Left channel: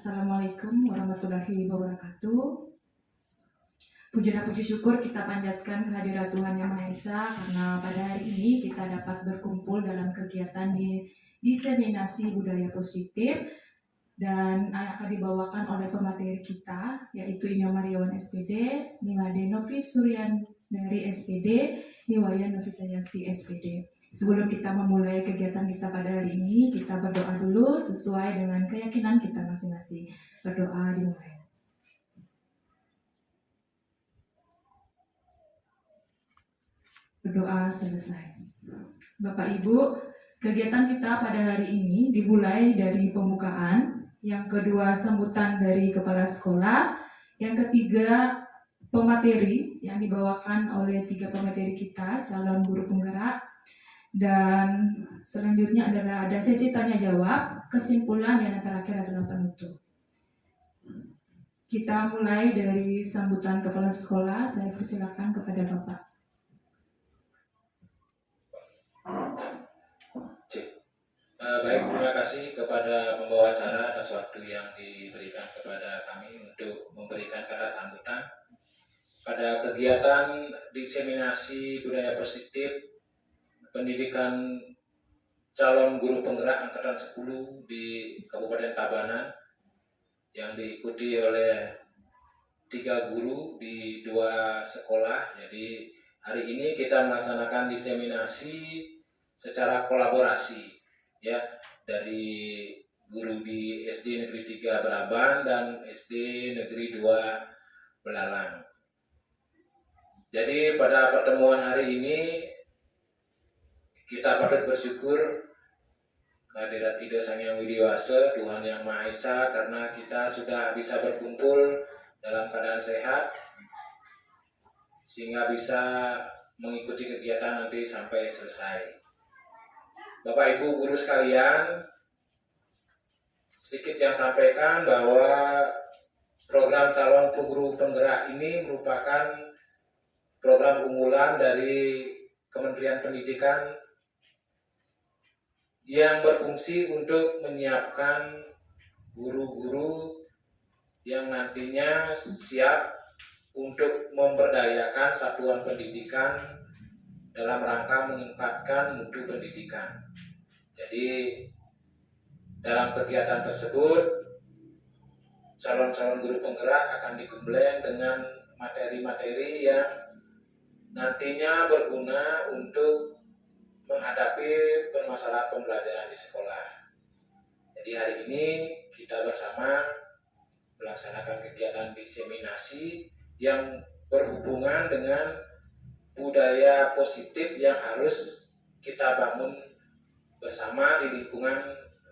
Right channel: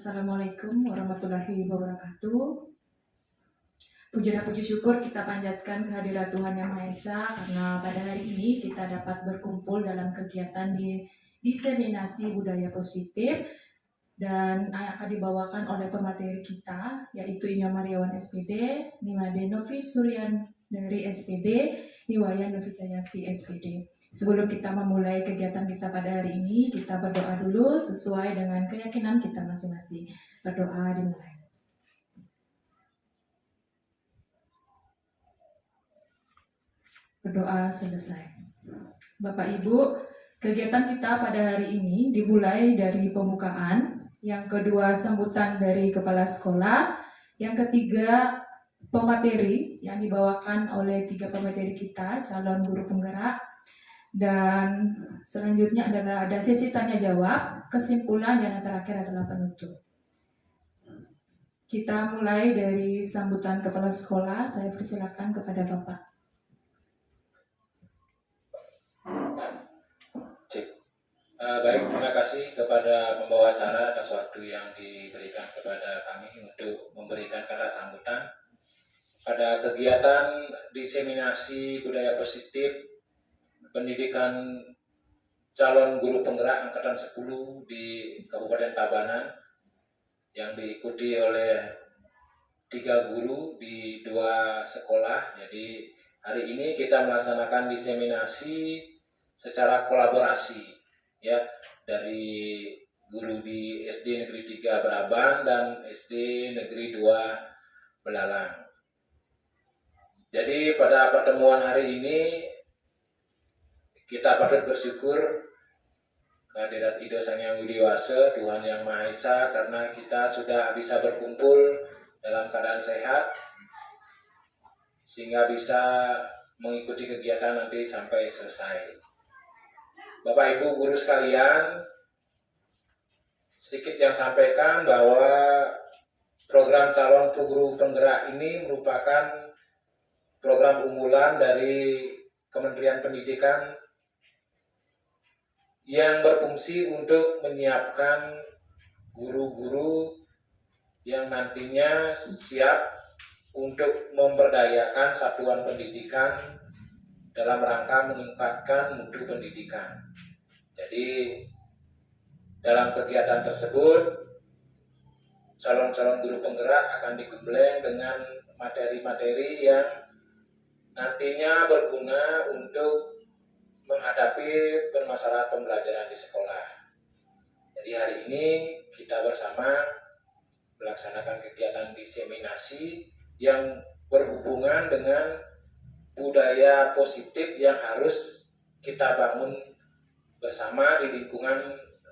Assalamualaikum warahmatullahi wabarakatuh. Puji dan puji syukur kita panjatkan kehadirat Tuhan Yang Maha Esa karena pada hari ini kita dapat berkumpul dalam kegiatan di diseminasi budaya positif dan akan dibawakan oleh pemateri kita yaitu Inyo Mariawan SPD, Nimade Novis Suryan dari SPD, Niwayan Novitayati SPD. Sebelum kita memulai kegiatan kita pada hari ini, kita berdoa dulu sesuai dengan keyakinan kita masing-masing. Berdoa dimulai. Berdoa selesai. Bapak Ibu, kegiatan kita pada hari ini dimulai dari pembukaan, yang kedua sambutan dari kepala sekolah, yang ketiga pemateri yang dibawakan oleh 3 pemateri kita, calon guru penggerak, dan selanjutnya adalah ada sesi tanya jawab, kesimpulan, dan yang terakhir adalah penutup. Kita mulai dari sambutan kepala sekolah. Saya persilakan kepada Bapak. Baik, terima kasih kepada pembawa acara atas waktu yang diberikan kepada kami untuk memberikan kata sambutan pada kegiatan diseminasi budaya positif pendidikan calon guru penggerak angkatan 10 di Kabupaten Tabanan yang diikuti oleh 3 guru di 2 sekolah. Jadi hari ini kita melaksanakan diseminasi secara kolaborasi ya, dari guru di SD Negeri 3 Beraban dan SD Negeri 2 Belalang. Jadi pada pertemuan hari ini kita patut bersyukur kehadirat Ida Sang Hyang Widiwasa, Tuhan Yang Maha Esa, karena kita sudah bisa berkumpul dalam keadaan sehat sehingga bisa mengikuti kegiatan nanti sampai selesai. Bapak Ibu guru sekalian, sedikit yang sampaikan bahwa program calon guru penggerak ini merupakan program unggulan dari Kementerian Pendidikan yang berfungsi untuk menyiapkan guru-guru yang nantinya siap untuk memberdayakan satuan pendidikan dalam rangka meningkatkan mutu pendidikan. Jadi dalam kegiatan tersebut calon-calon guru penggerak akan digembleng dengan materi-materi yang nantinya berguna untuk menghadapi permasalahan pembelajaran di sekolah. Jadi hari ini kita bersama melaksanakan kegiatan diseminasi yang berhubungan dengan budaya positif yang harus kita bangun bersama di lingkungan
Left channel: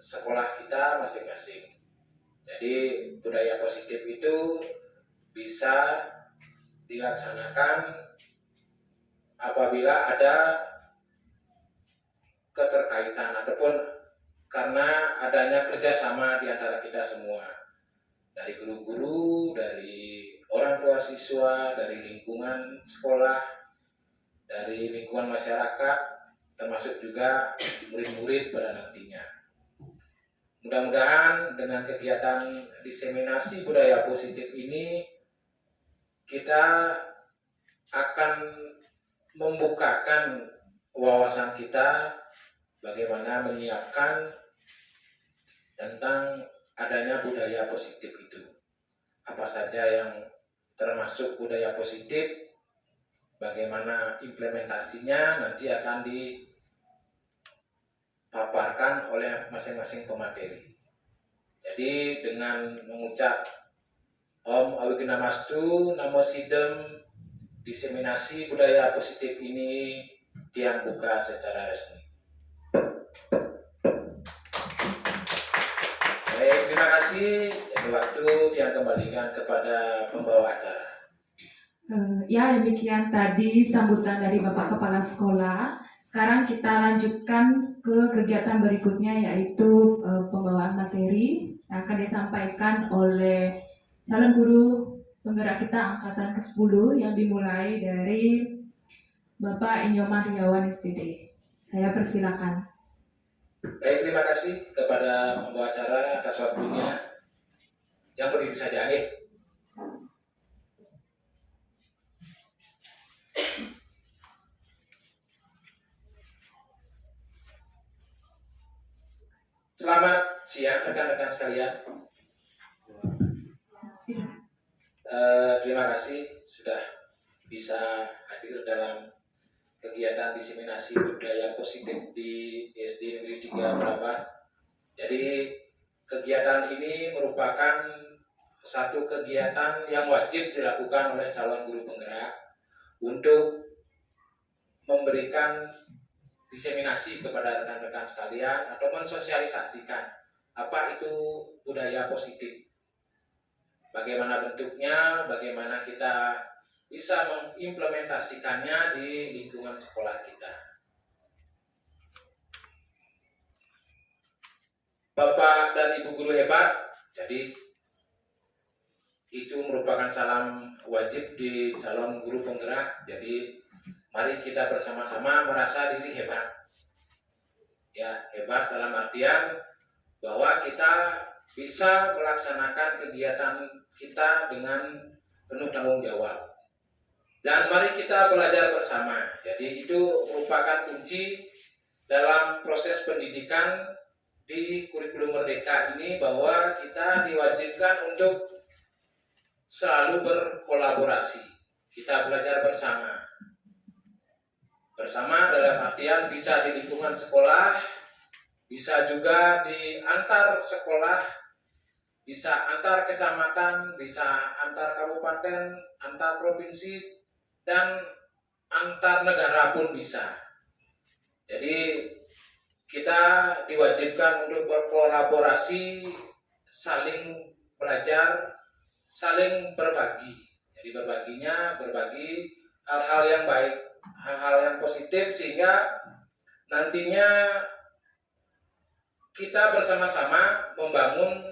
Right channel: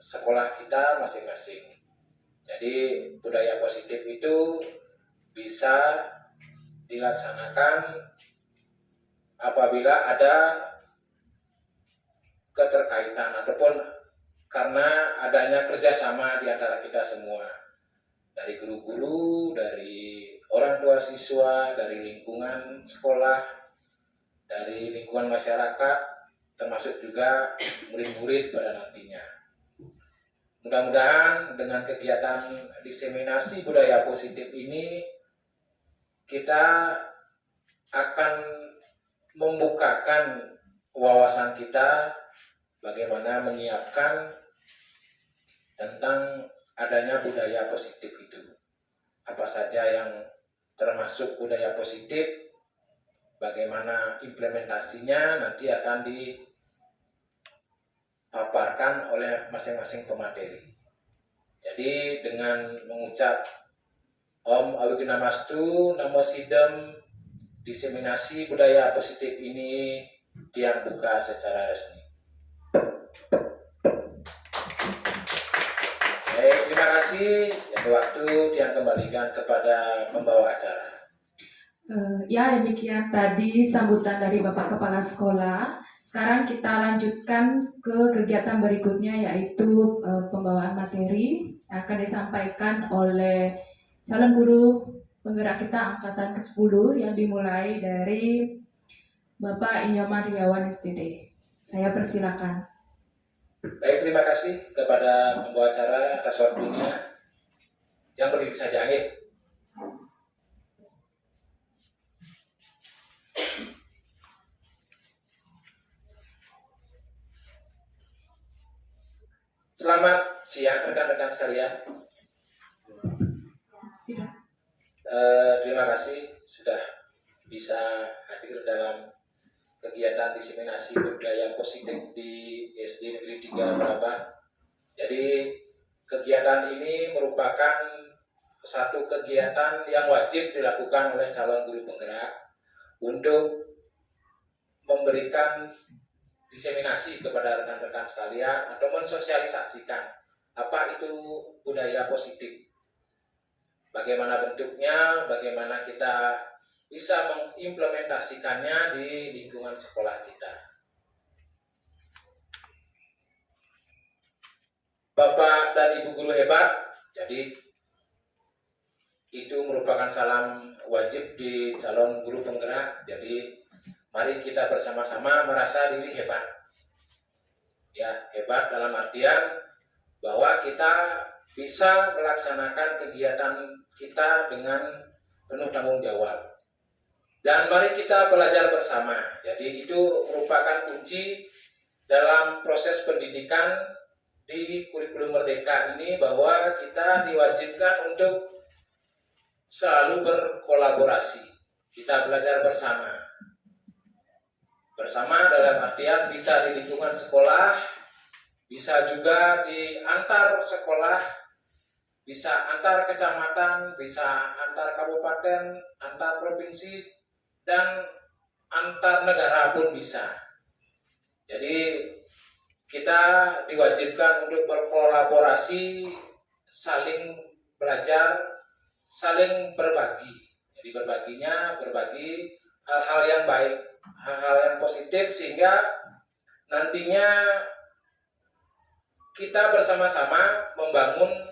sekolah kita masing-masing. Jadi budaya positif itu bisa dilaksanakan apabila ada keterkaitan ataupun karena adanya kerjasama di antara kita semua, dari guru-guru, dari orang tua siswa, dari lingkungan sekolah, dari lingkungan masyarakat, termasuk juga murid-murid pada nantinya. Mudah-mudahan dengan kegiatan diseminasi budaya positif ini kita akan membukakan wawasan kita bagaimana menyiapkan tentang adanya budaya positif itu. Apa saja yang termasuk budaya positif, bagaimana implementasinya nanti akan dipaparkan oleh masing-masing pemateri. Jadi dengan mengucap Om Awignamastu Namo Sidem, diseminasi budaya positif ini yang buka secara resmi. Baik, terima kasih. Waktu yang kembalikan kepada pembawa acara. Ya, demikian tadi sambutan dari Bapak Kepala Sekolah. Sekarang kita lanjutkan ke kegiatan berikutnya, yaitu pembawaan materi yang akan disampaikan oleh calon guru penggerak kita angkatan ke-10 yang dimulai dari Bapak Inyo Mariawan SPD. Saya persilakan. Baik, terima kasih kepada pembawa acara atas waktunya. yang berdiri saja, nggih. Selamat siang rekan-rekan sekalian. Silakan. Terima kasih sudah bisa hadir dalam kegiatan diseminasi budaya positif di SD Negeri 3 Meraban. Jadi kegiatan ini merupakan satu kegiatan yang wajib dilakukan oleh calon guru penggerak untuk memberikan diseminasi kepada rekan-rekan sekalian atau mensosialisasikan apa itu budaya positif. Bagaimana bentuknya, bagaimana kita bisa mengimplementasikannya di lingkungan sekolah kita. Bapak dan Ibu guru hebat, jadi itu merupakan salam wajib di calon guru penggerak. Jadi mari kita bersama-sama merasa diri hebat. Ya, hebat dalam artian bahwa kita bisa melaksanakan kegiatan kita dengan penuh tanggung jawab. Dan mari kita belajar bersama. Jadi itu merupakan kunci dalam proses pendidikan di kurikulum Merdeka ini, bahwa kita diwajibkan untuk selalu berkolaborasi. Kita belajar bersama. Bersama dalam artian bisa di lingkungan sekolah, bisa juga di antar sekolah, bisa antar kecamatan, bisa antar kabupaten, antar provinsi, dan antar negara pun bisa. Jadi kita diwajibkan untuk berkolaborasi, saling belajar, saling berbagi. Jadi berbagi hal-hal yang baik, hal-hal yang positif, sehingga nantinya kita bersama-sama membangun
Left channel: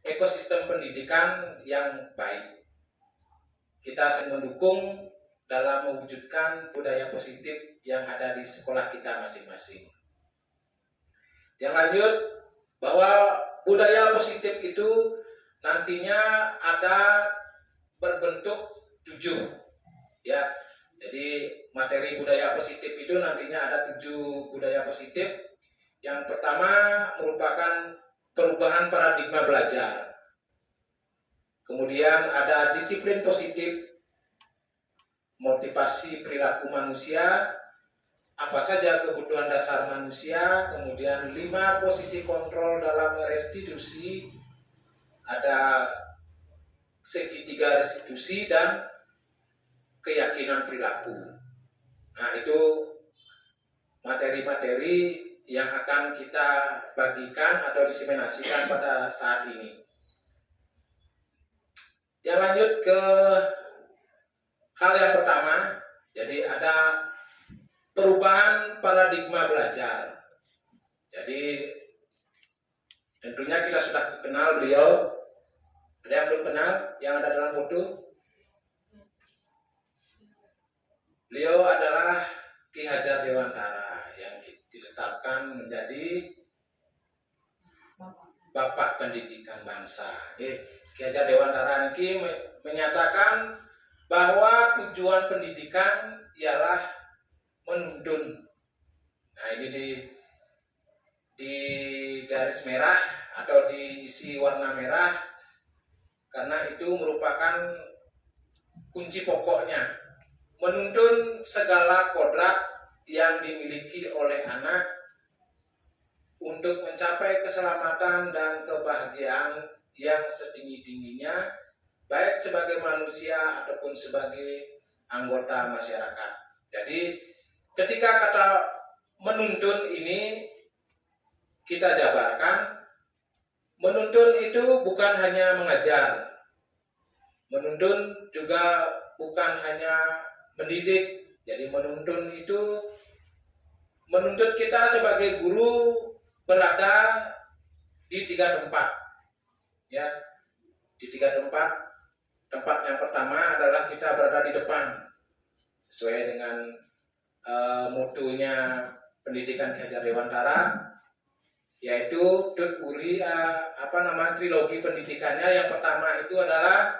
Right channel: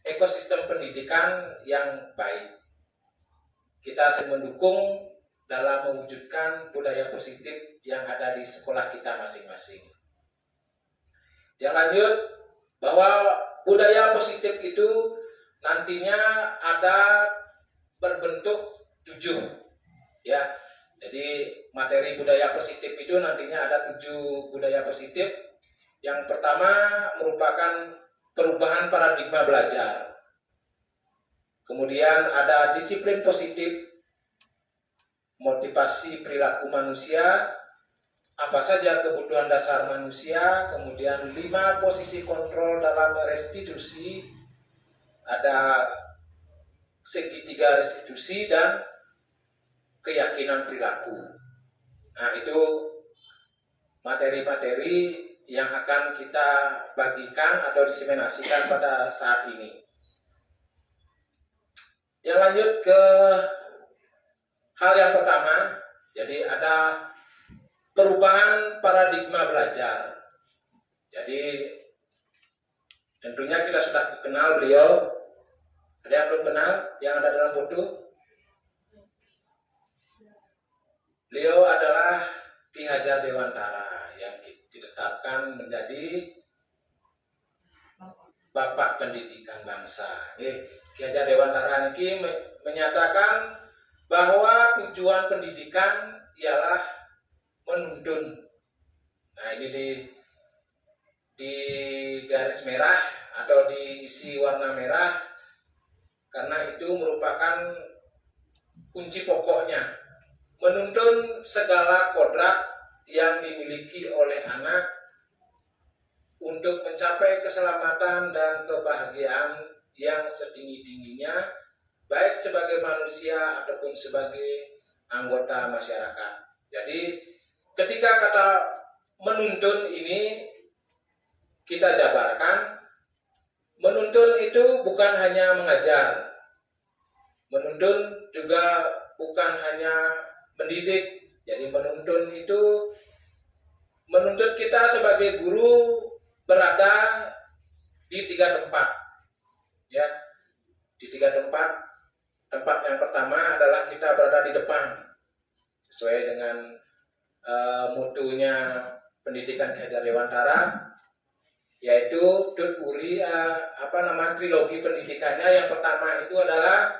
ekosistem pendidikan yang baik. Kita saling mendukung dalam mewujudkan budaya positif yang ada di sekolah kita masing-masing. Yang lanjut, bahwa budaya positif itu nantinya ada berbentuk 7, ya. Jadi materi budaya positif itu nantinya ada 7 budaya positif. Yang pertama merupakan perubahan paradigma belajar. Kemudian ada disiplin positif, motivasi perilaku manusia, apa saja kebutuhan dasar manusia, kemudian 5 posisi kontrol dalam restitusi, ada segitiga restitusi, dan keyakinan perilaku. Nah, itu materi-materi yang akan kita bagikan atau diseminasikan pada saat ini. Yang lanjut ke hal yang pertama, jadi ada perubahan paradigma belajar. Jadi tentunya kita sudah kenal beliau. Ada yang belum kenal yang ada dalam foto? Beliau adalah Ki Hajar Dewantara yang ditetapkan menjadi Bapak Pendidikan Bangsa. Ki Hajar Dewantara ini menyatakan bahwa tujuan pendidikan ialah menuntun. Nah, ini di garis merah atau diisi warna merah, karena itu merupakan kunci pokoknya. Menuntun segala kodrat yang dimiliki oleh anak untuk mencapai keselamatan dan kebahagiaan yang setinggi-tingginya, baik sebagai manusia ataupun sebagai anggota masyarakat. Jadi ketika kata menuntun ini kita jabarkan, menuntun itu bukan hanya mengajar, menuntun juga bukan hanya mendidik. Jadi menuntun itu menuntut kita sebagai guru berada di 3 tempat, ya, di 3 tempat. Tempat yang pertama adalah kita berada di depan, sesuai dengan mutunya pendidikan Ki Hajar Dewantara. yaitu Dut Uri trilogi pendidikannya. Yang pertama itu adalah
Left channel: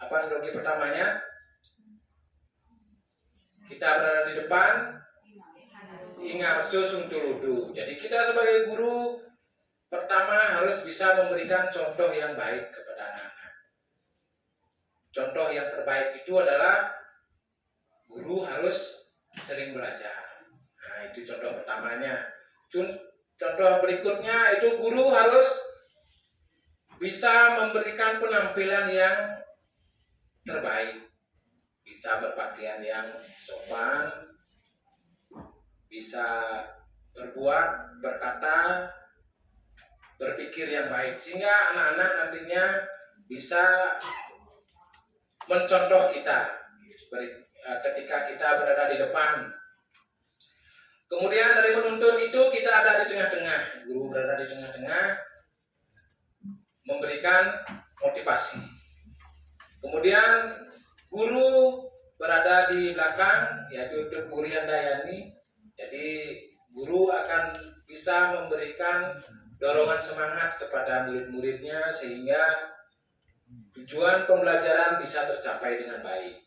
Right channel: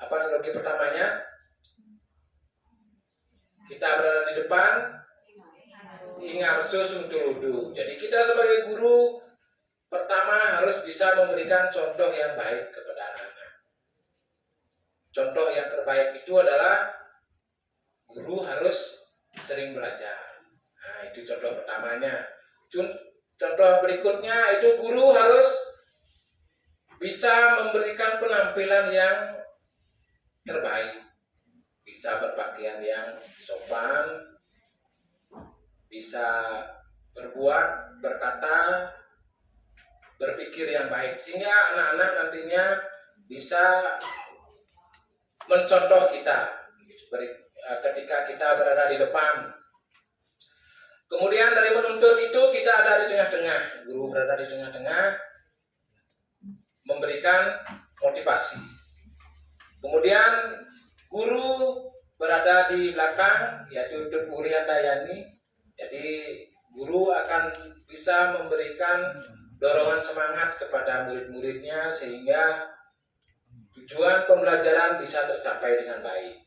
apa trilogi pertamanya? Kita berada di depan, Ingarso Suntuludu. Jadi kita sebagai guru pertama harus bisa memberikan contoh yang baik kepada anak-anak. Contoh yang terbaik itu adalah guru harus sering belajar. Nah, itu contoh pertamanya. Contoh berikutnya itu guru harus bisa memberikan penampilan yang terbaik. Bisa berpakaian yang sopan, bisa berbuat, berkata, berpikir yang baik, sehingga anak-anak nantinya bisa mencontoh kita ketika kita berada di depan. Kemudian dari menuntun itu kita ada di tengah-tengah, guru berada di tengah-tengah memberikan motivasi. Kemudian guru berada di belakang, yaitu Dut Uri Handayani. Jadi guru akan bisa memberikan dorongan semangat kepada murid-muridnya sehingga tujuan pembelajaran bisa tercapai dengan baik.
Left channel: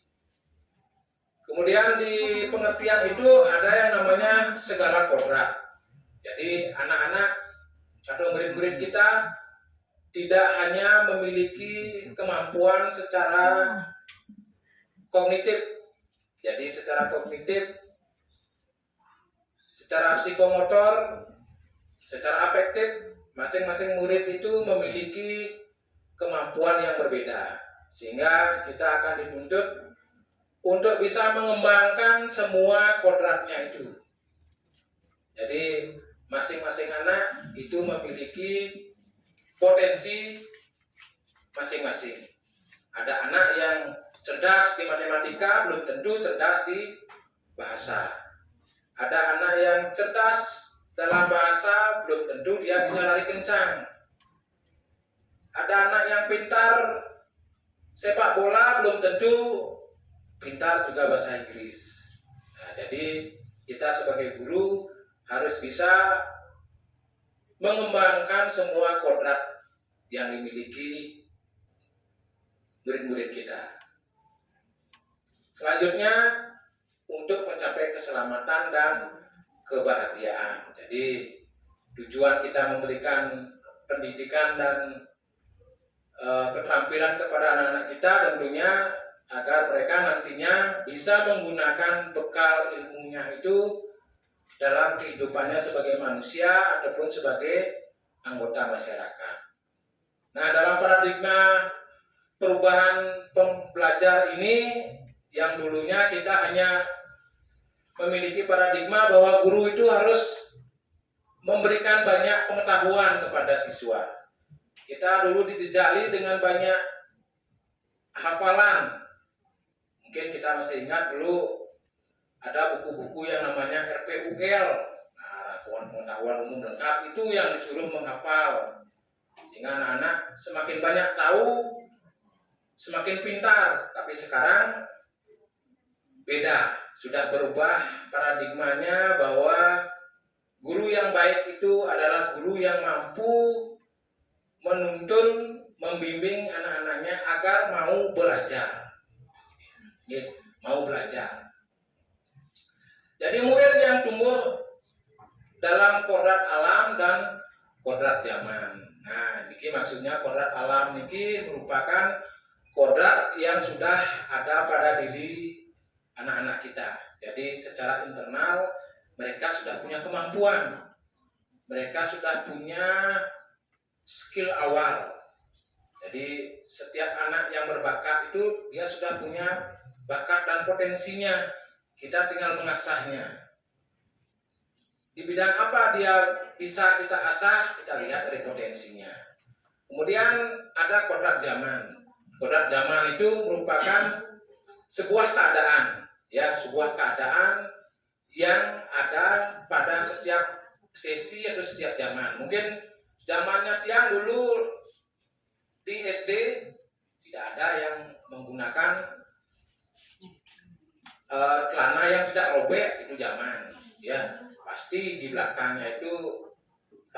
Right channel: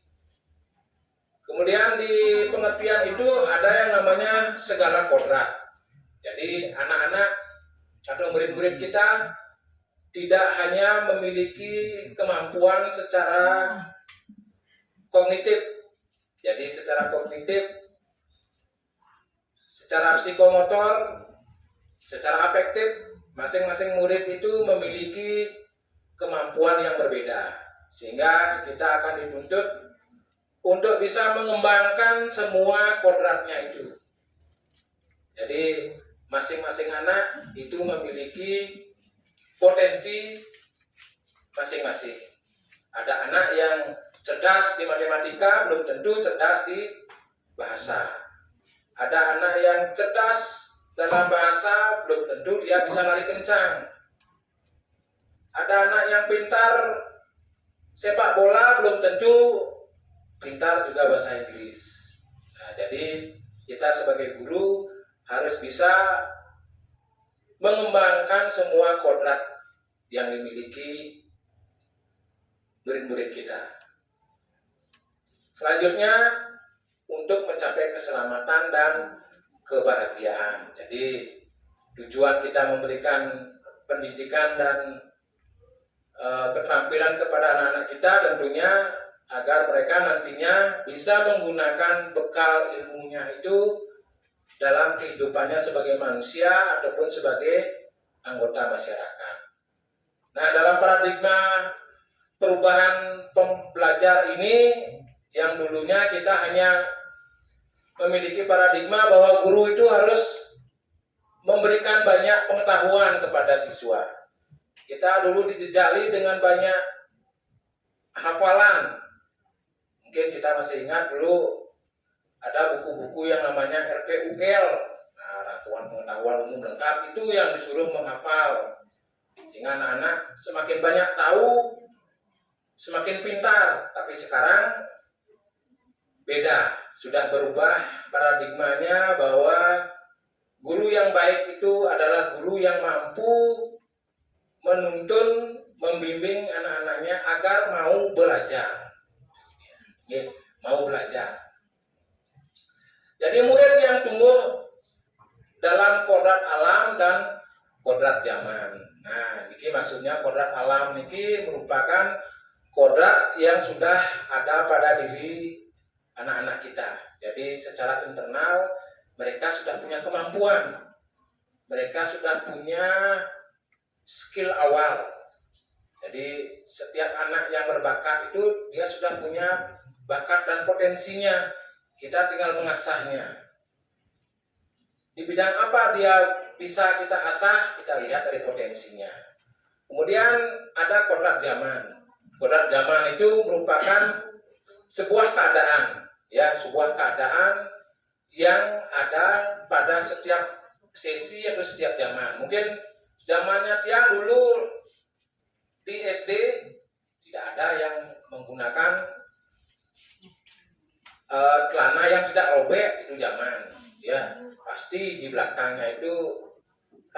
Kemudian di pengertian itu ada yang namanya segala kodrat. Jadi anak-anak atau murid-murid kita tidak hanya memiliki kemampuan secara kognitif. Jadi secara kognitif, secara psikomotor, secara afektif, masing-masing murid itu memiliki kemampuan yang berbeda. Sehingga kita akan dituntut untuk bisa mengembangkan semua kodratnya itu. Jadi masing-masing anak itu memiliki potensi masing-masing. Ada anak yang cerdas di matematika, belum tentu cerdas di bahasa. Ada anak yang cerdas dalam bahasa, belum tentu dia bisa lari kencang. Ada anak yang pintar sepak bola, belum tentu pintar juga bahasa Inggris. Nah, jadi kita sebagai guru harus bisa mengembangkan semua kodrat yang dimiliki murid-murid kita. Selanjutnya untuk mencapai keselamatan dan kebahagiaan. Jadi tujuan kita memberikan pendidikan dan keterampilan kepada anak-anak kita tentunya agar mereka nantinya bisa menggunakan bekal ilmunya itu dalam kehidupannya sebagai manusia ataupun sebagai anggota masyarakat. Nah, dalam paradigma perubahan pembelajar ini yang dulunya kita hanya memiliki paradigma bahwa guru itu harus memberikan banyak pengetahuan kepada siswa. Kita dulu dijejali dengan banyak hafalan. Mungkin kita masih ingat dulu ada buku-buku yang namanya RPUL. Nah, Rangkuman Pengetahuan Umum Lengkap itu yang disuruh menghafal. Sehingga anak-anak semakin banyak tahu, semakin pintar. Tapi sekarang beda, sudah berubah paradigmanya bahwa guru yang baik itu adalah guru yang mampu menuntun, membimbing anak-anaknya agar mau belajar. Ya, mau belajar. Jadi murid yang tumbuh dalam kodrat alam dan kodrat zaman. Nah, ini maksudnya kodrat alam ini merupakan kodrat yang sudah ada pada diri anak-anak kita. Jadi secara internal mereka sudah punya kemampuan. Mereka sudah punya skill awal. Jadi setiap anak yang berbakat itu dia sudah punya bakat dan potensinya. Kita tinggal mengasahnya. Di bidang apa dia bisa kita asah, kita lihat dari potensinya. Kemudian ada kodrat zaman. Kodrat zaman itu merupakan sebuah keadaan, ya, sebuah keadaan yang ada pada setiap sesi atau setiap zaman. Mungkin zamannya Tiang dulu di SD tidak ada yang menggunakan celana yang tidak robek, itu zaman, ya. Pasti di belakangnya itu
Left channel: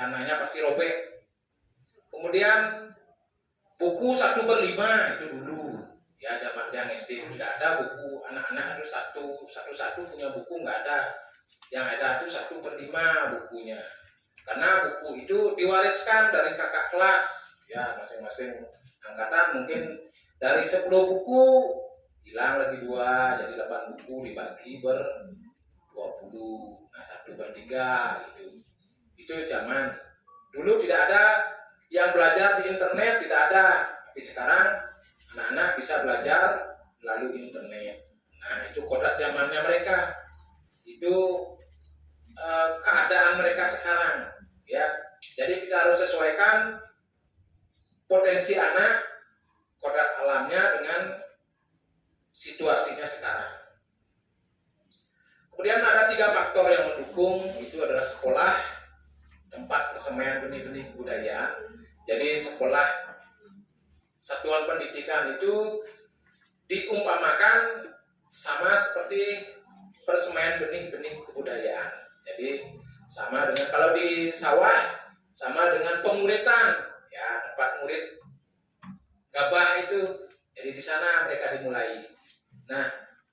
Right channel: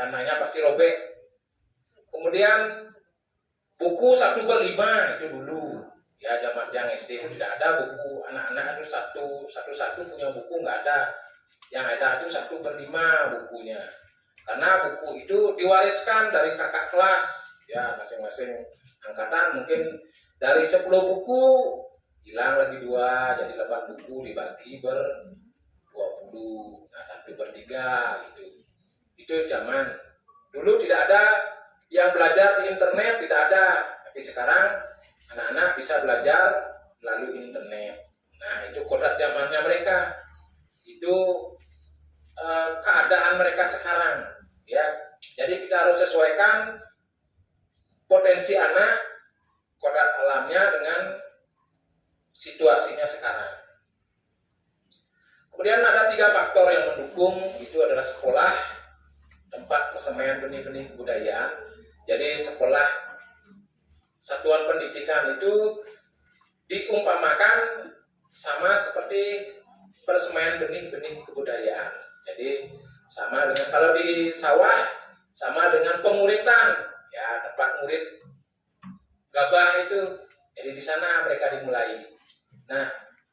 tanahnya pasti robek. Kemudian buku 1/5 itu dulu. Ya zaman yang SD itu tidak ada buku, anak-anak itu satu punya buku, nggak ada. Yang ada itu 1/5 bukunya. Karena buku itu diwariskan dari kakak kelas, ya masing-masing angkatan mungkin dari 10 buku hilang lagi 2, jadi 8 buku dibagi ber 20, nah 1/3 itu. Itu zaman dulu tidak ada yang belajar di internet, tidak ada. Tapi sekarang anak-anak bisa belajar melalui internet. Nah itu kodrat zamannya mereka. Itu keadaan mereka sekarang, ya. Jadi kita harus sesuaikan potensi anak, kodrat alamnya dengan situasinya sekarang. Kemudian ada 3 faktor yang mendukung, itu adalah sekolah, tempat persemaian benih-benih kebudayaan. Jadi sekolah, satuan pendidikan itu diumpamakan sama seperti persemaian benih-benih kebudayaan. Jadi sama dengan kalau di sawah, sama dengan penguritan, ya tempat ngurit gabah itu. Jadi di sana mereka dimulai. Nah,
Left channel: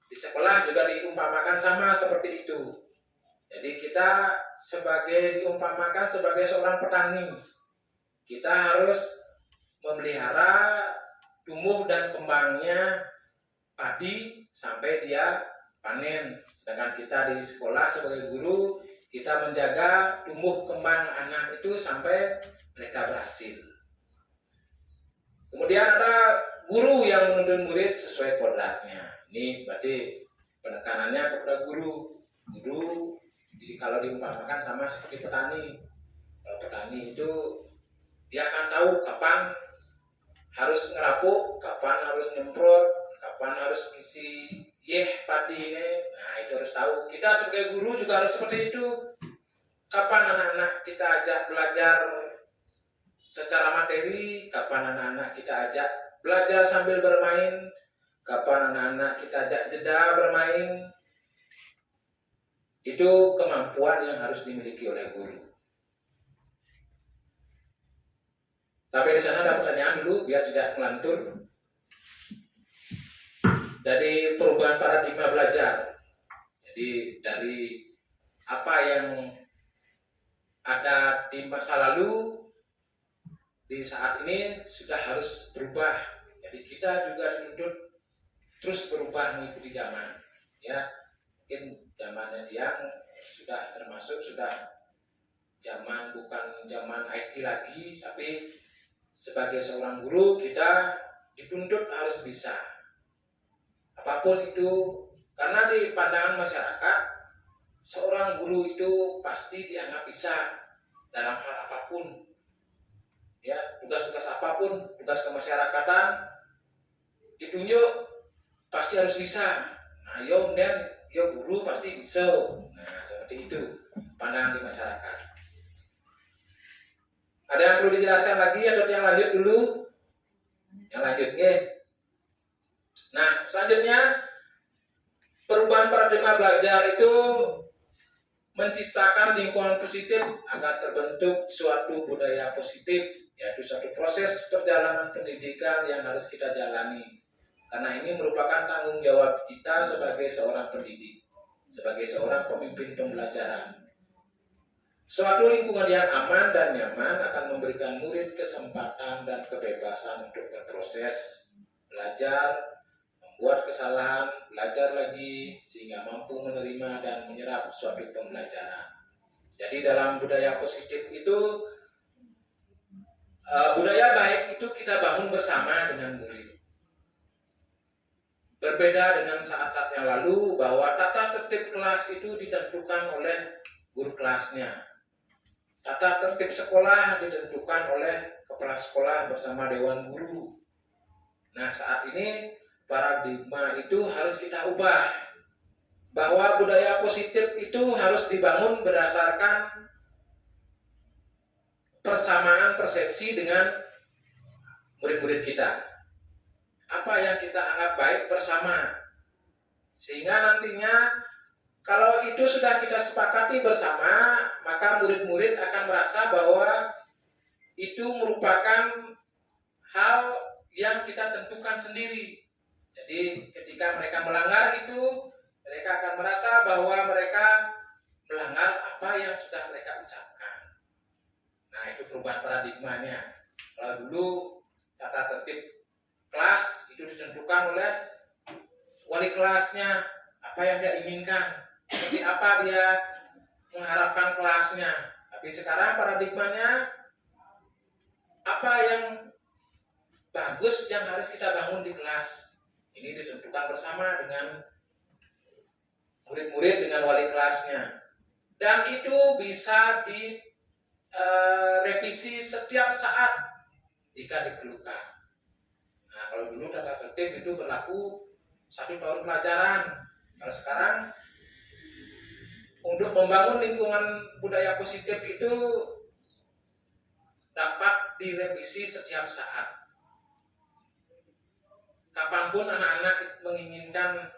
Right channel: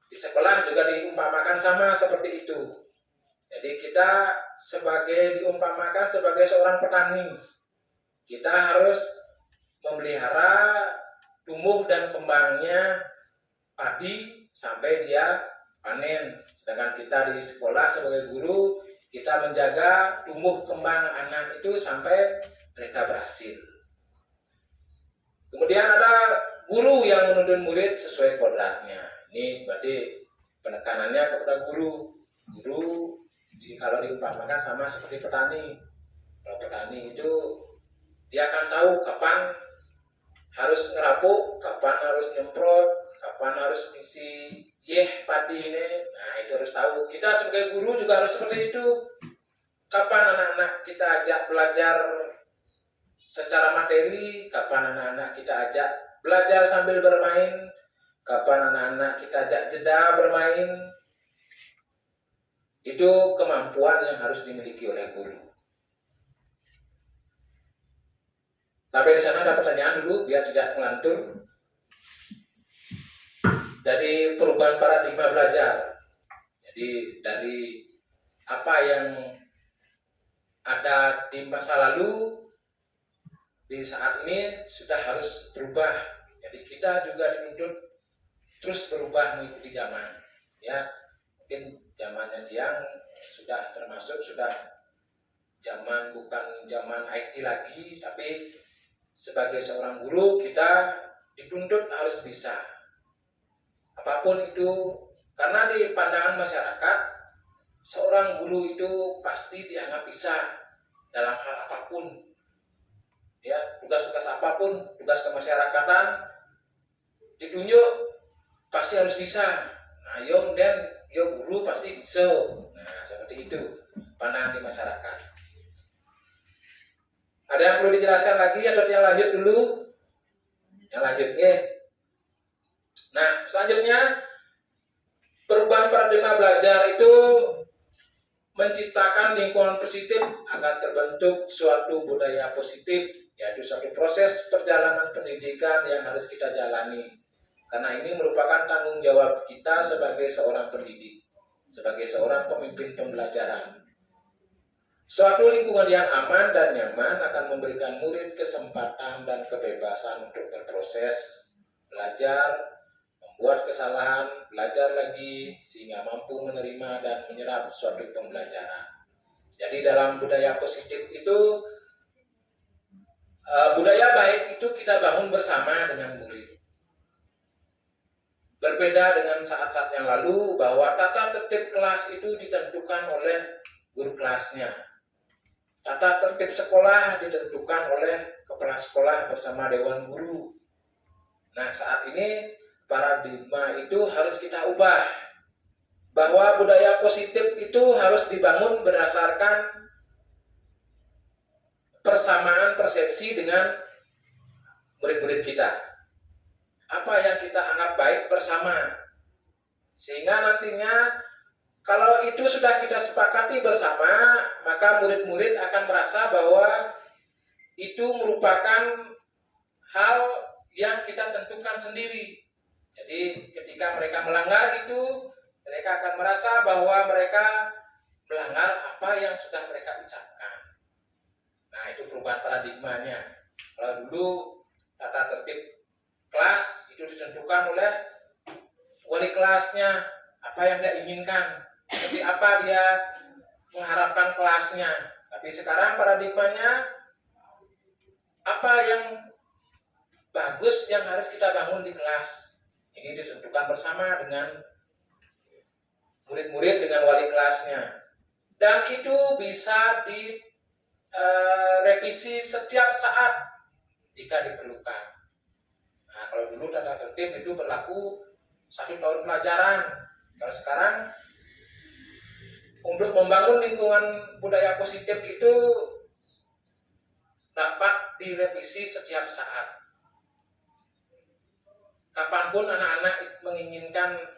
di sekolah juga diumpamakan sama seperti itu. Jadi kita diumpamakan sebagai seorang petani. Kita harus memelihara tumbuh dan kembangnya padi sampai dia panen. Sedangkan kita di sekolah sebagai guru, kita menjaga tumbuh kembang anak itu sampai mereka berhasil. Kemudian ada guru yang menuntun murid sesuai kodratnya. Ini berarti penekanannya kepada guru. Guru kalau diumpamakan sama seperti petani. Kalau petani itu dia akan tahu kapan harus ngerapuk, kapan harus nyemprot, kapan harus isi padi ini. Nah itu harus tahu. Kita sebagai guru juga harus seperti itu. Kapan anak-anak kita ajak belajar secara materi, kapan anak-anak kita ajak belajar sambil bermain, kapan anak-anak kita ajak jeda bermain. Itu kemampuan yang harus dimiliki oleh guru. Sampai di sana ada pertanyaan dulu biar tidak melantur. Dari perubahan paradigma belajar. Jadi dari apa yang ada di masa lalu, di saat ini sudah harus berubah. Jadi kita juga dituntut terus berubah mengikuti zaman. Ya, mungkin zamannya Jiang sudah termasuk zaman bukan zaman IT lagi, tapi sebagai seorang guru kita dituntut harus bisa. Apapun itu, karena di pandangan masyarakat seorang guru itu pasti dianggap bisa dalam hal apapun. Ya, tugas-tugas apapun, tugas kemasyarakatan ditunjuk pasti harus bisa. Nah, yo guru pasti bisa. Nah, seperti itu pandangan di masyarakat. Ada yang perlu dijelaskan lagi atau yang lanjut dulu? Yang lanjut, Nah, selanjutnya perubahan paradigma belajar itu menciptakan lingkungan positif agar terbentuk suatu budaya positif, yaitu suatu proses perjalanan pendidikan yang harus kita jalani. Karena ini merupakan tanggung jawab kita sebagai seorang pendidik, sebagai seorang pemimpin pembelajaran. Suatu lingkungan yang aman dan nyaman akan memberikan murid kesempatan dan kebebasan untuk berproses, belajar, membuat kesalahan, belajar lagi, sehingga mampu menerima dan menyerap suatu pembelajaran. Jadi dalam budaya positif itu, budaya baik itu kita bangun bersama dengan murid. Berbeda dengan saat-saat yang lalu bahwa tata tertib kelas itu ditentukan oleh guru kelasnya. Tata tertib sekolah ditentukan oleh kepala sekolah bersama dewan guru. Nah, saat ini paradigma itu harus kita ubah. Bahwa budaya positif itu harus dibangun berdasarkan persamaan persepsi dengan murid-murid kita. Apa yang kita anggap baik bersama. Sehingga nantinya Kalau itu sudah kita sepakati bersama, maka murid-murid akan merasa bahwa itu merupakan hal yang kita tentukan sendiri. Jadi ketika mereka melanggar itu, mereka akan merasa bahwa mereka melanggar apa yang sudah mereka ucapkan. Nah, itu perubahan paradigmanya. Kalau dulu tata tertib kelas itu ditentukan oleh wali kelasnya, apa yang dia inginkan, seperti apa dia mengharapkan kelasnya. Tapi sekarang paradigmanya, apa yang bagus yang harus kita bangun di kelas. Ini ditentukan bersama dengan murid-murid dengan wali kelasnya. Dan itu bisa direvisi setiap saat jika diperlukan. Nah, kalau dulu tata tertib itu berlaku 1 tahun pelajaran. Kalau sekarang untuk membangun lingkungan budaya positif itu dapat direvisi setiap saat. Kapanpun anak-anak menginginkan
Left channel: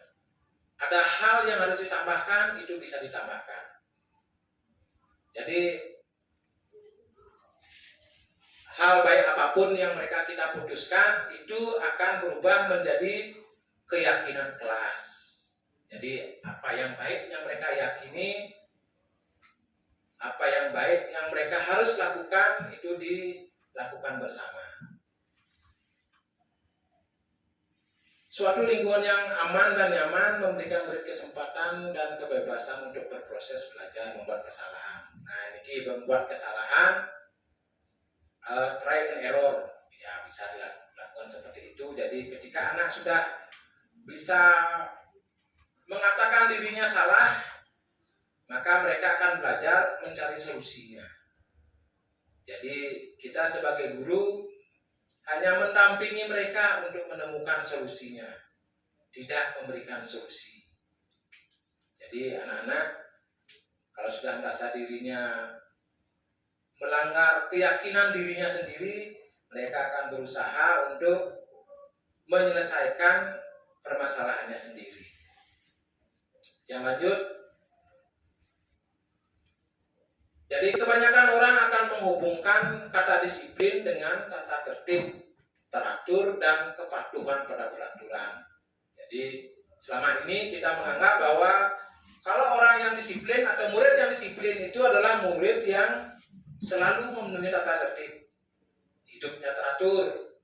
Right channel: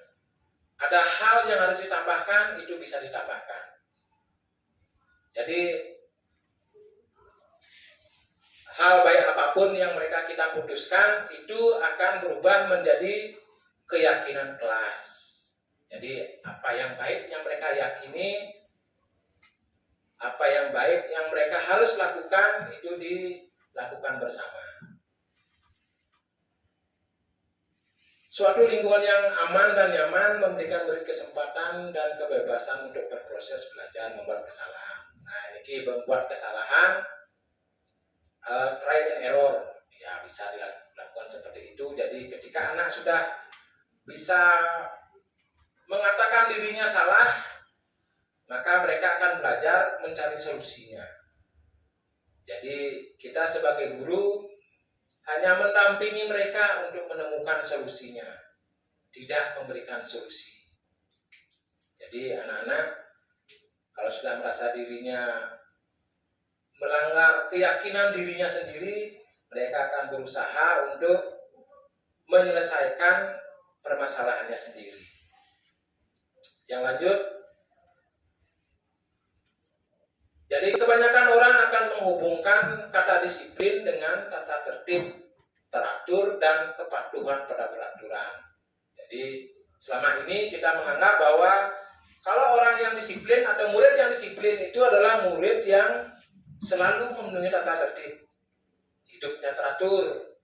ada hal yang harus ditambahkan, itu bisa ditambahkan. Jadi hal baik apapun yang kita putuskan itu akan berubah menjadi keyakinan kelas. Jadi apa yang baik yang mereka yakini, apa yang baik yang mereka harus lakukan, itu dilakukan bersama. Suatu lingkungan yang aman dan nyaman memberikan murid kesempatan dan kebebasan untuk berproses belajar membuat kesalahan. Nah, ini membuat kesalahan, try and error, ya bisa dilakukan seperti itu. Jadi ketika anak sudah bisa mengatakan dirinya salah, maka mereka akan belajar mencari solusinya. Jadi kita sebagai guru hanya mendampingi mereka untuk menemukan solusinya, tidak memberikan solusi. Jadi anak-anak kalau sudah merasa dirinya melanggar keyakinan dirinya sendiri, mereka akan berusaha untuk menyelesaikan permasalahannya sendiri. Yang lanjut, jadi kebanyakan orang akan menghubungkan kata disiplin dengan tata tertib, teratur, dan kepatuhan pada peraturan. Jadi selama ini kita menganggap bahwa kalau orang yang disiplin atau murid yang disiplin itu adalah murid yang selalu memenuhi tata tertib, hidupnya teratur,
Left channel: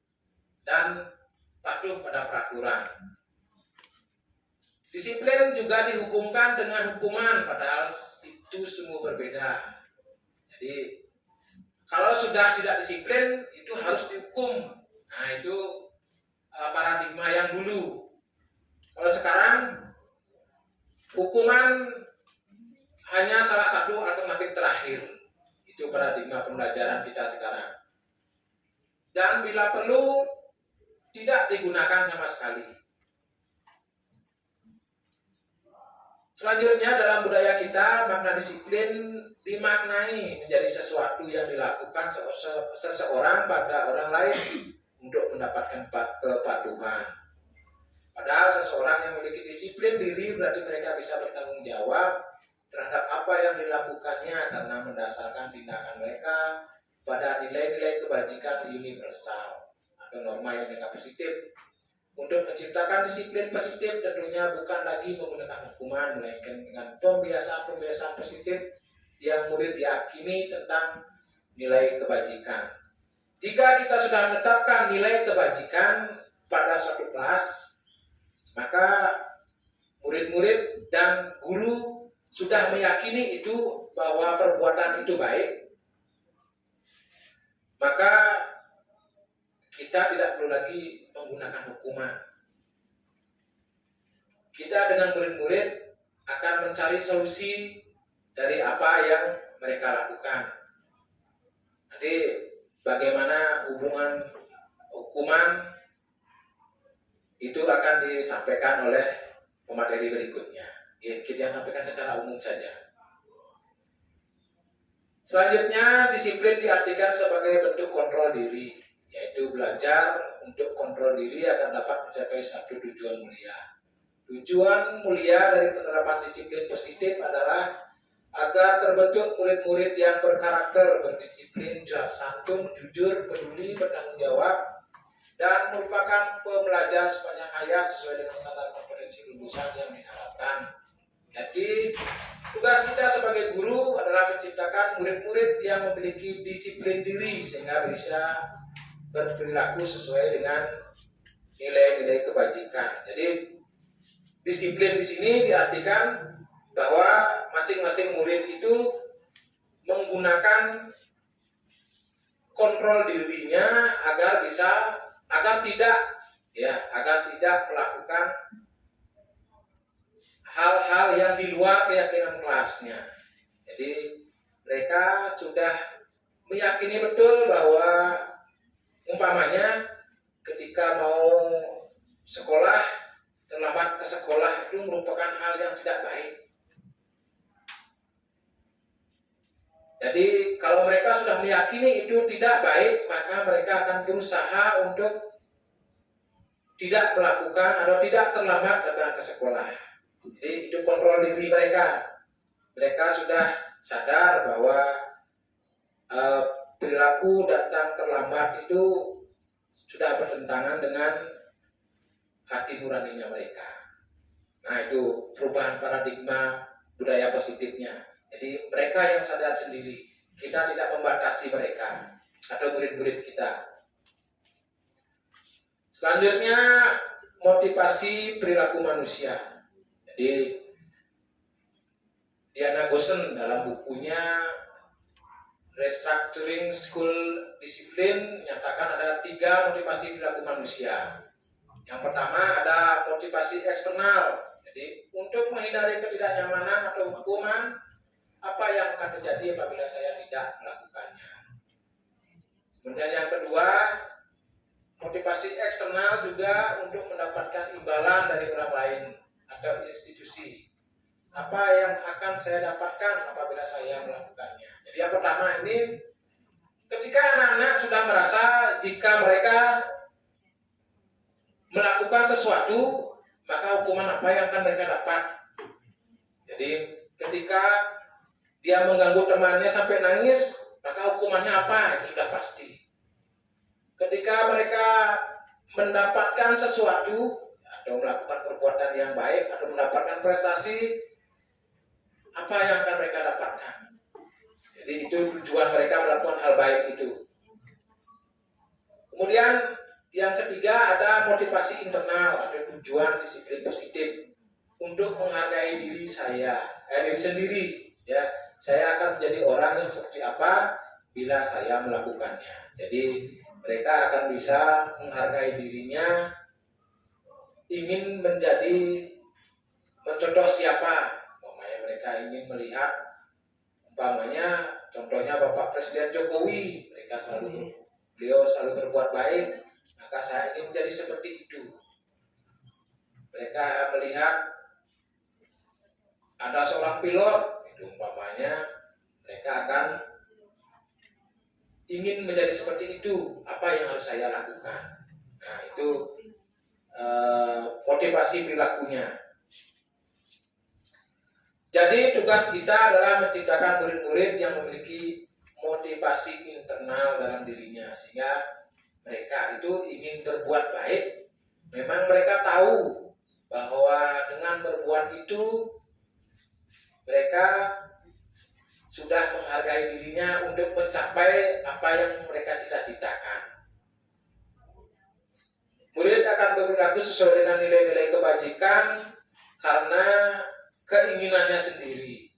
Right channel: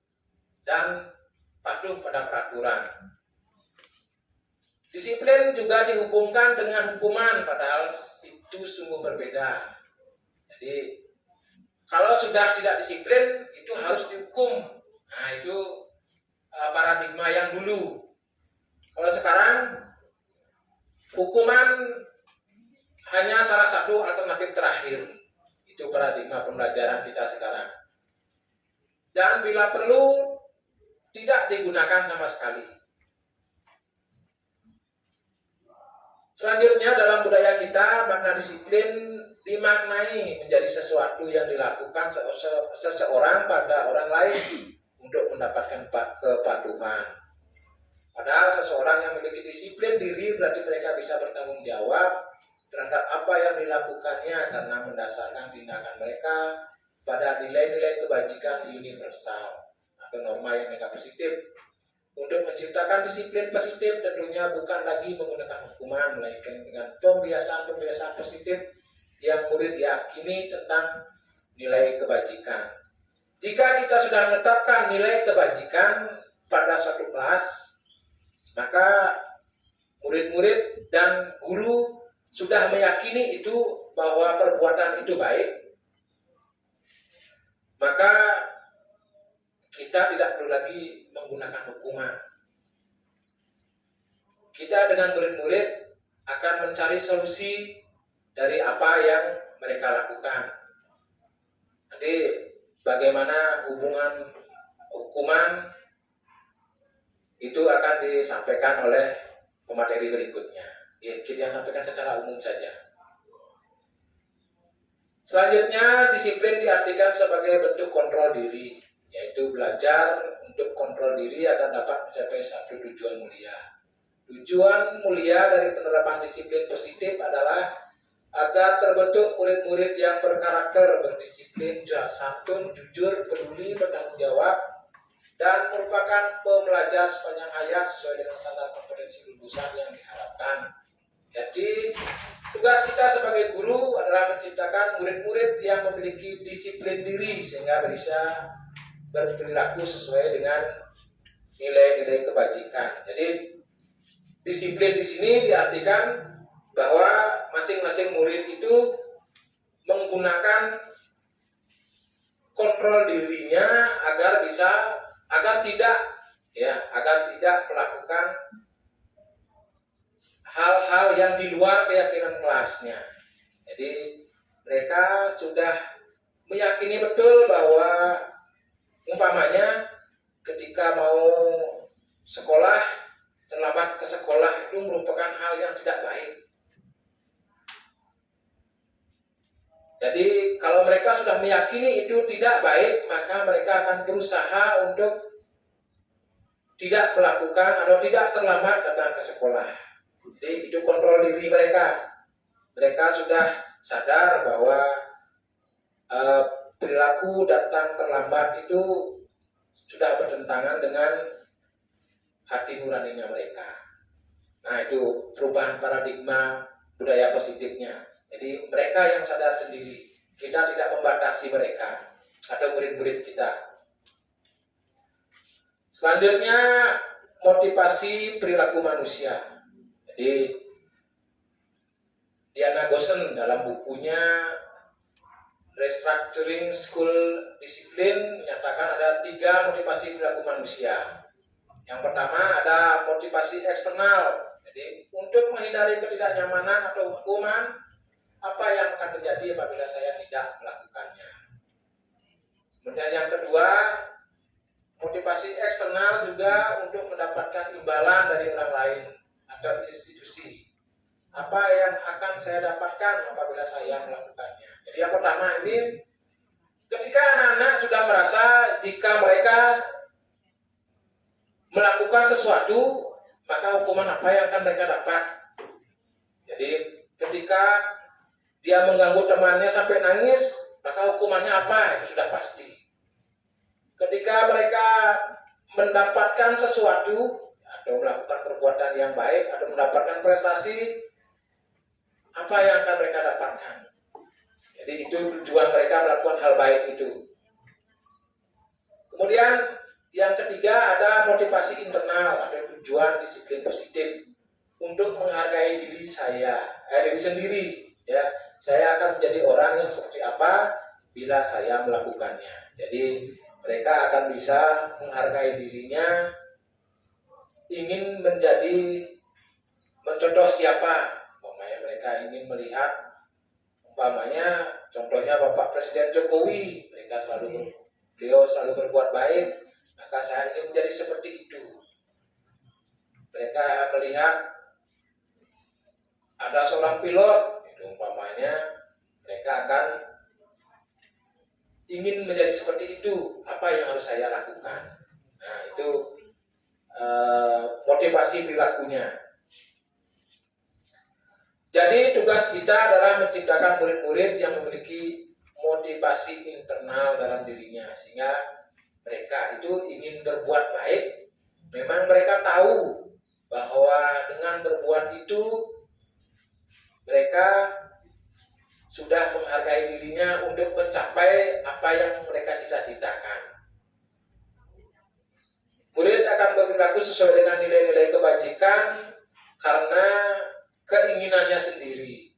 dan patuh pada peraturan. Disiplin juga dihubungkan dengan hukuman, padahal itu sungguh berbeda. Jadi kalau sudah tidak disiplin itu harus dihukum. Nah, itu paradigma yang dulu. Kalau sekarang hukuman hanya salah satu alternatif terakhir. Itu paradigma pembelajaran kita sekarang. Dan bila perlu tidak digunakan sama sekali. Selanjutnya dalam budaya kita, makna disiplin dimaknai menjadi sesuatu yang dilakukan seseorang pada orang lain untuk mendapatkan kepatuhan. Padahal seseorang yang memiliki disiplin diri berarti mereka bisa bertanggung jawab terhadap apa yang dilakukannya karena mendasarkan tindakan mereka pada nilai-nilai kebajikan universal atau norma yang positif. Untuk menciptakan disiplin positif tentunya bukan lagi menggunakan hukuman, melainkan dengan pembiasaan-pembiasaan positif yang murid yakini tentang nilai kebajikan. Jika kita sudah menetapkan nilai kebajikan pada suatu kelas, maka murid-murid dan guru sudah meyakini itu bahwa perbuatan itu baik, maka kita tidak perlu lagi menggunakan hukuman. Kita dengan murid-murid akan mencari solusi dari apa yang mereka lakukan. Nanti bagaimana hubungan hukuman itu akan disampaikan oleh pemateri berikutnya. Kita sampaikan secara umum saja. Selanjutnya, disiplin diartikan sebagai bentuk kontrol diri, yaitu belajar untuk kontrol diri agar dapat mencapai satu tujuan mulia. Tujuan mulia dari penerapan disiplin positif adalah agar terbentuk murid-murid yang berkarakter, berdisiplin, santun, jujur, peduli, bertanggung jawab, dan merupakan pembelajar sepanjang hayat sesuai dengan standar kompetensi lulusan yang diharapkan. Jadi tugas kita sebagai guru adalah menciptakan murid-murid yang memiliki disiplin diri sehingga bisa berperilaku sesuai dengan nilai-nilai kebajikan. Jadi disiplin di sini diartikan bahwa masing-masing murid itu menggunakan kontrol dirinya agar tidak melakukan hal-hal yang di luar keyakinan kelasnya. Jadi mereka sudah meyakini betul bahwa umpamanya ketika mau sekolah, terlambat ke sekolah itu merupakan hal yang tidak baik. Jadi kalau mereka sudah meyakini itu tidak baik, maka mereka akan berusaha untuk tidak melakukan atau tidak terlambat datang ke sekolah. Jadi itu kontrol diri mereka. Mereka sudah sadar bahwa perilaku datang terlambat itu sudah bertentangan dengan hati nuraninya mereka. Nah, itu perubahan paradigma budaya positifnya. Jadi mereka yang sadar sendiri. Kita tidak membatasi mereka atau murid-murid kita. Selanjutnya, motivasi perilaku manusia. Jadi Diana Gosen dalam bukunya Restructuring School Discipline menyatakan ada 3 motivasi perilaku manusia. Yang pertama ada motivasi eksternal. Jadi untuk menghindari ketidaknyamanan atau hukuman, apa yang akan terjadi apabila saya tidak melakukannya. Kemudian yang kedua, motivasi eksternal juga untuk mendapatkan imbalan dari orang lain atau institusi. Apa yang akan saya dapatkan apabila saya melakukannya. Jadi yang pertama ini, ketika anak-anak sudah merasa jika mereka melakukan sesuatu, maka hukuman apa yang akan mereka dapat. Jadi ketika dia mengganggu temannya sampai nangis, maka hukumannya apa? Itu sudah pasti. Ketika mereka mendapatkan sesuatu atau melakukan perbuatan yang baik atau mendapatkan prestasi, apa yang akan mereka dapatkan? Jadi itu tujuan mereka melakukan hal baik itu. Kemudian yang ketiga ada motivasi internal atau tujuan disiplin positif untuk menghargai diri diri sendiri. Ya, saya akan menjadi orang yang seperti apa bila saya melakukannya. Jadi mereka akan bisa menghargai dirinya, ingin mencontoh siapa. Umpamanya mereka ingin melihat, umpamanya contohnya Bapak Presiden Jokowi, beliau selalu berbuat baik, maka saya ingin menjadi seperti itu. Mereka melihat ada seorang pilot, itu umpamanya mereka akan ingin menjadi seperti itu. Apa yang harus saya lakukan? Nah, itu motivasi perilakunya. Jadi tugas kita adalah menciptakan murid-murid yang memiliki motivasi internal dalam dirinya, sehingga mereka itu ingin berbuat baik. Memang mereka tahu bahwa dengan berbuat itu mereka sudah menghargai dirinya untuk mencapai apa yang mereka cita-citakan. Murid akan berperilaku sesuai dengan nilai-nilai kebajikan karena keinginannya sendiri.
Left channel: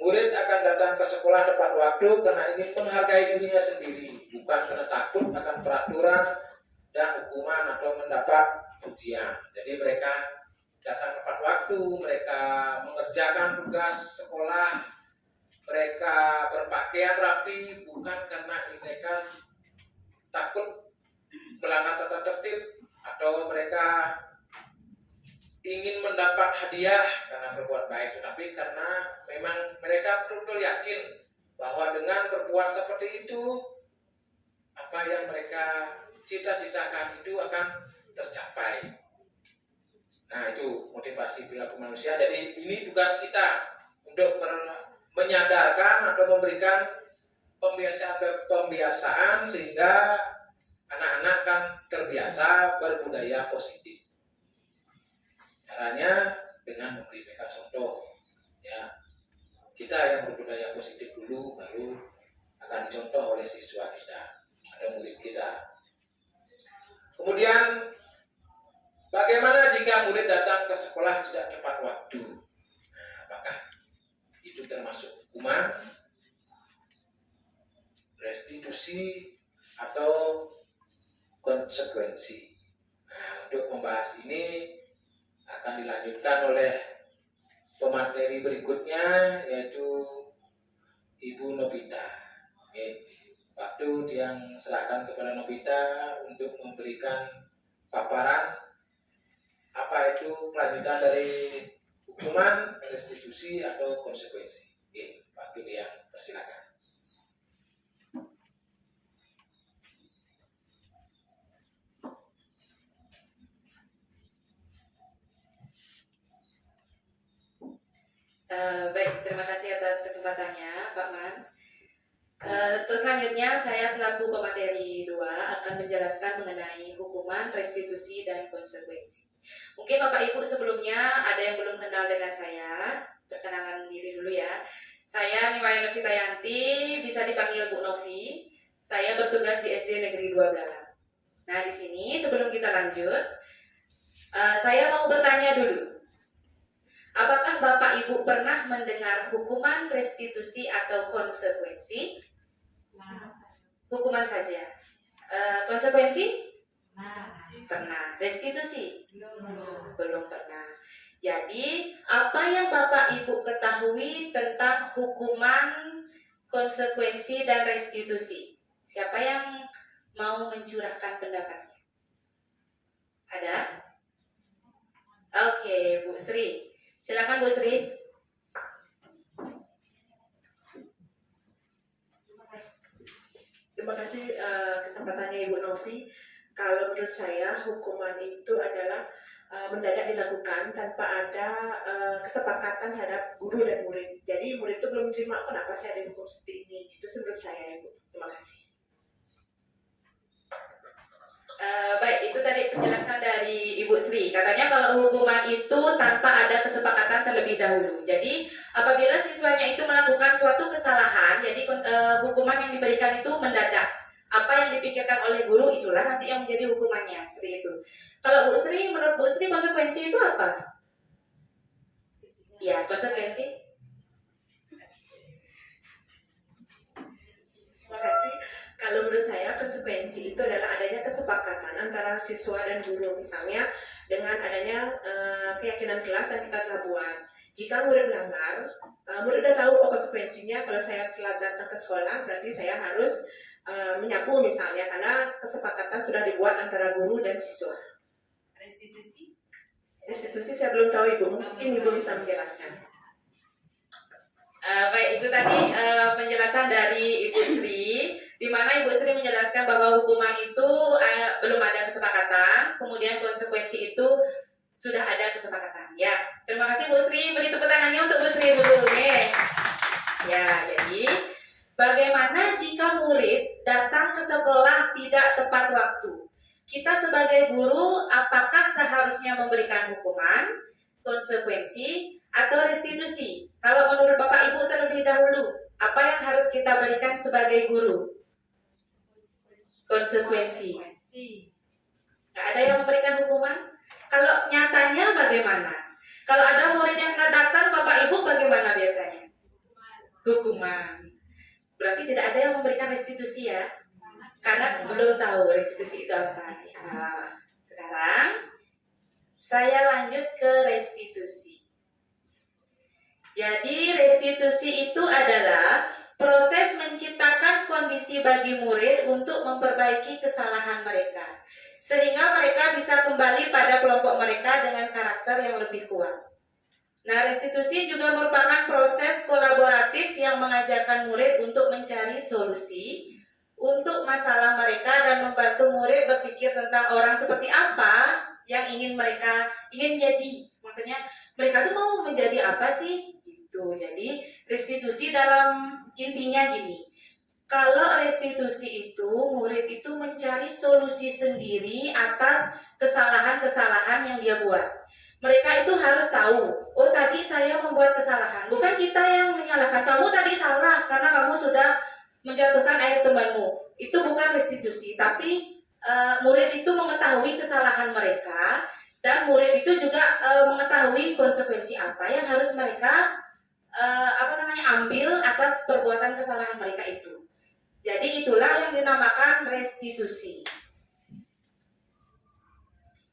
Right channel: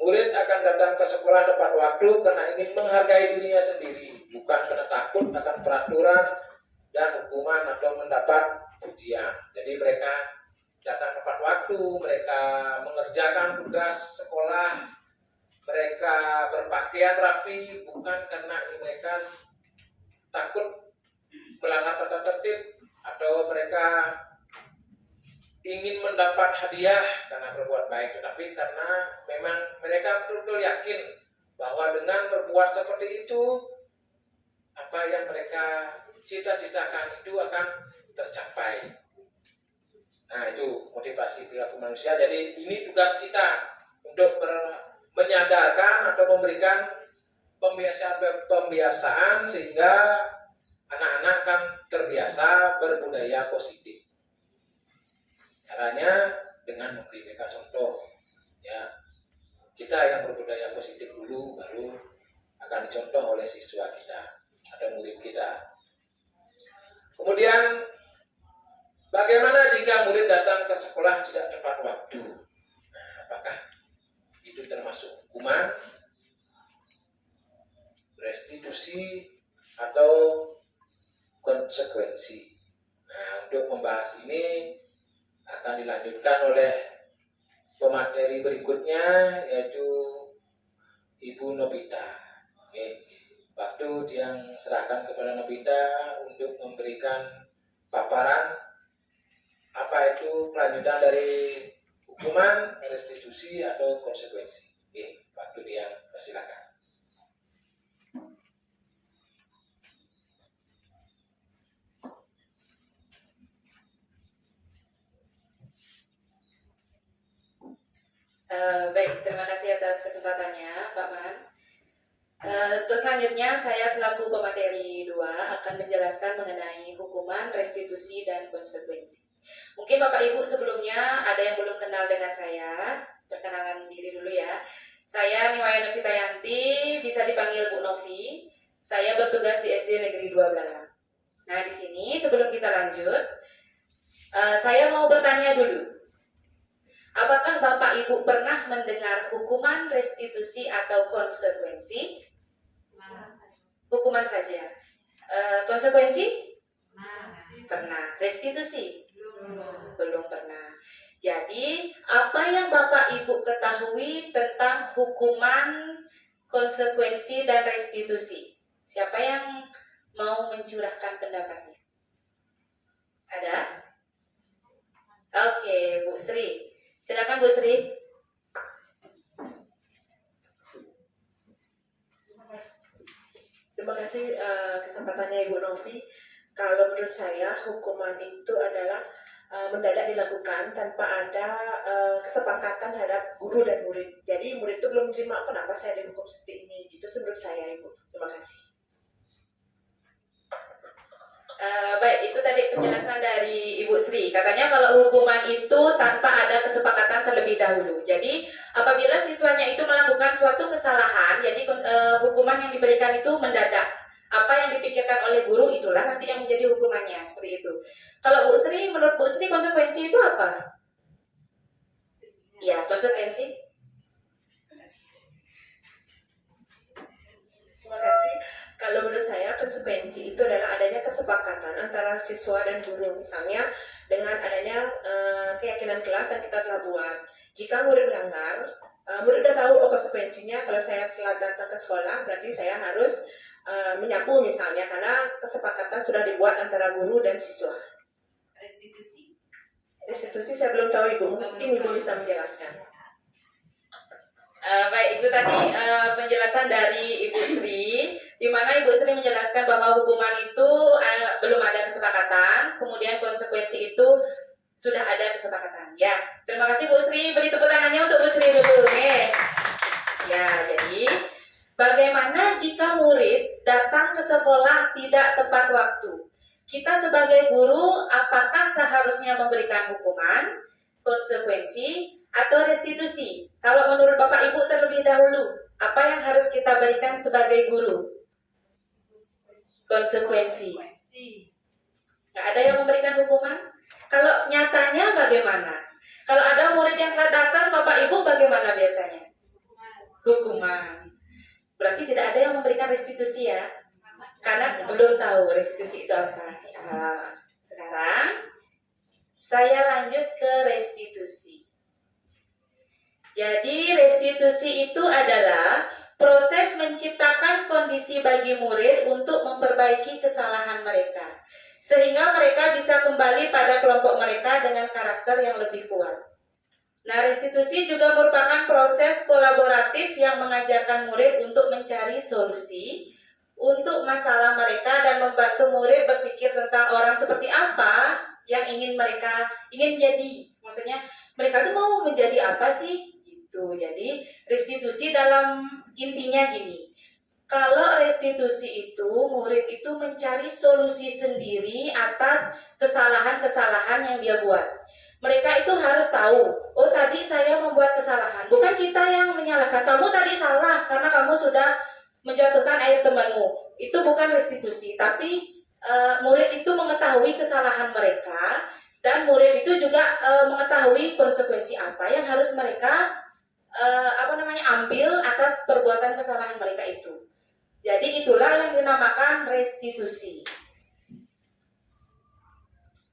Murid akan datang ke sekolah tepat waktu karena ingin menghargai dirinya sendiri, bukan karena takut akan peraturan dan hukuman atau mendapat pujian. Jadi mereka datang tepat waktu, mereka mengerjakan tugas sekolah, mereka berpakaian rapi, bukan karena mereka takut melanggar tata tertib atau mereka ingin mendapat hadiah karena berbuat baik, tetapi karena memang mereka betul-betul yakin bahwa dengan berbuat seperti itu, apa yang mereka cita-citakan itu akan tercapai. Nah, itu motivasi perilaku manusia. Jadi ini tugas kita untuk menyadarkan atau memberikan pembiasaan sehingga anak-anak kan terbiasa berbudaya positif. Caranya dengan memberi mereka contoh, ya. Kita yang berbudaya positif dulu, baru akan dicontoh oleh siswa kita atau murid kita. Kemudian, bagaimana jika murid datang ke sekolah tidak tepat waktu? Nah, apakah itu termasuk hukuman, restitusi, atau konsekuensi? Nah, untuk membahas ini akan dilanjutkan oleh pemateri berikutnya, yaitu Ibu Nobita. Oke. Waktu yang serahkan kepada Nobita untuk memberikan paparan apa itu kelanjutan dari hukuman, restitusi, atau konsekuensi. Oke, waktu dia persilakan. Baik, terima kasih atas kesempatannya, Pak Man. Terus selanjutnya saya selaku pemateri 2 akan menjelaskan mengenai hukuman, restitusi, dan konsekuensi. Mungkin Bapak Ibu sebelumnya ada yang belum kenal dengan saya, perkenalan diri dulu ya. Saya Niwaya Novita Yanti, bisa dipanggil Bu Novi. Saya bertugas di SD Negeri 2 Belalang. Nah, di sini sebelum kita lanjut, saya mau bertanya dulu. Apakah Bapak Ibu pernah mendengar hukuman, restitusi, atau konsekuensi? Hukuman saja. Konsekuensi? Pernah. Restitusi? Belum pernah. Jadi, apa yang Bapak Ibu ketahui tentang hukuman, konsekuensi, dan restitusi? Siapa yang mau mencurahkan pendapatnya? Ada? Oke, Bu Sri. Silakan Bu Sri. Terima kasih kesempatannya Ibu Novi. Kalau menurut saya hukuman itu adalah mendadak dilakukan tanpa ada kesepakatan terhadap guru dan murid. Jadi murid itu belum terima kenapa saya dihukum seperti ini. Itu menurut saya Ibu. Terima kasih. Baik, itu tadi penjelasan dari Ibu Sri. Katanya kalau hukuman itu tanpa ada kesepakatan terlebih dahulu. Jadi apabila siswanya itu melakukan suatu kesalahan, jadi hukuman yang diberikan itu mendadak. Apa yang dipikirkan oleh guru itulah nanti yang menjadi hukumannya, seperti itu. Kalau Bu Sri, menurut Bu Sri konsekuensi itu apa? Ya, konsekuensi. Terima kasih. Kalau menurut saya konsekuensi itu adalah adanya kesepakatan antara siswa dan guru. Misalnya dengan adanya keyakinan kelas yang kita telah buat. Jika murid melanggar, murid sudah tahu konsekuensinya. Kalau saya telat datang ke sekolah, berarti saya harus menyapu misalnya, karena kesepakatan sudah dibuat antara guru dan siswa. Restitusi? Restitusi saya belum tahu Ibu, mungkin Ibu bisa menjelaskan. Baik, itu tadi penjelasan dari Ibu Sri, di mana Ibu Sri menjelaskan bahwa hukuman itu belum ada kesepakatan, kemudian konsekuensi itu sudah ada kesepakatan. Ya, terima kasih Bu Sri. Beri tepuk tangannya untuk Bu Sri dulu nih. Ya, jadi bagaimana jika murid datang ke sekolah tidak tepat waktu? Kita sebagai guru, apakah seharusnya memberikan hukuman, konsekuensi, atau restitusi? Kalau menurut Bapak Ibu terlebih dahulu, apa yang harus kita berikan sebagai guru? Konsekuensi. Nggak ada yang memberikan hukuman? Kalau nyatanya bagaimana? Kalau ada murid yang telah datang, Bapak Ibu bagaimana biasanya? Hukuman. Berarti tidak ada yang memberikan restitusi ya? Karena belum tahu restitusi itu apa. Sekarang saya lanjut ke restitusi. Jadi restitusi itu adalah proses menciptakan kondisi bagi murid untuk memperbaiki kesalahan mereka, sehingga mereka bisa kembali pada kelompok mereka dengan karakter yang lebih kuat. Nah, restitusi juga merupakan proses kolaboratif yang mengajarkan murid untuk mencari solusi untuk masalah mereka dan membantu murid berpikir tentang orang seperti apa yang ingin jadi. Maksudnya mereka tuh mau menjadi apa sih? Gitu. Jadi restitusi dalam intinya gini. Kalau restitusi itu murid itu mencari solusi sendiri atas kesalahan-kesalahan yang dia buat. Mereka itu harus tahu, oh tadi saya membuat kesalahan. Bukan kita yang menyalahkan, kamu tadi salah karena kamu sudah menjatuhkan air temanmu. Itu bukan restitusi, tapi murid itu mengetahui kesalahan mereka dan murid itu juga mengetahui konsekuensi apa yang harus mereka ambil atas perbuatan kesalahan mereka itu. Jadi itulah yang dinamakan restitusi.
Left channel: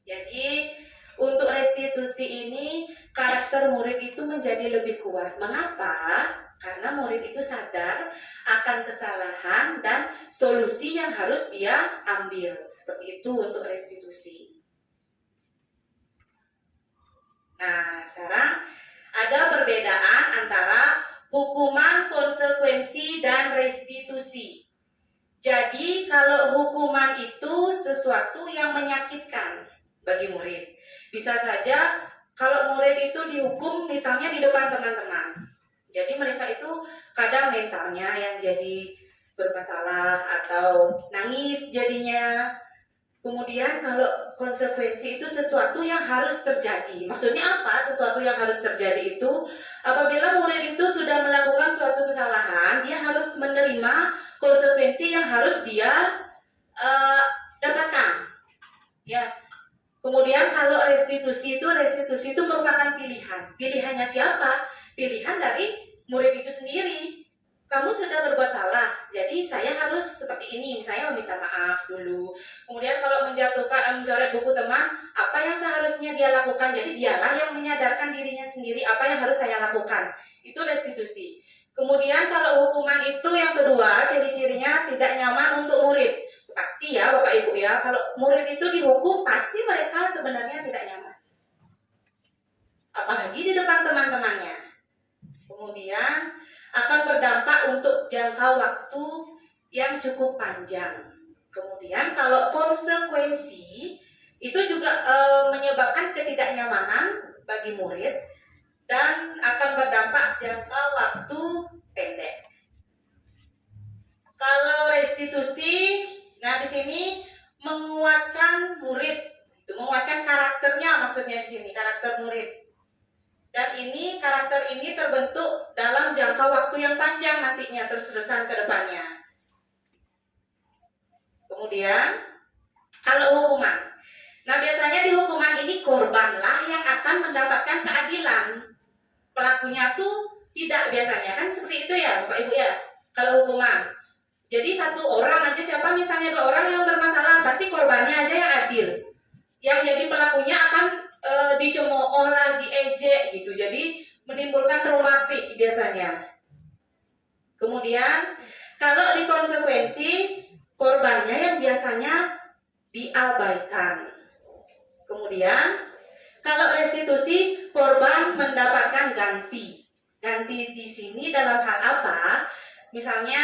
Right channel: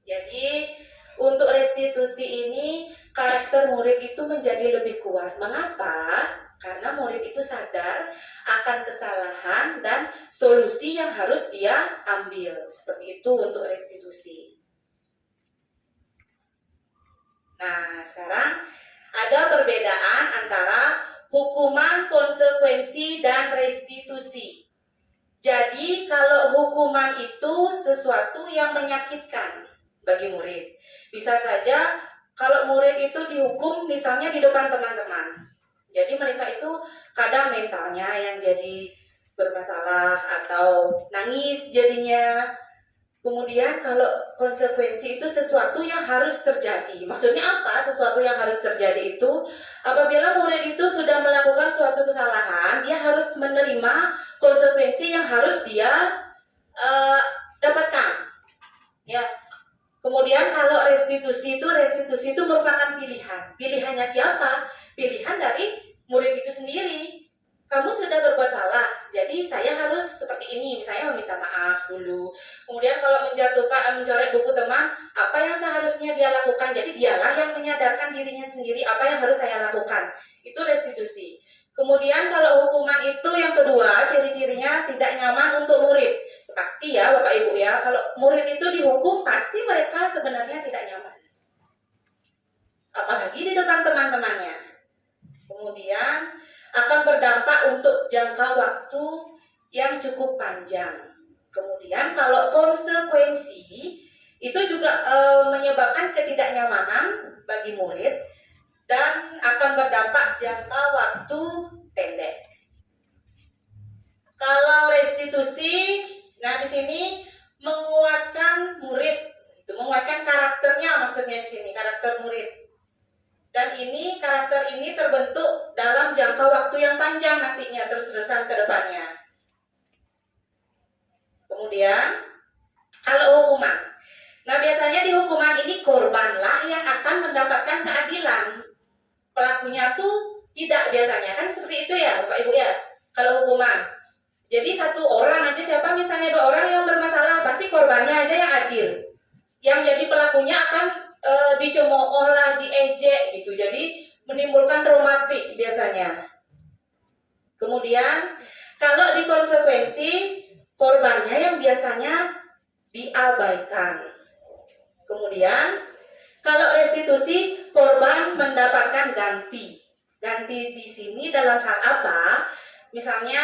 Jadi untuk restitusi ini karakter murid itu menjadi lebih kuat. Mengapa? Karena murid itu sadar akan kesalahan dan solusi yang harus dia ambil. Seperti itu untuk restitusi. Nah, sekarang ada perbedaan antara hukuman, konsekuensi, dan restitusi. Jadi, kalau hukuman itu sesuatu yang menyakitkan bagi murid. Bisa saja kalau murid itu dihukum misalnya di depan teman-teman. Jadi mereka itu kadang mentalnya yang jadi bermasalah atau nangis jadinya. Kemudian kalau konsekuensi itu sesuatu yang harus terjadi. Maksudnya apa? Sesuatu yang harus terjadi itu apabila murid itu sudah melakukan suatu kesalahan, dia harus menerima konsekuensi yang harus dia dapatkan. Ya. Kemudian kalau restitusi itu merupakan pilihan. Pilihannya siapa? Pilihan dari murid itu sendiri. Kamu sudah berbuat salah, jadi saya harus seperti ini. Saya meminta maaf dulu. Kemudian kalau mencoret buku teman, apa yang seharusnya dia lakukan? Jadi dialah yang menyadarkan dirinya sendiri apa yang harus saya lakukan. Itu restitusi. Kemudian kalau hukuman itu yang kedua, ciri-cirinya tidak nyaman untuk murid. Pasti ya Bapak Ibu ya, kalau murid itu dihukum pasti mereka sebenarnya tidak nyaman. Apalagi di depan teman-temannya. Kemudian akan berdampak untuk jangka waktu yang cukup panjang. Kemudian kalau konsekuensi itu juga menyebabkan ketidaknyamanan bagi murid dan akan berdampak jangka waktu pendek. Kalau restitusi, nah di sini menguatkan murid, itu menguatkan karakternya maksudnya di sini, karakter murid. Dan ini karakter ini terbentuk dalam jangka waktu yang panjang nantinya terus-terusan ke depannya. Kemudian kalau hukuman. Nah, biasanya di hukuman ini korbanlah yang akan mendapatkan keadilan. Pelakunya tuh tidak biasanya kan seperti itu ya, Bapak Ibu ya. Kalau hukuman. Jadi satu orang aja siapa misalnya 2 orang yang bermasalah, pasti korbannya aja yang adil. Yang jadi pelakunya akan dicemooh lah, diejek gitu. Jadi menimbulkan traumatik biasanya. Kemudian kalau di konsekuensi korbannya yang biasanya diabaikan. Kemudian kalau restitusi korban mendapatkan ganti. Ganti di sini dalam hal apa? Misalnya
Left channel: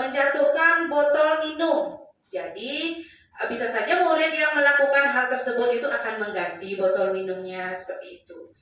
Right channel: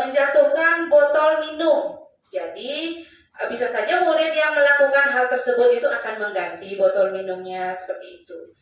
menjatuhkan botol minum. Jadi bisa saja murid yang melakukan hal tersebut itu akan mengganti botol minumnya seperti itu.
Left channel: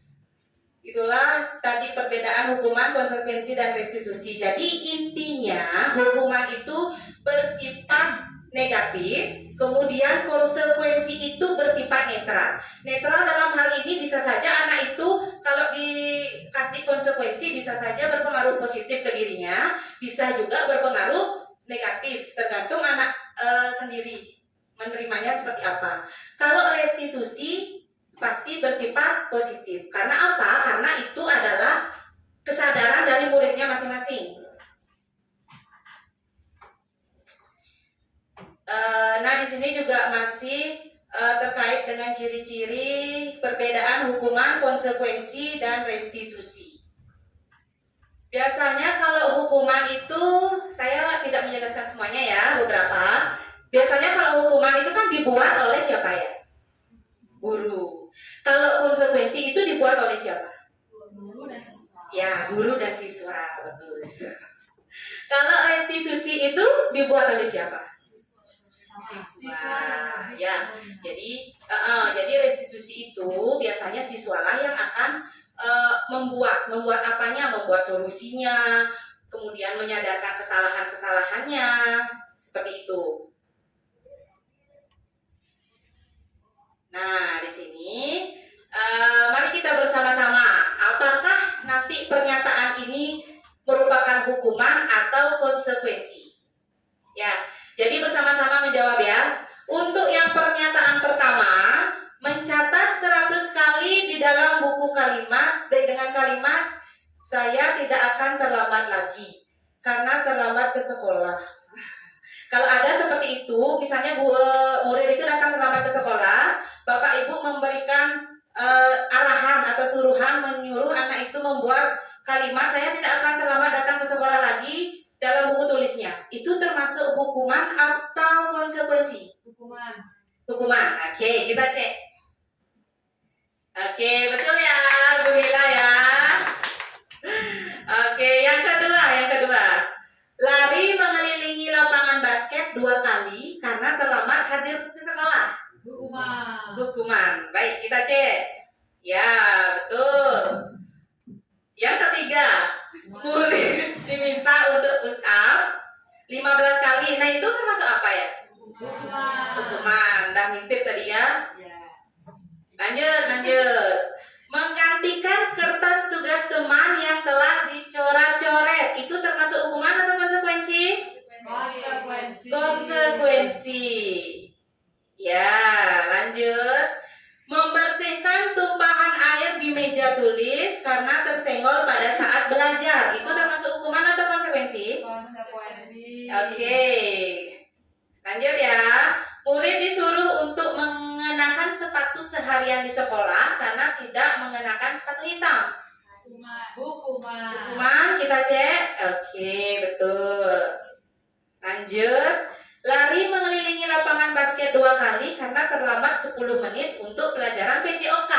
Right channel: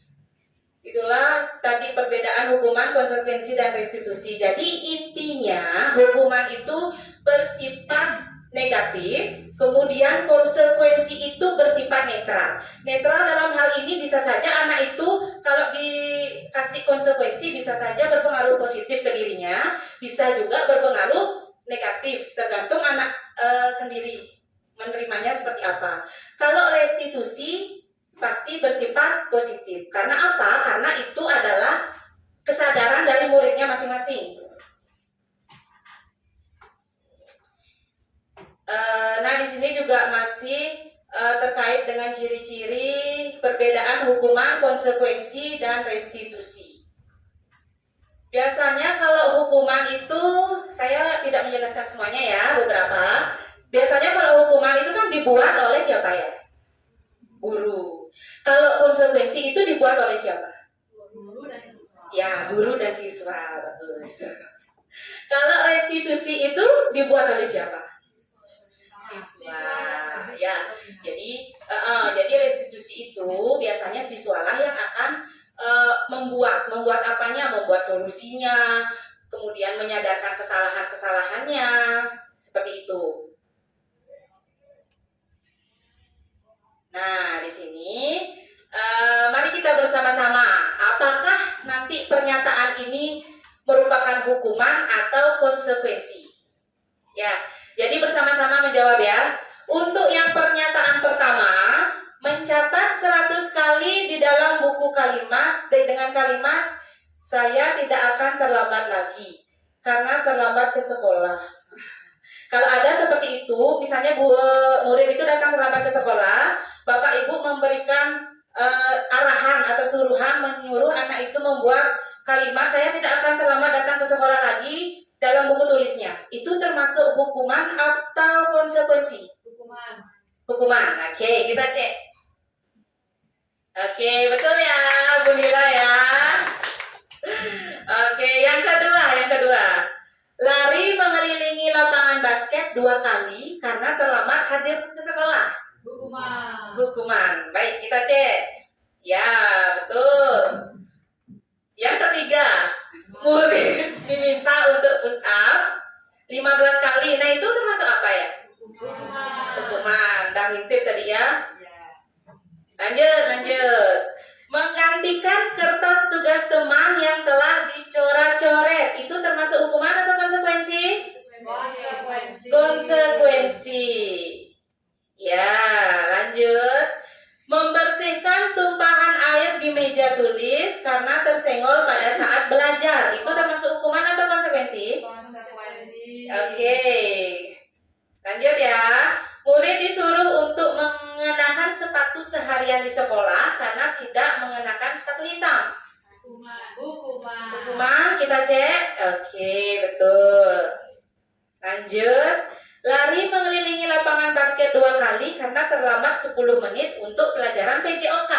Itulah tadi perbedaan hukuman, konsekuensi, dan restitusi. Jadi intinya hukuman itu bersifat negatif, kemudian konsekuensi itu bersifat netral. Netral dalam hal ini bisa saja anak itu kalau dikasih konsekuensi bisa saja berpengaruh positif ke dirinya, bisa juga berpengaruh negatif, tergantung anak sendiri menerimanya seperti apa. Kalau restitusi pasti bersifat positif. Karena apa? Karena itu adalah kesadaran dari muridnya masing-masing. Nah, di sini juga masih terkait dengan ciri-ciri perbedaan hukuman, konsekuensi, dan restitusi. Biasanya kalau hukuman itu, saya tidak menjelaskan semuanya ya, beberapa. Biasanya kalau hukuman itu kan dibuat oleh siapa ya? Guru. Kalau konsekuensi itu dibuat oleh siapa? Guru dan siswa. Ya, guru dan siswa, bagus. Kalau restitusi itu dibuat oleh siapa? Siswa. Ya, jadi restitusi itu biasanya siswalah yang akan membuat apanya, membuat solusinya, kemudian menyadarkan kesalahan-kesalahannya, seperti itu. Nah, di sini mari kita bersama-sama, apakah nanti pernyataan ini merupakan hukuman atau konsekuensi? Ya, jadi bersama-sama menjawab ya. Untuk yang pernyataan pertama, mencatat 100 kali di dalam buku kalimat dengan kalimat saya tidak akan terlambat lagi karena terlambat ke sekolah. Kalau ada seperti itu, misalnya murid itu datang terlambat ke sekolah, Bapak Ibu memberikan arahan atau suruhan menyuruh anak itu membuat kalimat saya tidak akan terlambat datang ke sekolah lagi dalam buku tulisnya. Itu termasuk hukuman atau konsekuensi? Hukuman. Oke, kita cek. Oke, betul ya, Bu Lila ya. Oke, yang kedua. Lari mengelilingi lapangan basket 2 kali karena terlambat hadir ke sekolah. Hukuman. Baik, kita cek. Ya, betul. Yang ketiga, murid diminta untuk push up 15 kali. Nah, itu termasuk apa ya? Hukuman. Dah ngintip tadi ya. Lanjut. Menggantikan kertas tugas teman yang telah dicoret-coret. Itu termasuk hukuman atau konsekuensi? Konsekuensi. Ya, lanjut. Membersihkan tumpahan air di meja tulis karena tersenggol pada saat belajar. Itu termasuk hukuman atau konsekuensi? Oke. Lanjut ya. Murid disuruh untuk mengenakan sepatu seharian di sekolah karena tidak mengenakan sepatu hitam. Hukuman, kita cek. Oke, betul. Lanjut. Lari mengelilingi lapangan basket 2 kali karena terlambat 10 menit untuk pelajaran PJOK.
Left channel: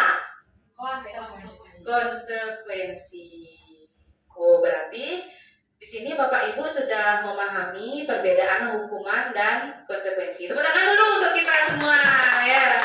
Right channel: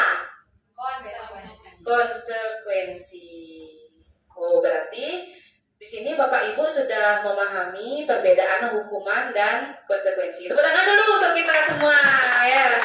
Konsekuensi. Oh, berarti di sini Bapak Ibu sudah memahami perbedaan hukuman dan konsekuensi. Tepuk tangan dulu untuk kita semua ya.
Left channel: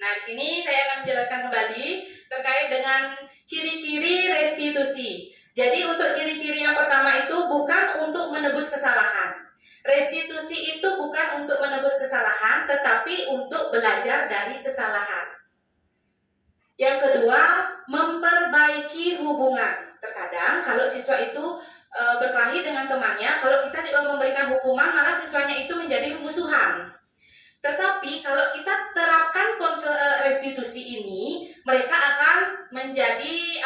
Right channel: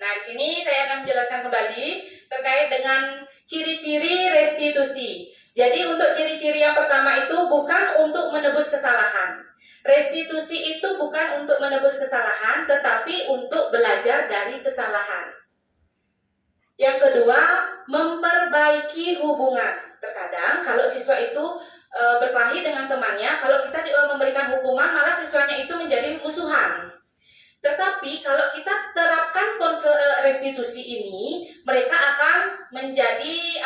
Nah, di sini saya akan menjelaskan kembali terkait dengan ciri-ciri restitusi. Jadi untuk ciri-ciri yang pertama itu bukan untuk menebus kesalahan. Restitusi itu bukan untuk menebus kesalahan, tetapi untuk belajar dari kesalahan. Yang kedua, memperbaiki hubungan. Terkadang kalau siswa itu berkelahi dengan temannya, kalau kita memberikan hukuman, malah siswanya itu menjadi musuhan. Tetapi kalau kita terapkan restitusi ini, mereka akan menjadi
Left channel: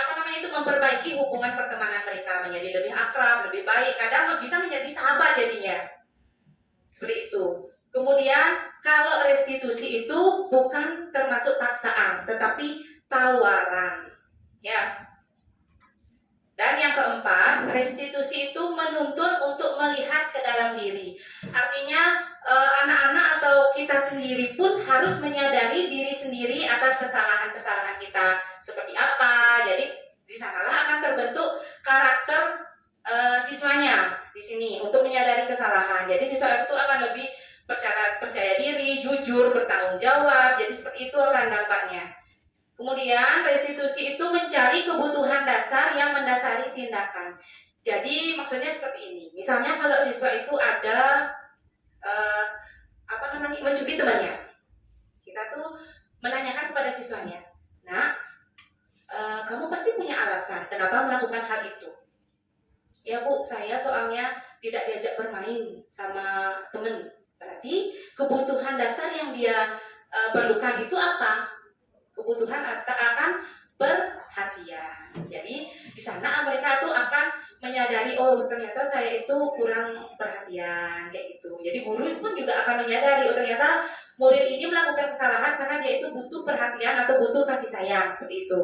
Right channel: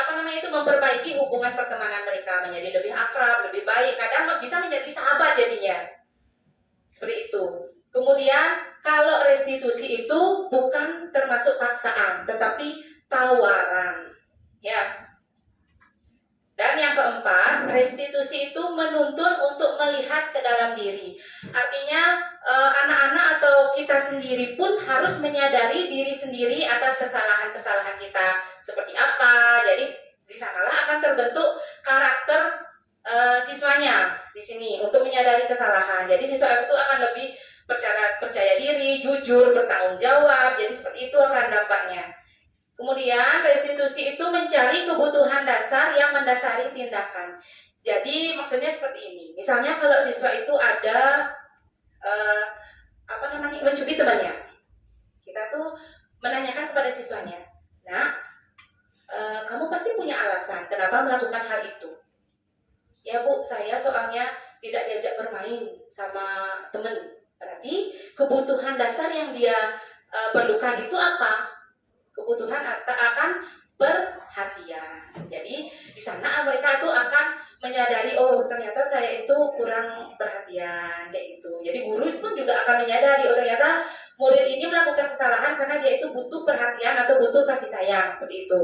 memperbaiki hubungan pertemanan mereka, menjadi lebih akrab, lebih baik, kadang bisa menjadi sahabat jadinya. Seperti itu. Kemudian kalau restitusi itu bukan termasuk paksaan, tetapi tawaran. Ya. Dan yang keempat, restitusi itu menuntun untuk melihat ke dalam diri. Artinya anak-anak atau kita sendiri pun harus menyadari diri sendiri atas kesalahan-kesalahan kita seperti apa. Jadi di sanalah akan terbentuk karakter siswanya di sini untuk menyadari kesalahan. Jadi siswa itu akan lebih percaya diri, jujur, bertanggung jawab. Jadi seperti itu akan dampaknya. Kemudian restitusi itu mencari kebutuhan dasar yang mendasari tindakan. Jadi maksudnya seperti ini. Misalnya kalau siswa itu ada mencubit temannya, kita tuh menanyakan kepada siswanya, nah kamu pasti punya alasan kenapa melakukan hal itu. Ya Bu, saya soalnya tidak diajak bermain sama temen. Berarti kebutuhan dasar yang dia perlukan itu apa? Kebutuhan akan perhatian. Jadi di sana mereka tuh akan menyadari, oh ternyata saya itu kurang perhatian kayak gitu. Jadi guru pun juga akan menyadari, oh ternyata murid ini melakukan kesalahan karena dia itu butuh perhatian atau butuh kasih sayang, seperti itu.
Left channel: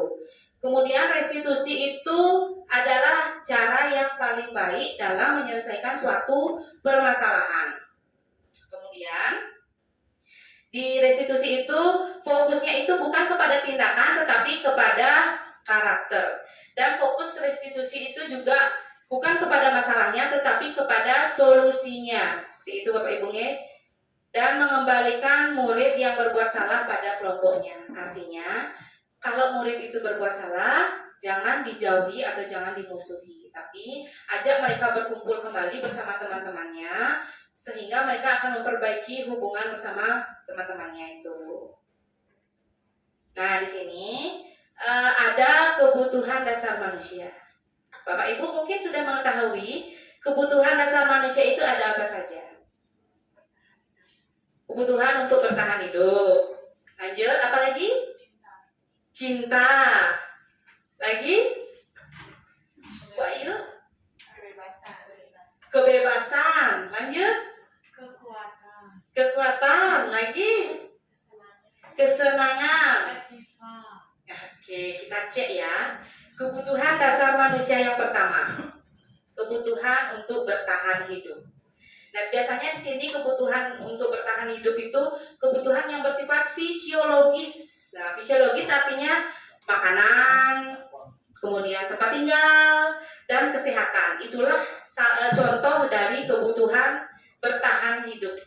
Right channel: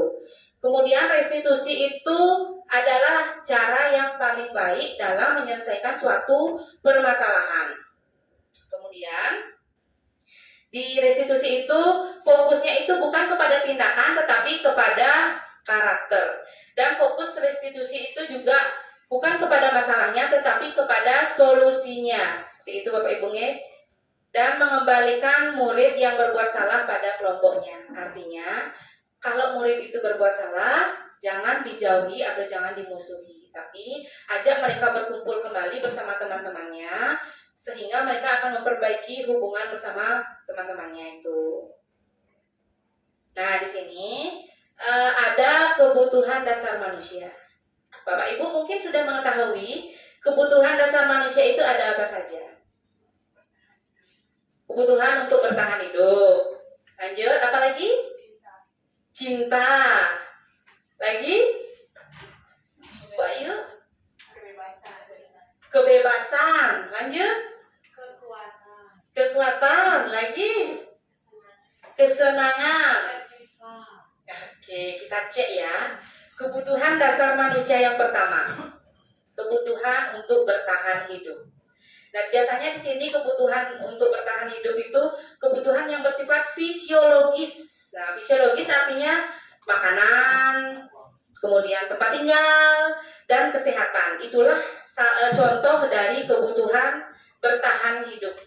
Kemudian restitusi itu adalah cara yang paling baik dalam menyelesaikan suatu permasalahan. Kemudian di restitusi itu fokusnya itu bukan kepada tindakan tetapi kepada karakter. Dan fokus restitusi itu juga bukan kepada masalahnya tetapi kepada solusinya. Seperti itu Bapak Ibu nggih. Dan mengembalikan murid yang berbuat salah pada kelompoknya. Artinya, kalau murid itu berbuat salah, jangan dijauhi atau jangan dimusuhi, tapi ajak mereka berkumpul kembali bersama teman-temannya sehingga mereka akan memperbaiki hubungan bersama teman-temannya itu. Nah, di sini ada kebutuhan dasar manusia. Bapak Ibu mungkin sudah mengetahui kebutuhan dasar manusia itu ada apa saja. Kebutuhan untuk bertahan hidup. Lanjut, apa lagi? Cinta. Lagi? Bu Ayu? Kebebasan. Lanjut? Kekuatan. Lagi? Kesenangan. Oke, kita cek ya. Kebutuhan dasar manusia yang pertama. Kebutuhan untuk bertahan hidup. Dan biasanya di sini kebutuhan untuk bertahan hidup itu kebutuhan yang bersifat fisiologis. Nah, fisiologis artinya makanan, kemudian tempat tinggal, dan kesehatan. Itulah contoh dari kebutuhan bertahan hidup.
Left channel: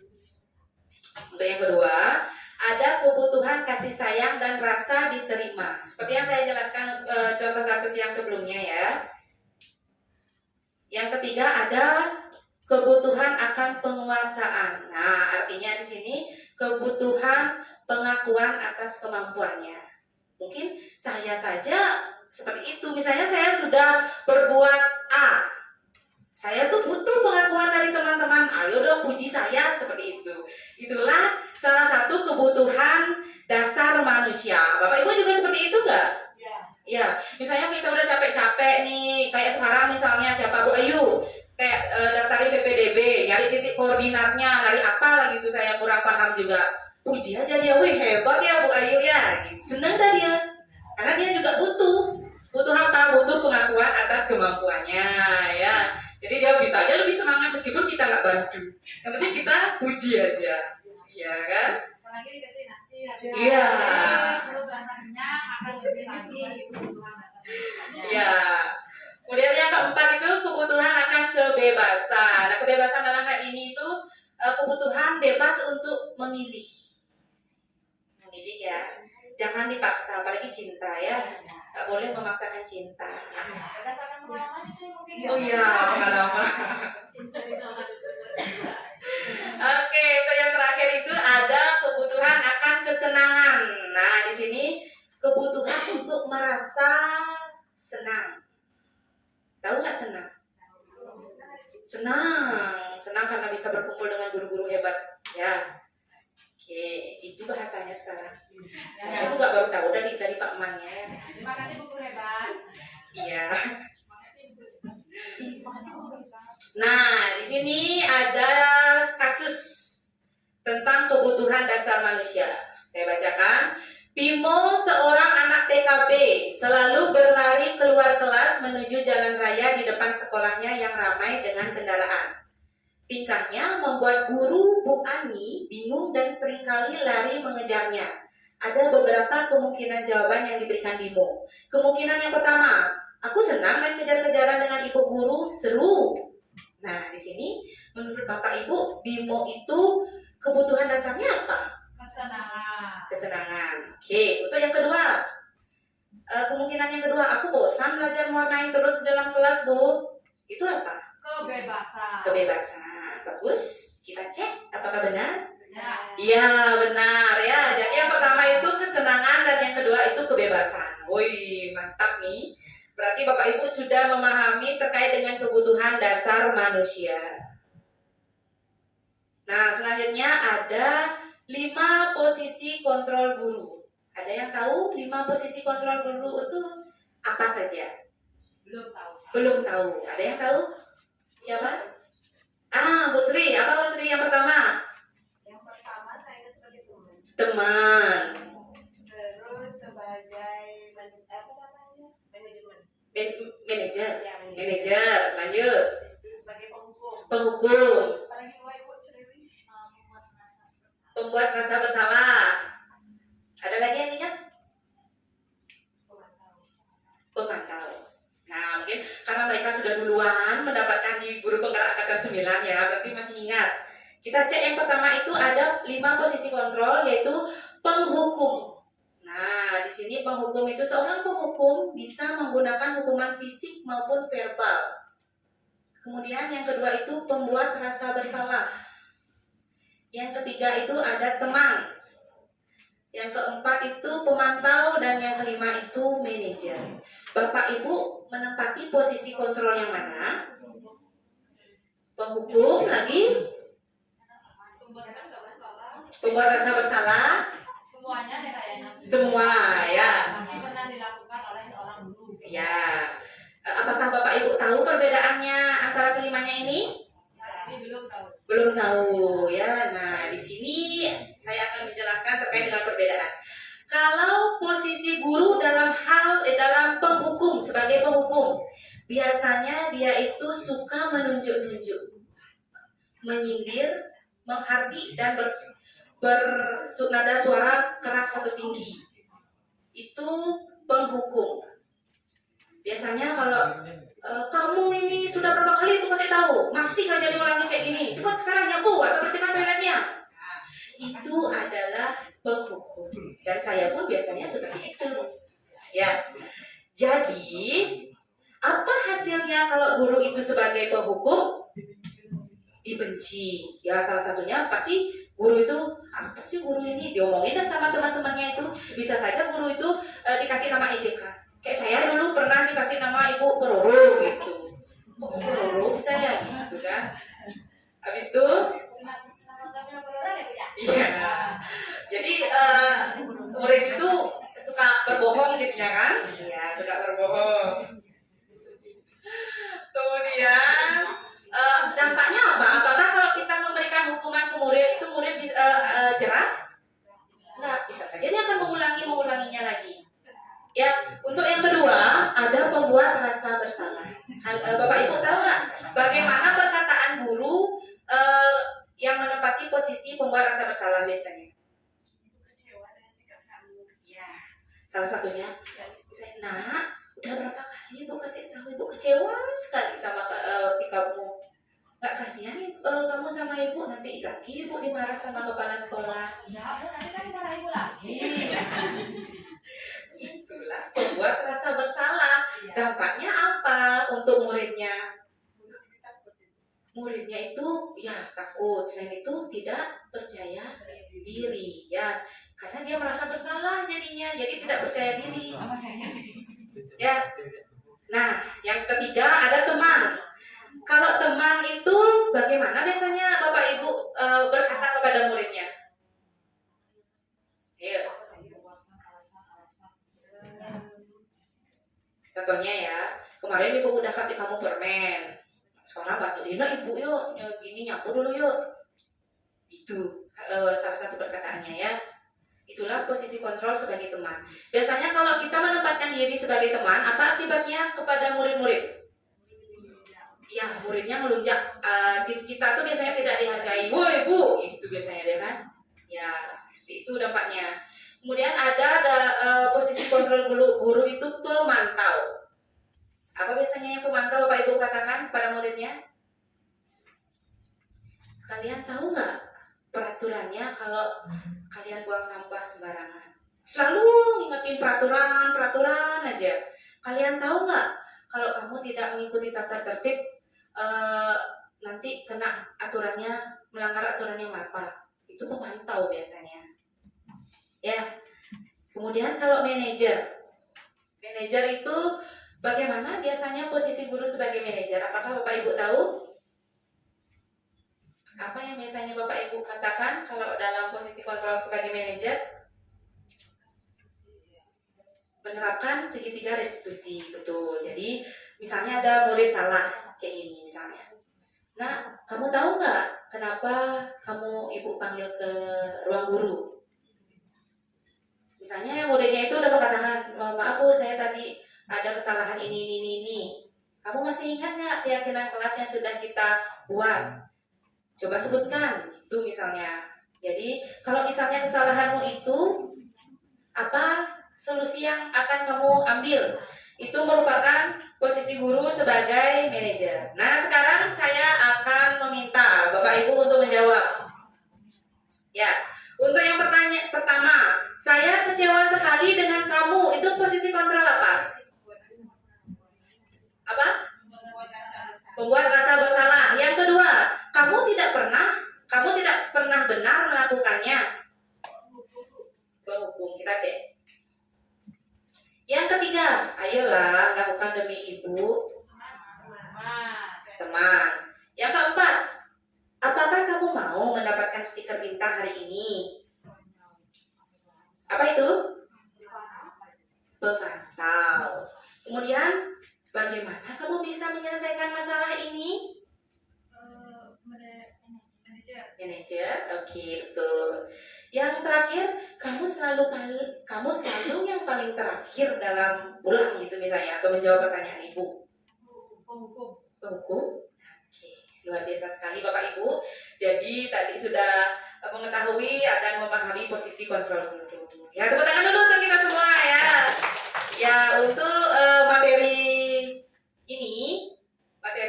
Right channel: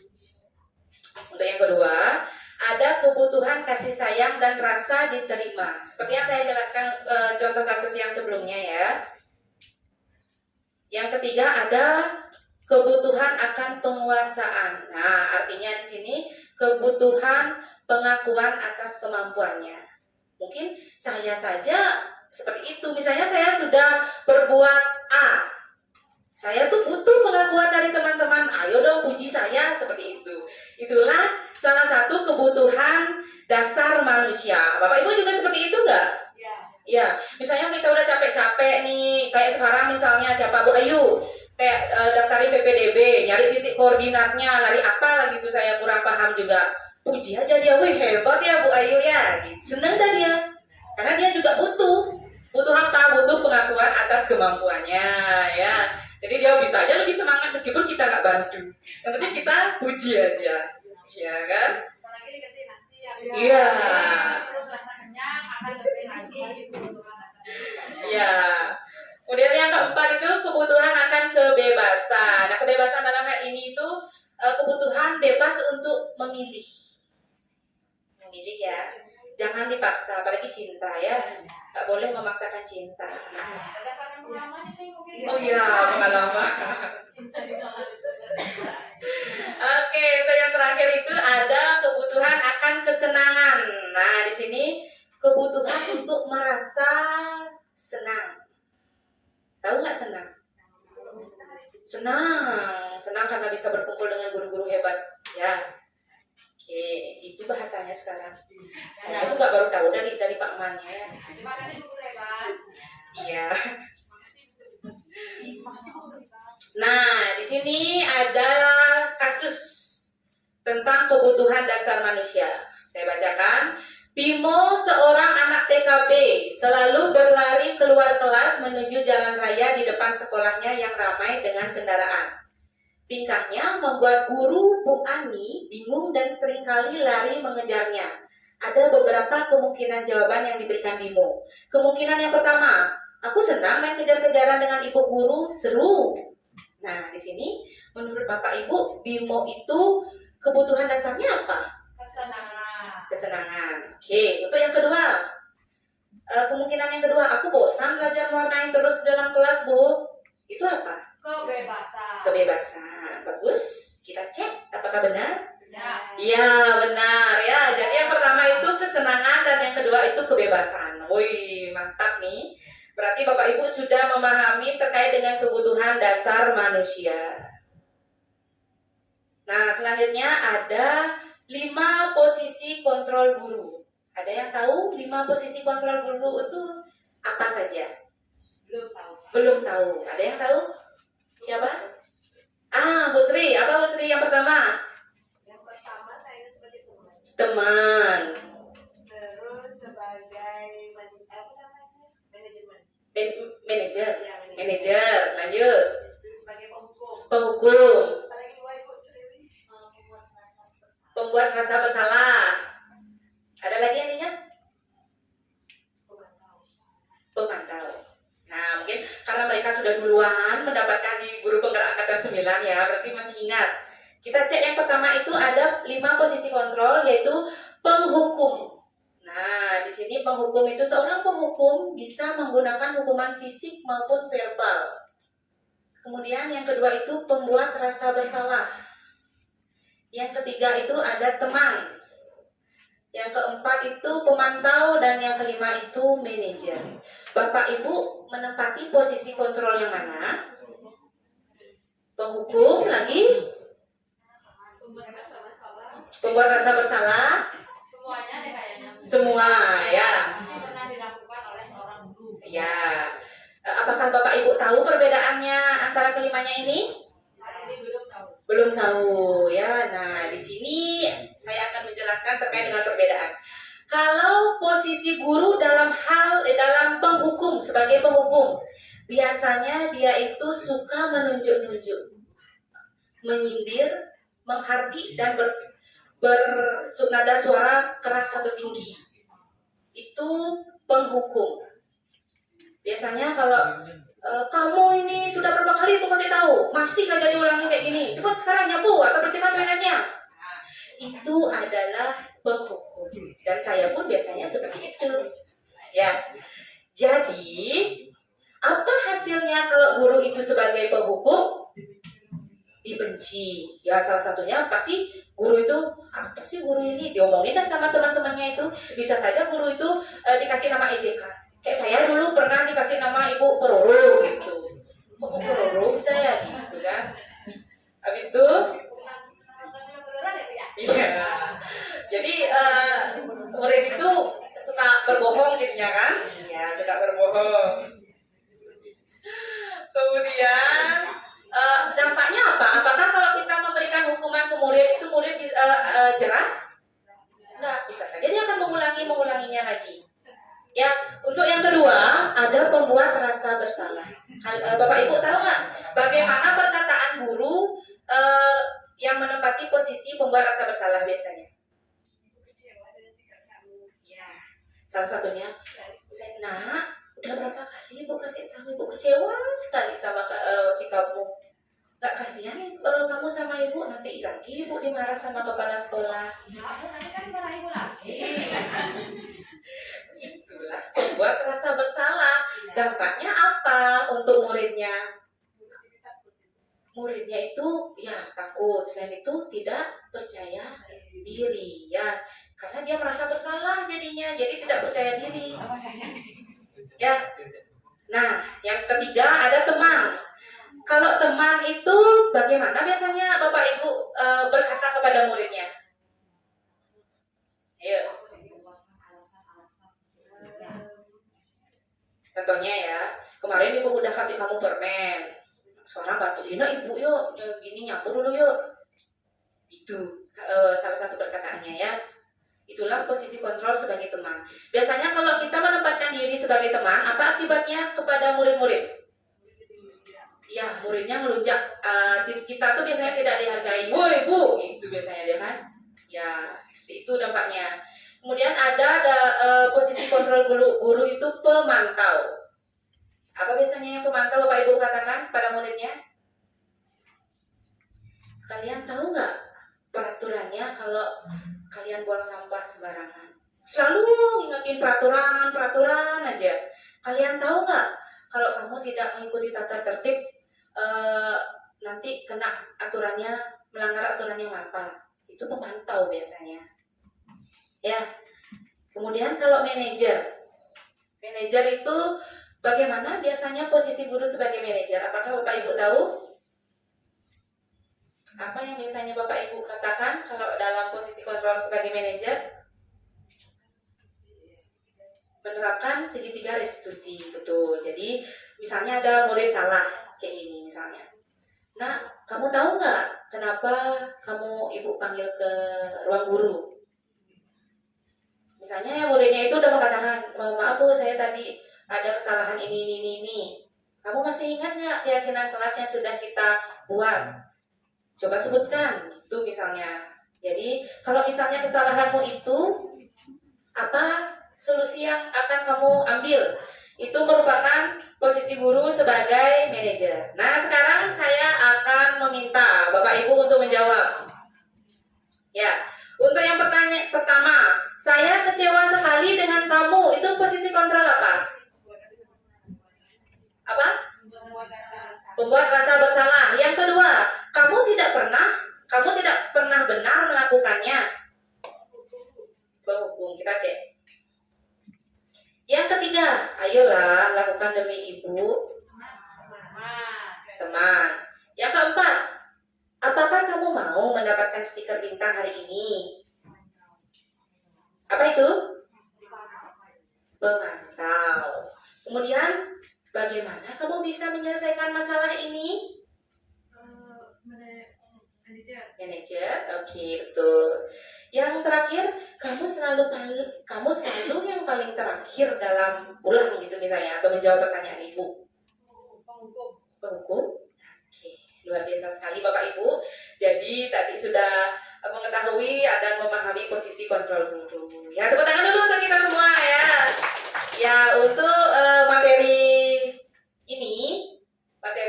Untuk yang kedua, ada kebutuhan kasih sayang dan rasa diterima. Seperti yang saya jelaskan contoh kasus yang sebelumnya ya. Yang ketiga ada kebutuhan akan penguasaan. Nah, artinya di sini kebutuhan pengakuan atas kemampuannya. Mungkin saya saja seperti itu. Misalnya saya sudah berbuat A. Saya tuh butuh pengakuan dari teman-teman. Ayo dong puji saya seperti itu. Itulah salah satu kebutuhan dasar manusia. Bapak Ibu juga seperti itu enggak? Ya, misalnya kita udah capek-capek nih, kayak sekarang misalnya siapa Bu Ayu, kayak daftarin PPDB, nyari titik koordinatnya, lari apa lagi tuh saya kurang paham juga. Puji aja dia, wih hebat ya Bu Ayu ya, seneng dah dia, karena dia juga butuh apa? Butuh pengakuan atas kemampuannya ya. Jadi dia bisa aja lebih semangat meskipun kita nggak bantu. Yang penting kita puji aja, ya kan? Apalagi dikasih nasi ya. Iya. Perlu rasa kenyang akan lebih lagi kebutuhan dasar manusianya. Ya. Kemudian yang keempat itu kebutuhan akan kebebasan. Nah, kebebasan dalam hal ini itu kebutuhan bebas untuk memilih. Memilih ya. Jangan dipaksa, apalagi cinta ya. Gak boleh memaksakan cinta. Berdasarkan pengalaman itu mungkin. Oh iya, pengalaman. Cinta itu. Oke, untuk yang terakhir itu ada kebutuhan akan kesenangan. Nah, di sini kebutuhan untuk merasa senang. Tahu nggak senang? Senang karena bisa berkumpul dengan guru-guru hebat. Ya, oke, itu bahasanya sekarang. Saya itu nggak baru tahu dari Pak Man ya. Terima kasih Bu Guru hebat. Iya. Makasih Bu Guru hebat. Nah, di sini ada kasus tentang kebutuhan dasar manusia. Saya bacakan. Bimo, seorang anak TKB, selalu berlari keluar kelas menuju jalan raya di depan sekolahnya yang ramai dengan kendaraan. Tingkahnya membuat guru Bu Ani bingung dan seringkali lari mengejarnya. Ada beberapa kemungkinan jawaban yang diberikan Bimo. Kemungkinan yang pertama, aku senang main kejar-kejaran dengan ibu guru, seru. Nah, di sini menurut Bapak Ibu, Bimo itu kebutuhan dasarnya apa? Kesenangan. Oke, untuk yang kedua, kemungkinan yang kedua, aku bosan belajar mewarnai terus di dalam kelas, Bu. Itu apa? Kebebasan. Kebebasan. Bagus. Kita cek apakah benar? Ya. Iya, benar ya. Jadi yang pertama itu kesenangan dan yang kedua itu kebebasan. Wih, mantap nih. Berarti Bapak Ibu sudah memahami terkait dengan kebutuhan dasar manusia. Nah, selanjutnya ada 5 posisi kontrol guru. Ada yang tahu 5 posisi kontrol guru itu apa saja? Belum tahu. Belum tahu. Ada yang tahu? Siapa? Bu Sri. Apa Bu Sri yang pertama? Yang pertama saya sebagai teman. Teman. Terus sebagai manajemen. Manajer. Ya, Manajer. Lanjut. Terus sebagai penghukum. Penghukum. Apalagi dua Ibu Ceriwi. Pembuat rasa bersalah. Ada lagi yang ingat? Pemantau. Pemantau. 5 posisi kontrol, yaitu penghukum. Nah, di sini penghukum itu seorang penghukum bisa menggunakan hukuman fisik maupun verbal. Kemudian yang kedua itu pembuat rasa bersalah. Yang ketiga itu ada teman. Yang keempat itu pemantau, dan yang kelima itu manajer. Bapak Ibu menempati posisi kontrol yang mana? Penghukum lagi, pembuat rasa bersalah, Semuanya deh kayaknya. semua ya. Pasti pernah dilakukan oleh seorang guru. Ya. Apakah Bapak Ibu tahu perbedaannya antara kelimanya ini? Saya ini belum tahu. Belum tahu ya. Nah, di sini saya akan menjelaskan terkait dengan perbedaan. Kalau posisi guru dalam penghukum, sebagai penghukum, biasanya dia itu suka menunjuk-nunjuk, menyindir, menghardik, dan bernada suara keras atau tinggi. Itu penghukum. Biasanya kalau kamu ini sudah berapa kali ibu kasih tahu, masih aja diulangi kayak gini, cepat sekarang nyapu atau bersihkan toiletnya. Itu adalah penghukum. Dan saya pun biasanya seperti itu. Ya. Jadi, apa hasilnya kalau guru itu sebagai penghukum? Dibenci. Ya, salah satunya pasti guru itu, apa sih guru ini? Diomongin dah sama teman-temannya itu. Bisa saja guru itu dikasih nama ejekan. Kayak saya dulu pernah dikasih nama Ibu Peroro gitu. Kok Peroro bisa ya gitu kan? Habis itu, Senang beneran ya, Bu, ya? iya. Jadi murid itu suka berbohong jadinya kan? Iya, suka berbohong. Kemudian dampaknya apa? Apakah kalau kita memberikan hukuman ke murid itu murid bisa jerah? Nah, bisa saja dia akan mengulanginya lagi. Ya, untuk yang kedua ada pembuat rasa bersalah. Bapak Ibu tahu nggak bagaimana perkataan guru yang menempati posisi pembuat rasa bersalah biasanya? Ya, salah satunya, nah, udah berapa kali ibu kasih tahu, ibu kecewa sekali sama sikapmu. Nggak kasihan kamu sama ibu, nanti lagi ibu dimarah sama kepala sekolah. Ya, Bu, nanti kan dimarahin ibu lagi. Itulah pembuat rasa bersalah. Dampaknya apa untuk muridnya? Muridnya itu ya takut, selain itu tidak percaya diri ya, karena dia merasa bersalah jadinya, jadi tidak percaya diri ya. Nah, yang ketiga ada teman. Kalau teman itu bagaimana biasanya Bapak Ibu berkata kepada muridnya? Ayo, contohnya ya, kemarin ibu udah kasih kamu permen, sekarang bantuin ibu yuk, gini nyapu dulu yuk. Itu salah satu perkataannya ya. Itulah posisi kontrol sebagai teman. Biasanya kalau kita menempatkan diri sebagai teman, apa akibatnya kepada murid-murid? Ya, muridnya ngelunjak. Kita tuh biasanya tidak dihargai. Woi bu, itu biasanya dia kan. Ya, seperti itu dampaknya. Kemudian ada posisi kontrol guru itu pemantau. Apa biasanya yang pemantau Bapak Ibu katakan pada muridnya? Kalian tahu nggak peraturannya kalau kalian buang sampah sembarangan? Selalu ngingetin peraturan aja. Kalian tahu nggak kalau kamu tidak mengikuti tata tertib nanti kena aturannya, melanggar aturan yang apa? Itu pemantau biasanya. Ya. Kemudian kalau manajer itu bagaimana biasanya posisi guru sebagai manajer? Apakah Bapak Ibu tahu? Apa yang biasanya Bapak Ibu katakan kalau dalam posisi kontrol sebagai manajer? Menerapkan segitiga restitusi, betul. Jadi misalnya ada murid salah kayak ini misalnya. Nah, kamu tahu nggak kenapa ibu panggil ke ruang guru? Misalnya muridnya itu udah mengatakan, maaf bu, saya tadi ada kesalahan ini. Kamu masih ingat nggak keyakinan kelas yang sudah kita buat? Coba sebutkan, itu misalnya. Jadi kalau misalnya kesalahanmu itu, apa solusi yang akan kamu ambil? Itu merupakan posisi guru sebagai manajer. Nah, sekarang saya akan meminta Bapak Ibu untuk menjawab. Ya, sebutannya? Penghukum, kita cek. Yang ketiga, ayolah lakukan demi ibu, teman. Yang keempat, apakah kamu mau mendapatkan stiker bintang hari ini? Apa itu? Pemantau. Kemudian, bagaimana kamu bisa menyelesaikan masalah ini? Manager, oke, betul. Yang terakhir, kamu selalu yang paling terakhir dalam pulang gitu misalnya, atau menjawab pertanyaan ibu. Penghukum. Oke, luar biasa sekali Bapak Ibu. Jadi tadi sudah mengetahui dan memahami posisi kontrol guru. Ya, tepuk tangan dulu untuk kita semua ya. Ya, untuk materi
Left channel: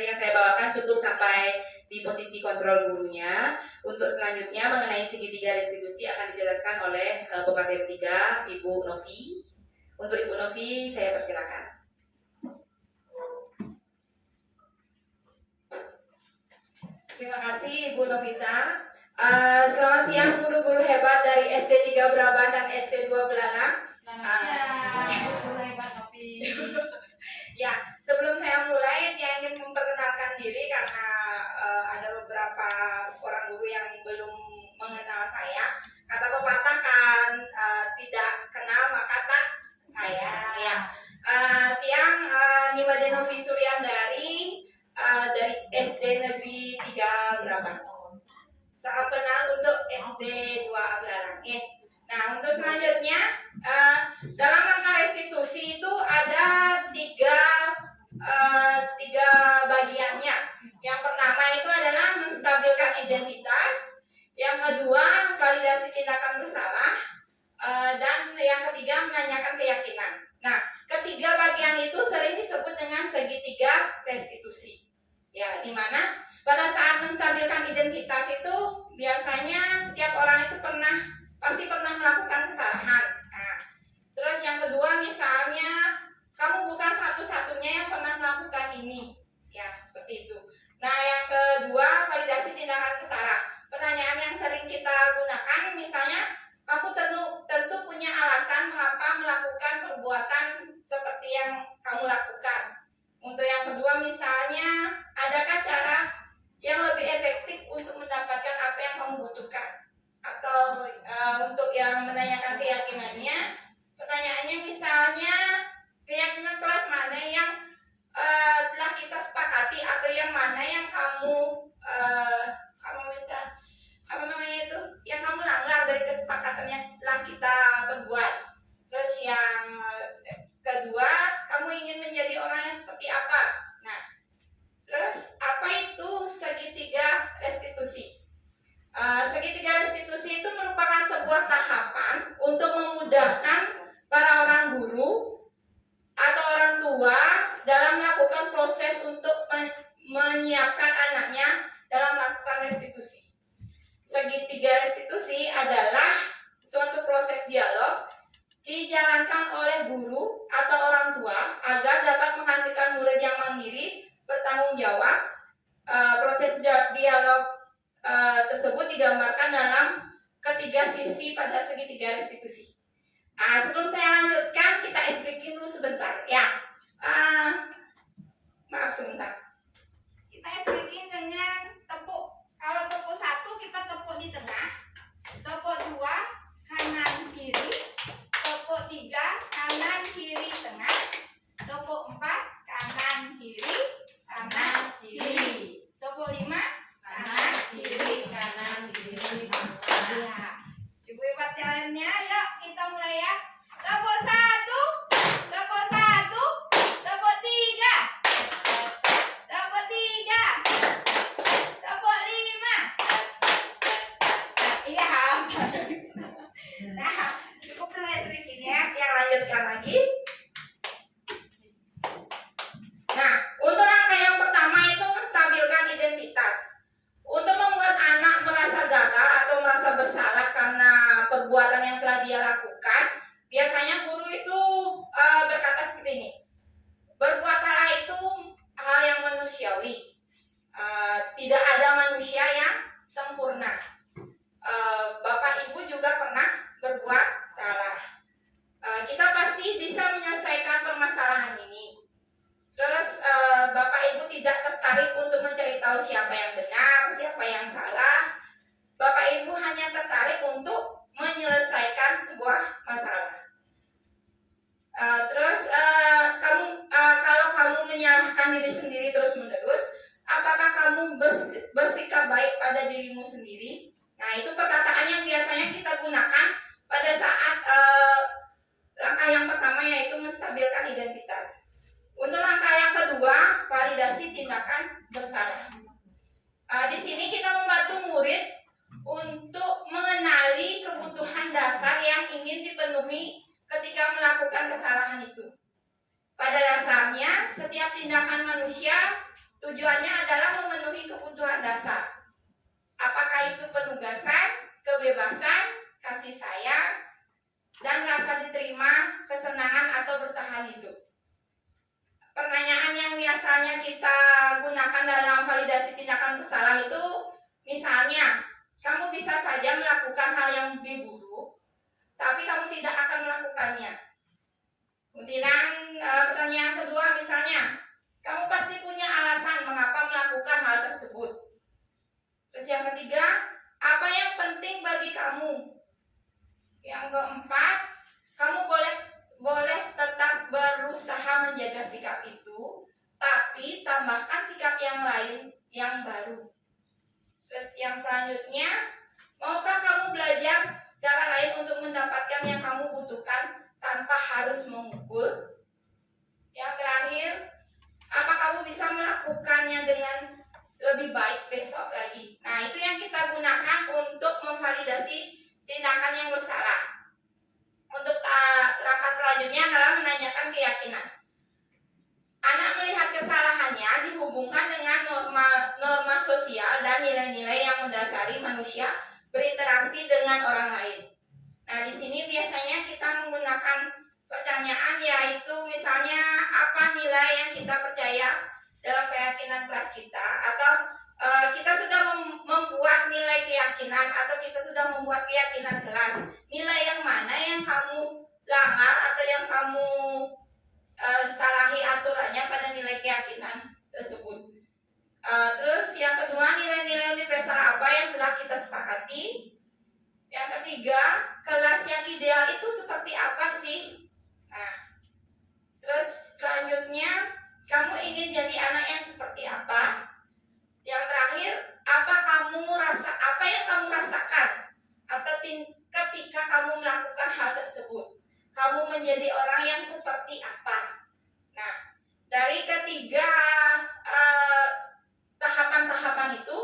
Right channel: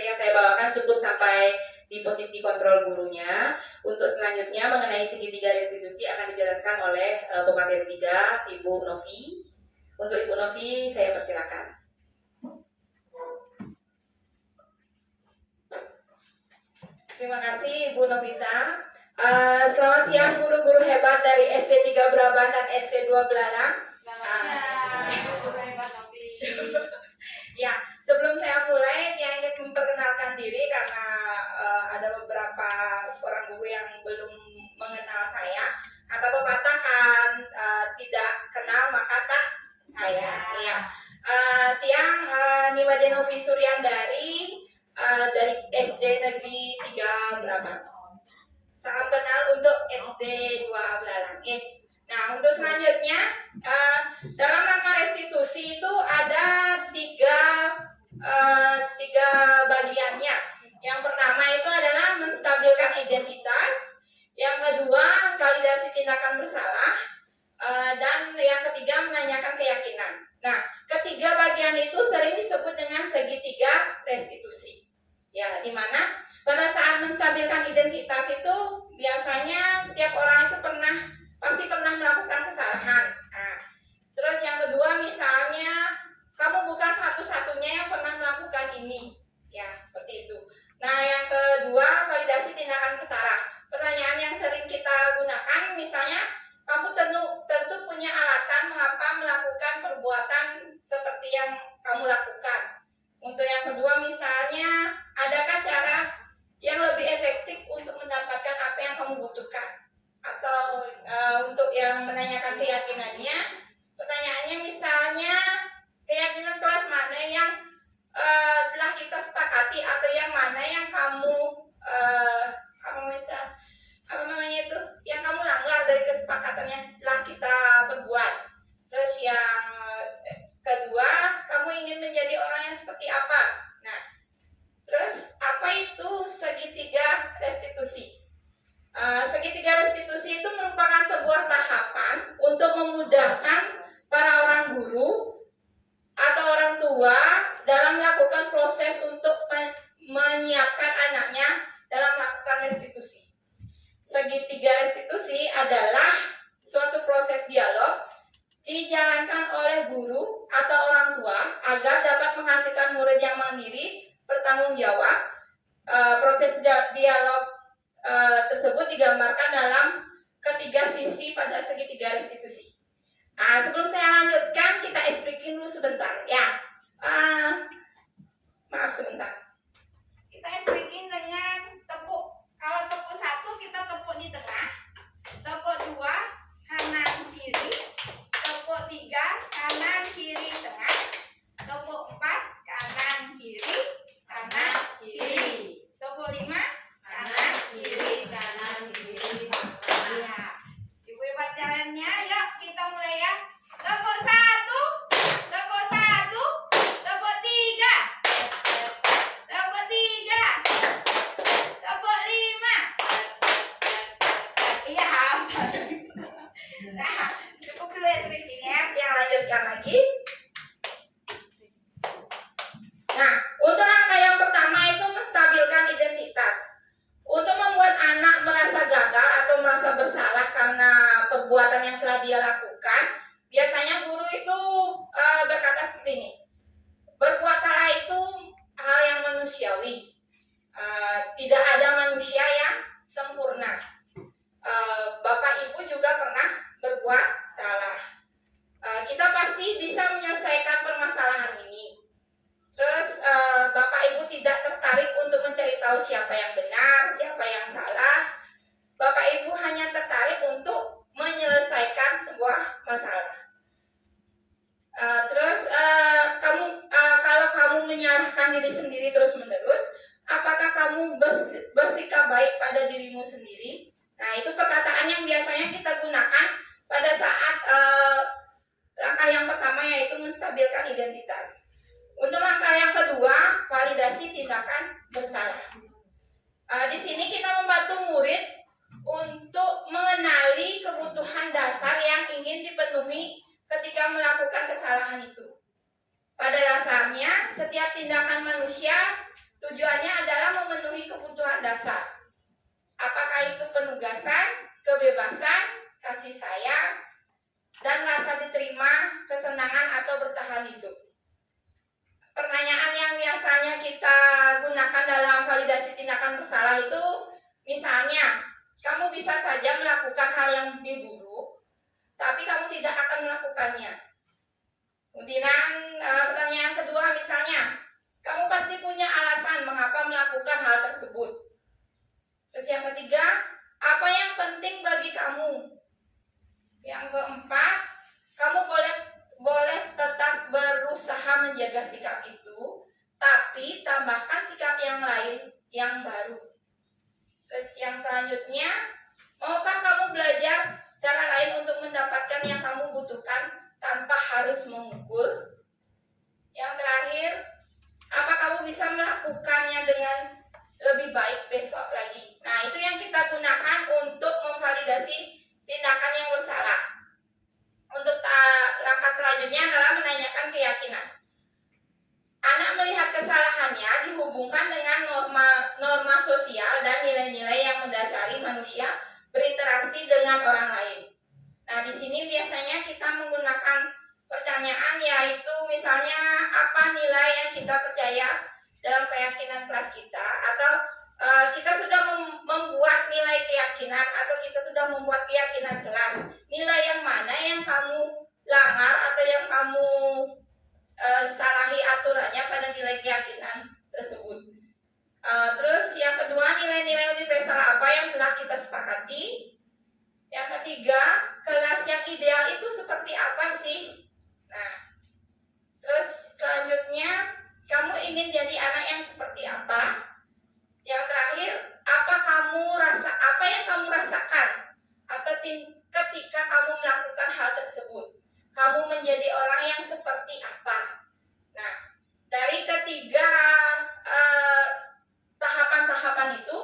yang saya bawakan cukup sampai di posisi kontrol gurunya. Untuk selanjutnya mengenai segitiga restitusi akan dijelaskan oleh pemateri 3, Ibu Novi. Untuk Ibu Novi, saya persilakan. Terima kasih Ibu Novita. Selamat siang guru-guru hebat dari SD 3 Braban dan SD 2 Belalang. Ya, sebelum saya mulai, saya ingin memperkenalkan diri karena ada beberapa orang guru yang belum mengenal saya. Kata pepatah kan tidak kenal maka tak sayang. Ya, Tiang Nimade Novi Suryandari dari SD Negeri 3 Braban. Salam kenal untuk SD 2 Belalang. Nah, untuk selanjutnya dalam rangka restitusi itu ada tiga bagiannya. Yang pertama itu adalah menstabilkan identitas, yang kedua validasi tindakan bersalah, dan yang ketiga menanyakan keyakinan. Nah, ketiga bagian itu sering disebut dengan segitiga restitusi. Ya, di mana pada saat menstabilkan identitas itu biasanya setiap orang itu pasti pernah melakukan kesalahan. Nah, terus yang kedua misalnya kamu bukan satu-satunya yang pernah melakukan ini. Ya, seperti itu. Nah, yang kedua validasi tindakan bersalah. Pertanyaan yang sering kita gunakan misalnya kamu tentu punya alasan mengapa melakukan perbuatan seperti yang kamu lakukan. Untuk yang kedua misalnya, adakah cara yang lebih efektif untuk mendapatkan apa yang kamu butuhkan? Atau untuk yang menanyakan keyakinannya, pertanyaannya misalnya keyakinan kelas mana yang telah kita sepakati atau yang mana yang kamu yang kamu langgar dari kesepakatan yang telah kita perbuat. Terus yang kedua, kamu ingin menjadi orang yang seperti apa? Nah, terus apa itu segitiga restitusi? Segitiga restitusi itu merupakan sebuah tahapan untuk memudahkan para orang guru atau orang tua dalam melakukan proses untuk menyiapkan anaknya dalam melakukan restitusi. Segitiga restitusi adalah suatu proses dialog dijalankan oleh guru atau orang tua agar dapat menghasilkan murid yang mandiri, bertanggung jawab. Proses dialog tersebut digambarkan dalam ketiga sisi pada segitiga restitusi. Nah, sebelum saya lanjutkan, kita explikin dulu sebentar ya. Maaf sebentar. Kita explikin dengan tepuk. Kalau tepuk 1 kita tepuk di tengah, tepuk 2 kanan kiri, tepuk 3 kanan kiri tengah, tepuk 4 kanan kiri tepuk 5 kanan kiri ya. Ibu hebat jalannya, yuk kita mulai ya. Tepuk 1, tepuk 1, tepuk 3, tepuk 3, tepuk 5. Iya. Nah, cukup dulu ya sedikitnya. Yang lanjutkan lagi. Nah, untuk langkah yang pertama itu menstabilkan identitas. Untuk membuat anak merasa gagal atau merasa bersalah karena perbuatan yang telah dia lakukan, biasanya guru itu berkata seperti ini. Berbuat salah itu hal yang manusiawi. Tidak ada manusia yang sempurna. Bapak gunakan pada saat langkah yang pertama, yaitu menstabilkan identitas. Untuk langkah yang kedua, validasi tindakan bersalah. Di sini kita membantu murid untuk mengenali kebutuhan dasar yang ingin dipenuhi ketika melakukan kesalahan itu. Pada dasarnya, setiap tindakan manusia tujuannya adalah memenuhi kebutuhan dasar. Apakah itu penugasan, kebebasan, kasih sayang, dan rasa diterima, kesenangan, atau bertahan hidup. Pertanyaan yang biasanya kita gunakan dalam validasi tindakan bersalah itu, misalnya, kamu bisa saja melakukan hal yang lebih buruk, tapi kamu tidak akan melakukannya. Kemudian pertanyaan kedua misalnya, kamu pasti punya alasan mengapa melakukan hal tersebut. Terus yang ketiga, apa yang penting bagi kamu? Yang keempat, kamu boleh tetap berusaha menjaga sikap itu, tapi tambahkan sikap yang lain yang baru. Terus yang selanjutnya, maukah kamu belajar cara lain untuk mendapatkan yang kamu butuhkan tanpa harus memukul? Yang terakhir, apa kamu bisa melakukannya dengan lebih baik besok lagi? Nah, itu yang kita gunakan untuk memvalidasi tindakan yang bersalah. Untuk langkah selanjutnya adalah menanyakan keyakinan. Anak melihat kesalahannya dihubungkan dengan norma sosial dan nilai-nilai yang mendasari manusia berinteraksi dengan orang lain. Nah, di sini biasanya kita menggunakan pertanyaan, yaitu misalnya apa nilai yang kita percaya dalam keyakinan kelas kita, atau kita sudah membuat nilai keyakinan, atau kita sudah membuat keyakinan kelas. Nilai yang mana yang kamu langgar atau yang kamu salahi aturannya pada nilai keyakinan tersebut. Terus yang kedua, nilai-nilai universal apa yang telah kita sepakati. Yang ketiga, kelas yang ideal itu seperti apa sih? Nah, terus selanjutnya, kamu ingin jadi anak yang seperti apa? Yang terakhir, apa yang kamu rasakan atau ketika kamu melakukan hal tersebut? Kamu menjadi orang yang seperti apa? Nah, dari ketiga tahapan-tahapan itu,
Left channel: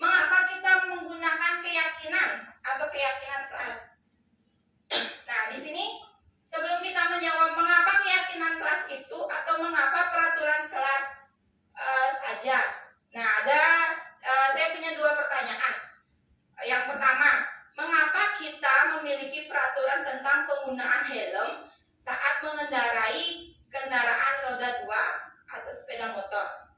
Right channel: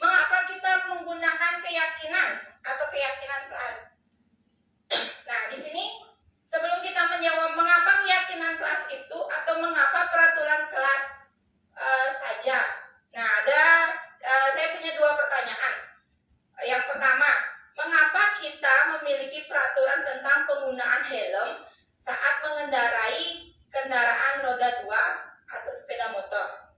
mengapa kita menggunakan keyakinan atau keyakinan kelas? Nah, di sini sebelum kita menjawab mengapa keyakinan kelas itu atau mengapa peraturan kelas saja. Nah, saya punya dua pertanyaan. Yang pertama, mengapa kita memiliki peraturan tentang penggunaan helm saat mengendarai kendaraan roda 2 atau sepeda motor?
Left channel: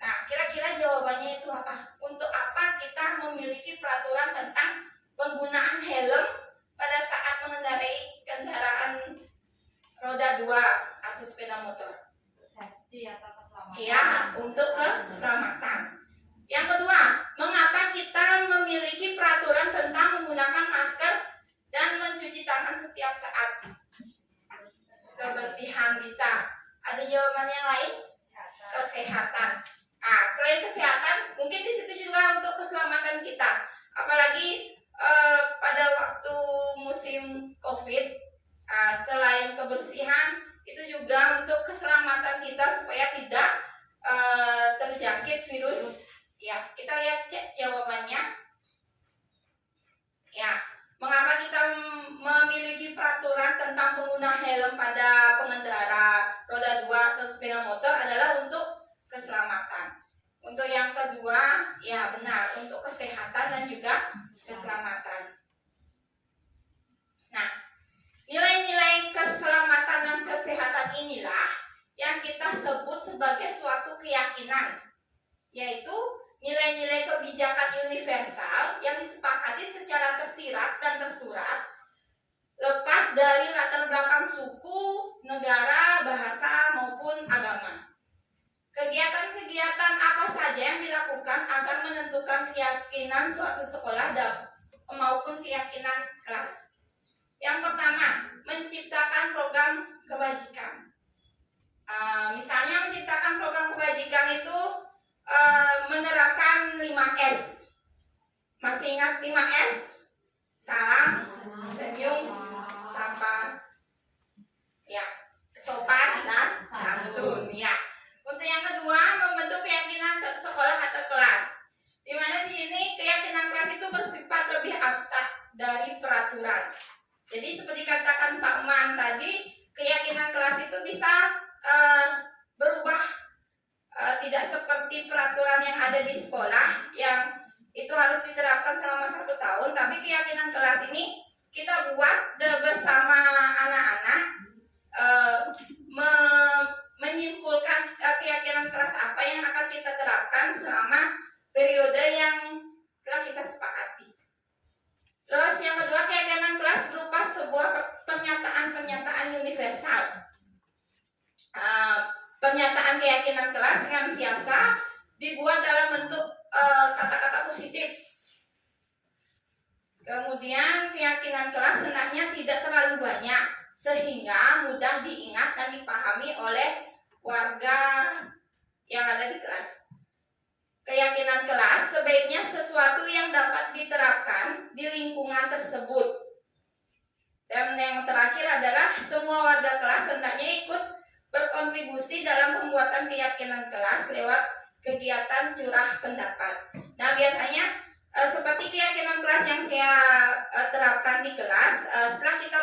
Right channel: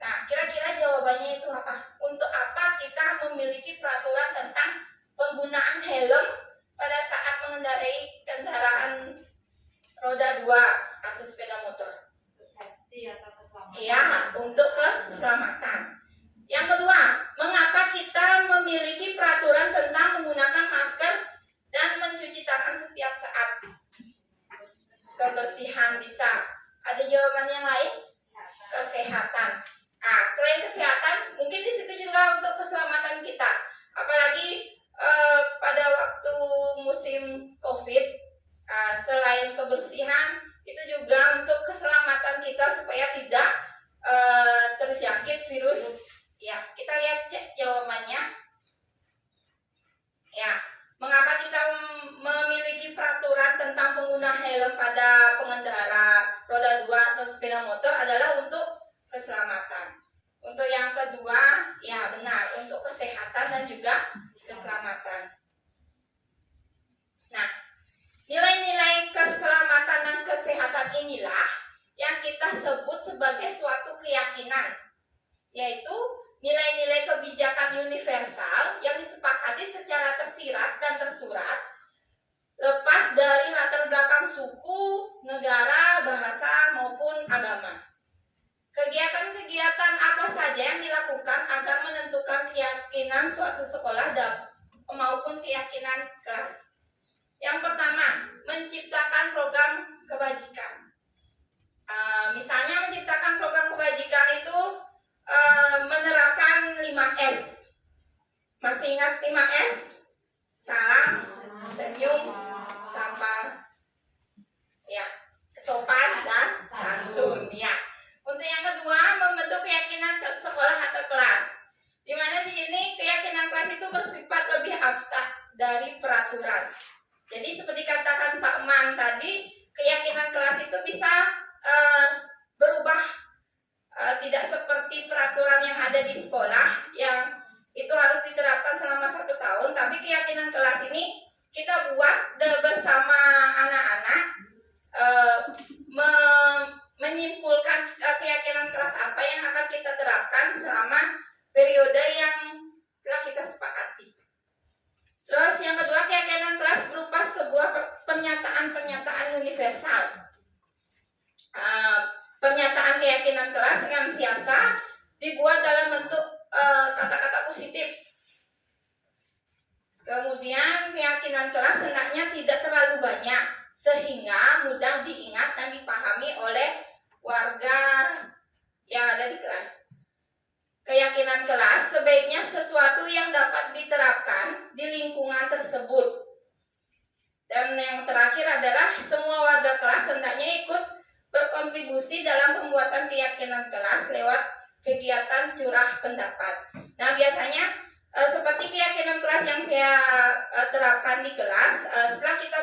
Nah, kira-kira jawabannya itu apa? Untuk apa kita memiliki peraturan tentang penggunaan helm pada saat mengendarai kendaraan roda 2 atau sepeda motor? Safety atau keselamatan. Iya, untuk keselamatan. Yang kedua, mengapa kita memiliki peraturan tentang menggunakan masker dan mencuci tangan setiap saat? Kebersihan bisa. Ada jawaban yang lain? Kesehatan. Nah, selain kesehatan, mungkin di situ juga untuk keselamatan kita. Apalagi pada waktu musim COVID, selain kebersihan, itu juga untuk keselamatan kita supaya tidak terjangkit virus. Ya, kita lihat cek jawabannya. Ya, mengapa kita memiliki peraturan tentang penggunaan helm pada pengendara roda 2 atau sepeda motor adalah untuk keselamatan. Untuk yang kedua, ya benar, untuk kesehatan dan juga keselamatan. Nah, nilai-nilai keselamatan dan kesehatan inilah yang kita sebut sebagai suatu keyakinan, yaitu nilai-nilai kebijakan universal yang disepakati secara tersirat dan tersurat, lepas dari latar belakang suku, negara, bahasa, maupun agama. Kegiatan-kegiatan apa saja yang dilakukan agar menentukan keyakinan suatu sekolah maupun keyakinan kelas. Yang pertama, menciptakan program kebajikan. Misalnya menciptakan program kebajikan itu menerapkan 5S. Masih ingat 5S? salam, senyum, sapa, ya, sopan dan santun, ya. Untuk yang kedua, membentuk keyakinan ke sekolah atau kelas. Di mana di sini keyakinan kelas itu bersifat lebih abstrak dari peraturan. Jadi seperti katakan Pak Man tadi, keyakinan kelas itu bisa berubah, tidak seperti peraturan yang ada di sekolah yang itu harus diterapkan selama 1 tahun, tapi keyakinan kelas ini kita buat bersama anak-anak, menyimpulkan keyakinan kelas apa yang akan kita terapkan selama periode yang telah kita sepakati. Terus yang kedua, keyakinan kelas berupa sebuah pernyataan universal. Pernyataan keyakinan kelas dengan siasa dibuat dalam bentuk kata-kata positif. Kemudian keyakinan kelas hendaknya tidak terlalu banyak sehingga mudah diingat dan dipahami oleh warga yang ada di kelas. Keyakinan kelas sebaiknya sesuatu yang dapat diterapkan di lingkungan tersebut. Dan yang terakhir adalah semua warga kelas hendaknya ikut berkontribusi dalam pembuatan keyakinan kelas lewat kegiatan curah pendapat. Nah, biasanya seperti keyakinan kelas yang saya terapkan di kelas, setelah kita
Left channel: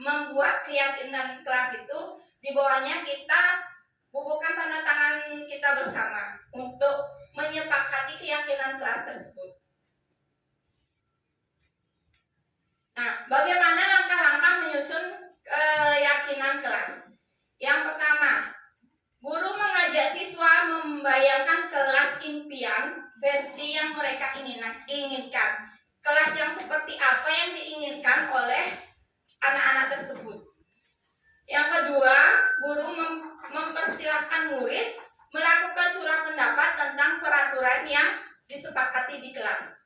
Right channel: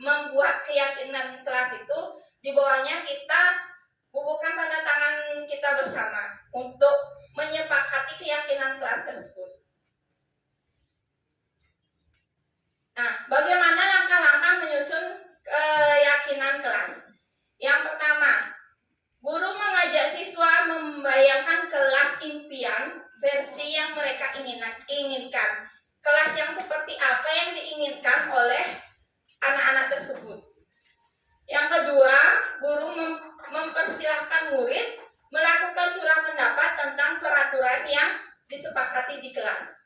membuat keyakinan kelas itu, di bawahnya kita bubuhkan tanda tangan kita bersama untuk menyepakati keyakinan kelas tersebut. Nah, bagaimana langkah-langkah menyusun keyakinan kelas? Yang pertama, guru mengajak siswa membayangkan kelas impian versi yang mereka inginkan. Kelas yang seperti apa yang diinginkan oleh anak-anak tersebut. Yang kedua, guru mempersilahkan murid melakukan curah pendapat tentang peraturan yang disepakati di kelas.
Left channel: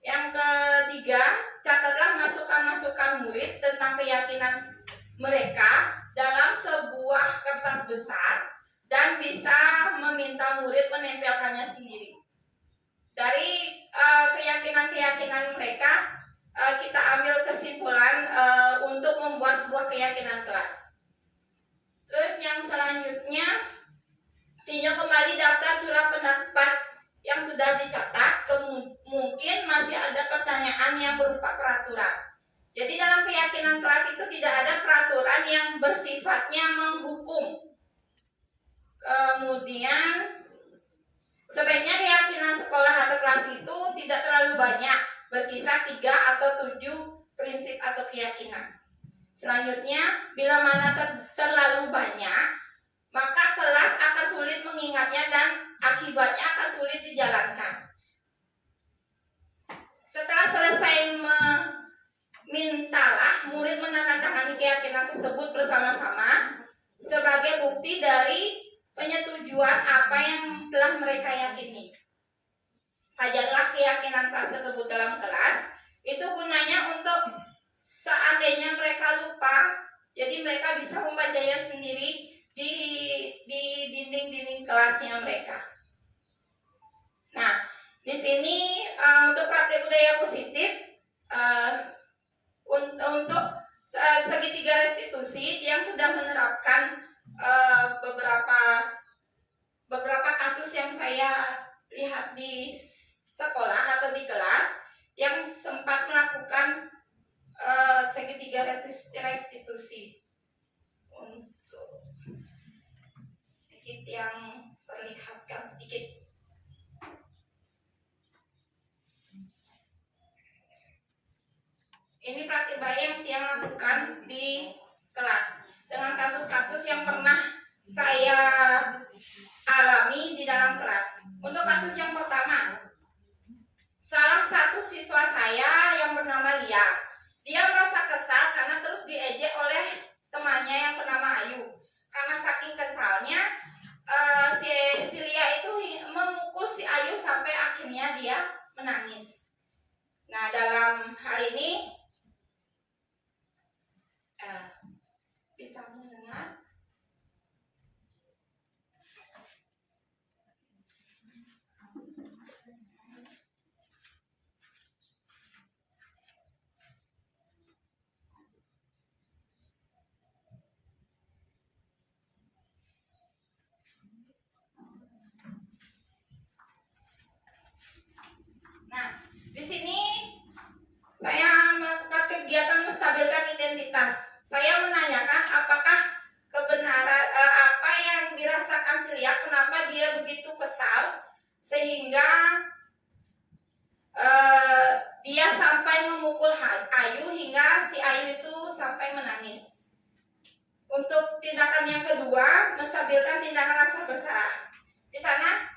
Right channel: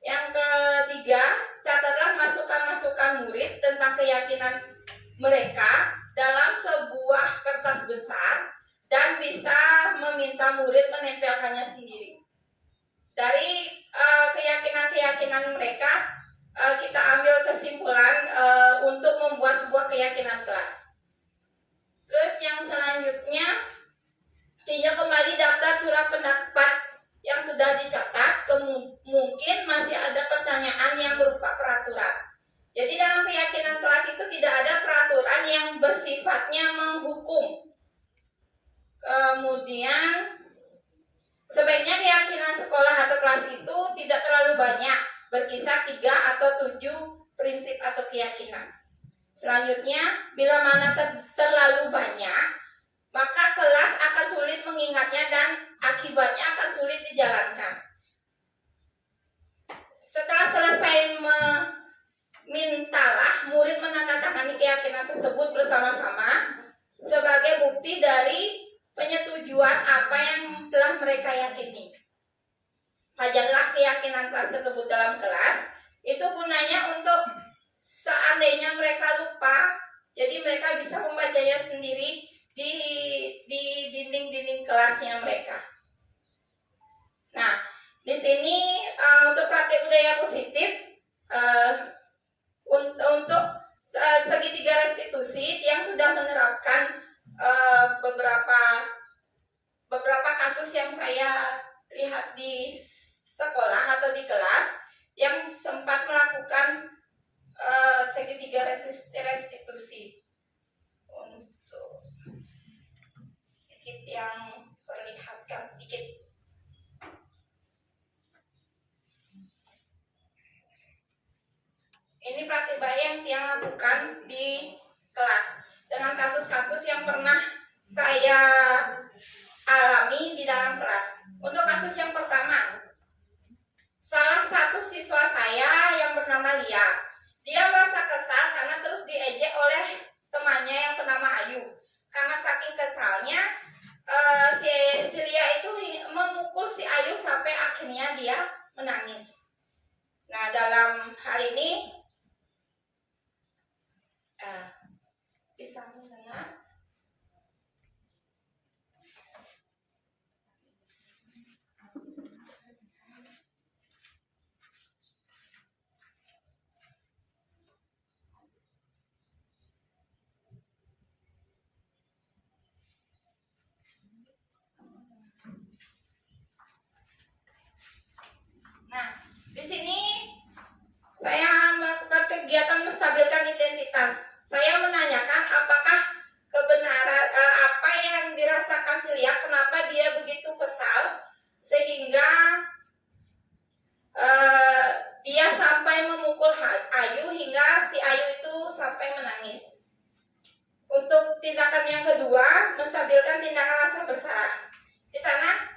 Yang ketiga, catatlah masukan-masukan murid tentang keyakinan mereka dalam sebuah kertas besar dan bisa meminta murid menempelkannya sendiri. Dari keyakinan-keyakinan mereka, kita ambil kesimpulan untuk membuat sebuah keyakinan kelas. Terus yang selanjutnya, tinjau kembali daftar curah pendapat yang sudah dicatat. Mungkin masih ada pertanyaan yang berupa peraturan. Jadi dalam keyakinan kelas itu tidak ada peraturan yang bersifatnya menghukum. Kemudian sebaiknya keyakinan sekolah atau kelas itu tidak terlalu banyak, berkisar 3 atau 7 prinsip atau keyakinan. Selanjutnya, bila mana terlalu banyak, maka kelas akan sulit mengingatnya dan akibatnya akan sulit dijalankan. Setelah selesai mintalah murid menandatangani keyakinan tersebut bersama-sama sebagai bukti dari penyetujuan apa yang telah mereka yakini. Ajarlah keyakinan kelas tersebut dalam kelas. Itu gunanya untuk seandainya mereka lupa, jadi mereka bisa membacanya sendiri di dinding-dinding kelasnya mereka. Nah, di sini untuk praktek budaya positif, untuk segitiga restitusi yang sudah menerapkan beberapa kasus yang saya lihat di sekolah atau di kelas yang sempat melakukan segitiga restitusi. Untuk sedikit yang perlihatkan sedikit. Ini praktik baik yang lakukan di kelas dengan kasus-kasus yang pernah saya alami di dalam kelas. Untuk kasus yang pertama, salah satu siswa saya yang bernama Lia, dia merasa kesal karena terus diejek oleh temannya yang bernama Ayu. Karena saking kesalnya, si Lia itu memukul si Ayu sampai akhirnya dia menangis. Nah, dalam hal ini bisa mendengar? Ayu hingga si Ayu itu sampai menangis. Untuk tindakan yang kedua, menstabilkan tindakan rasa bersalah. Di sana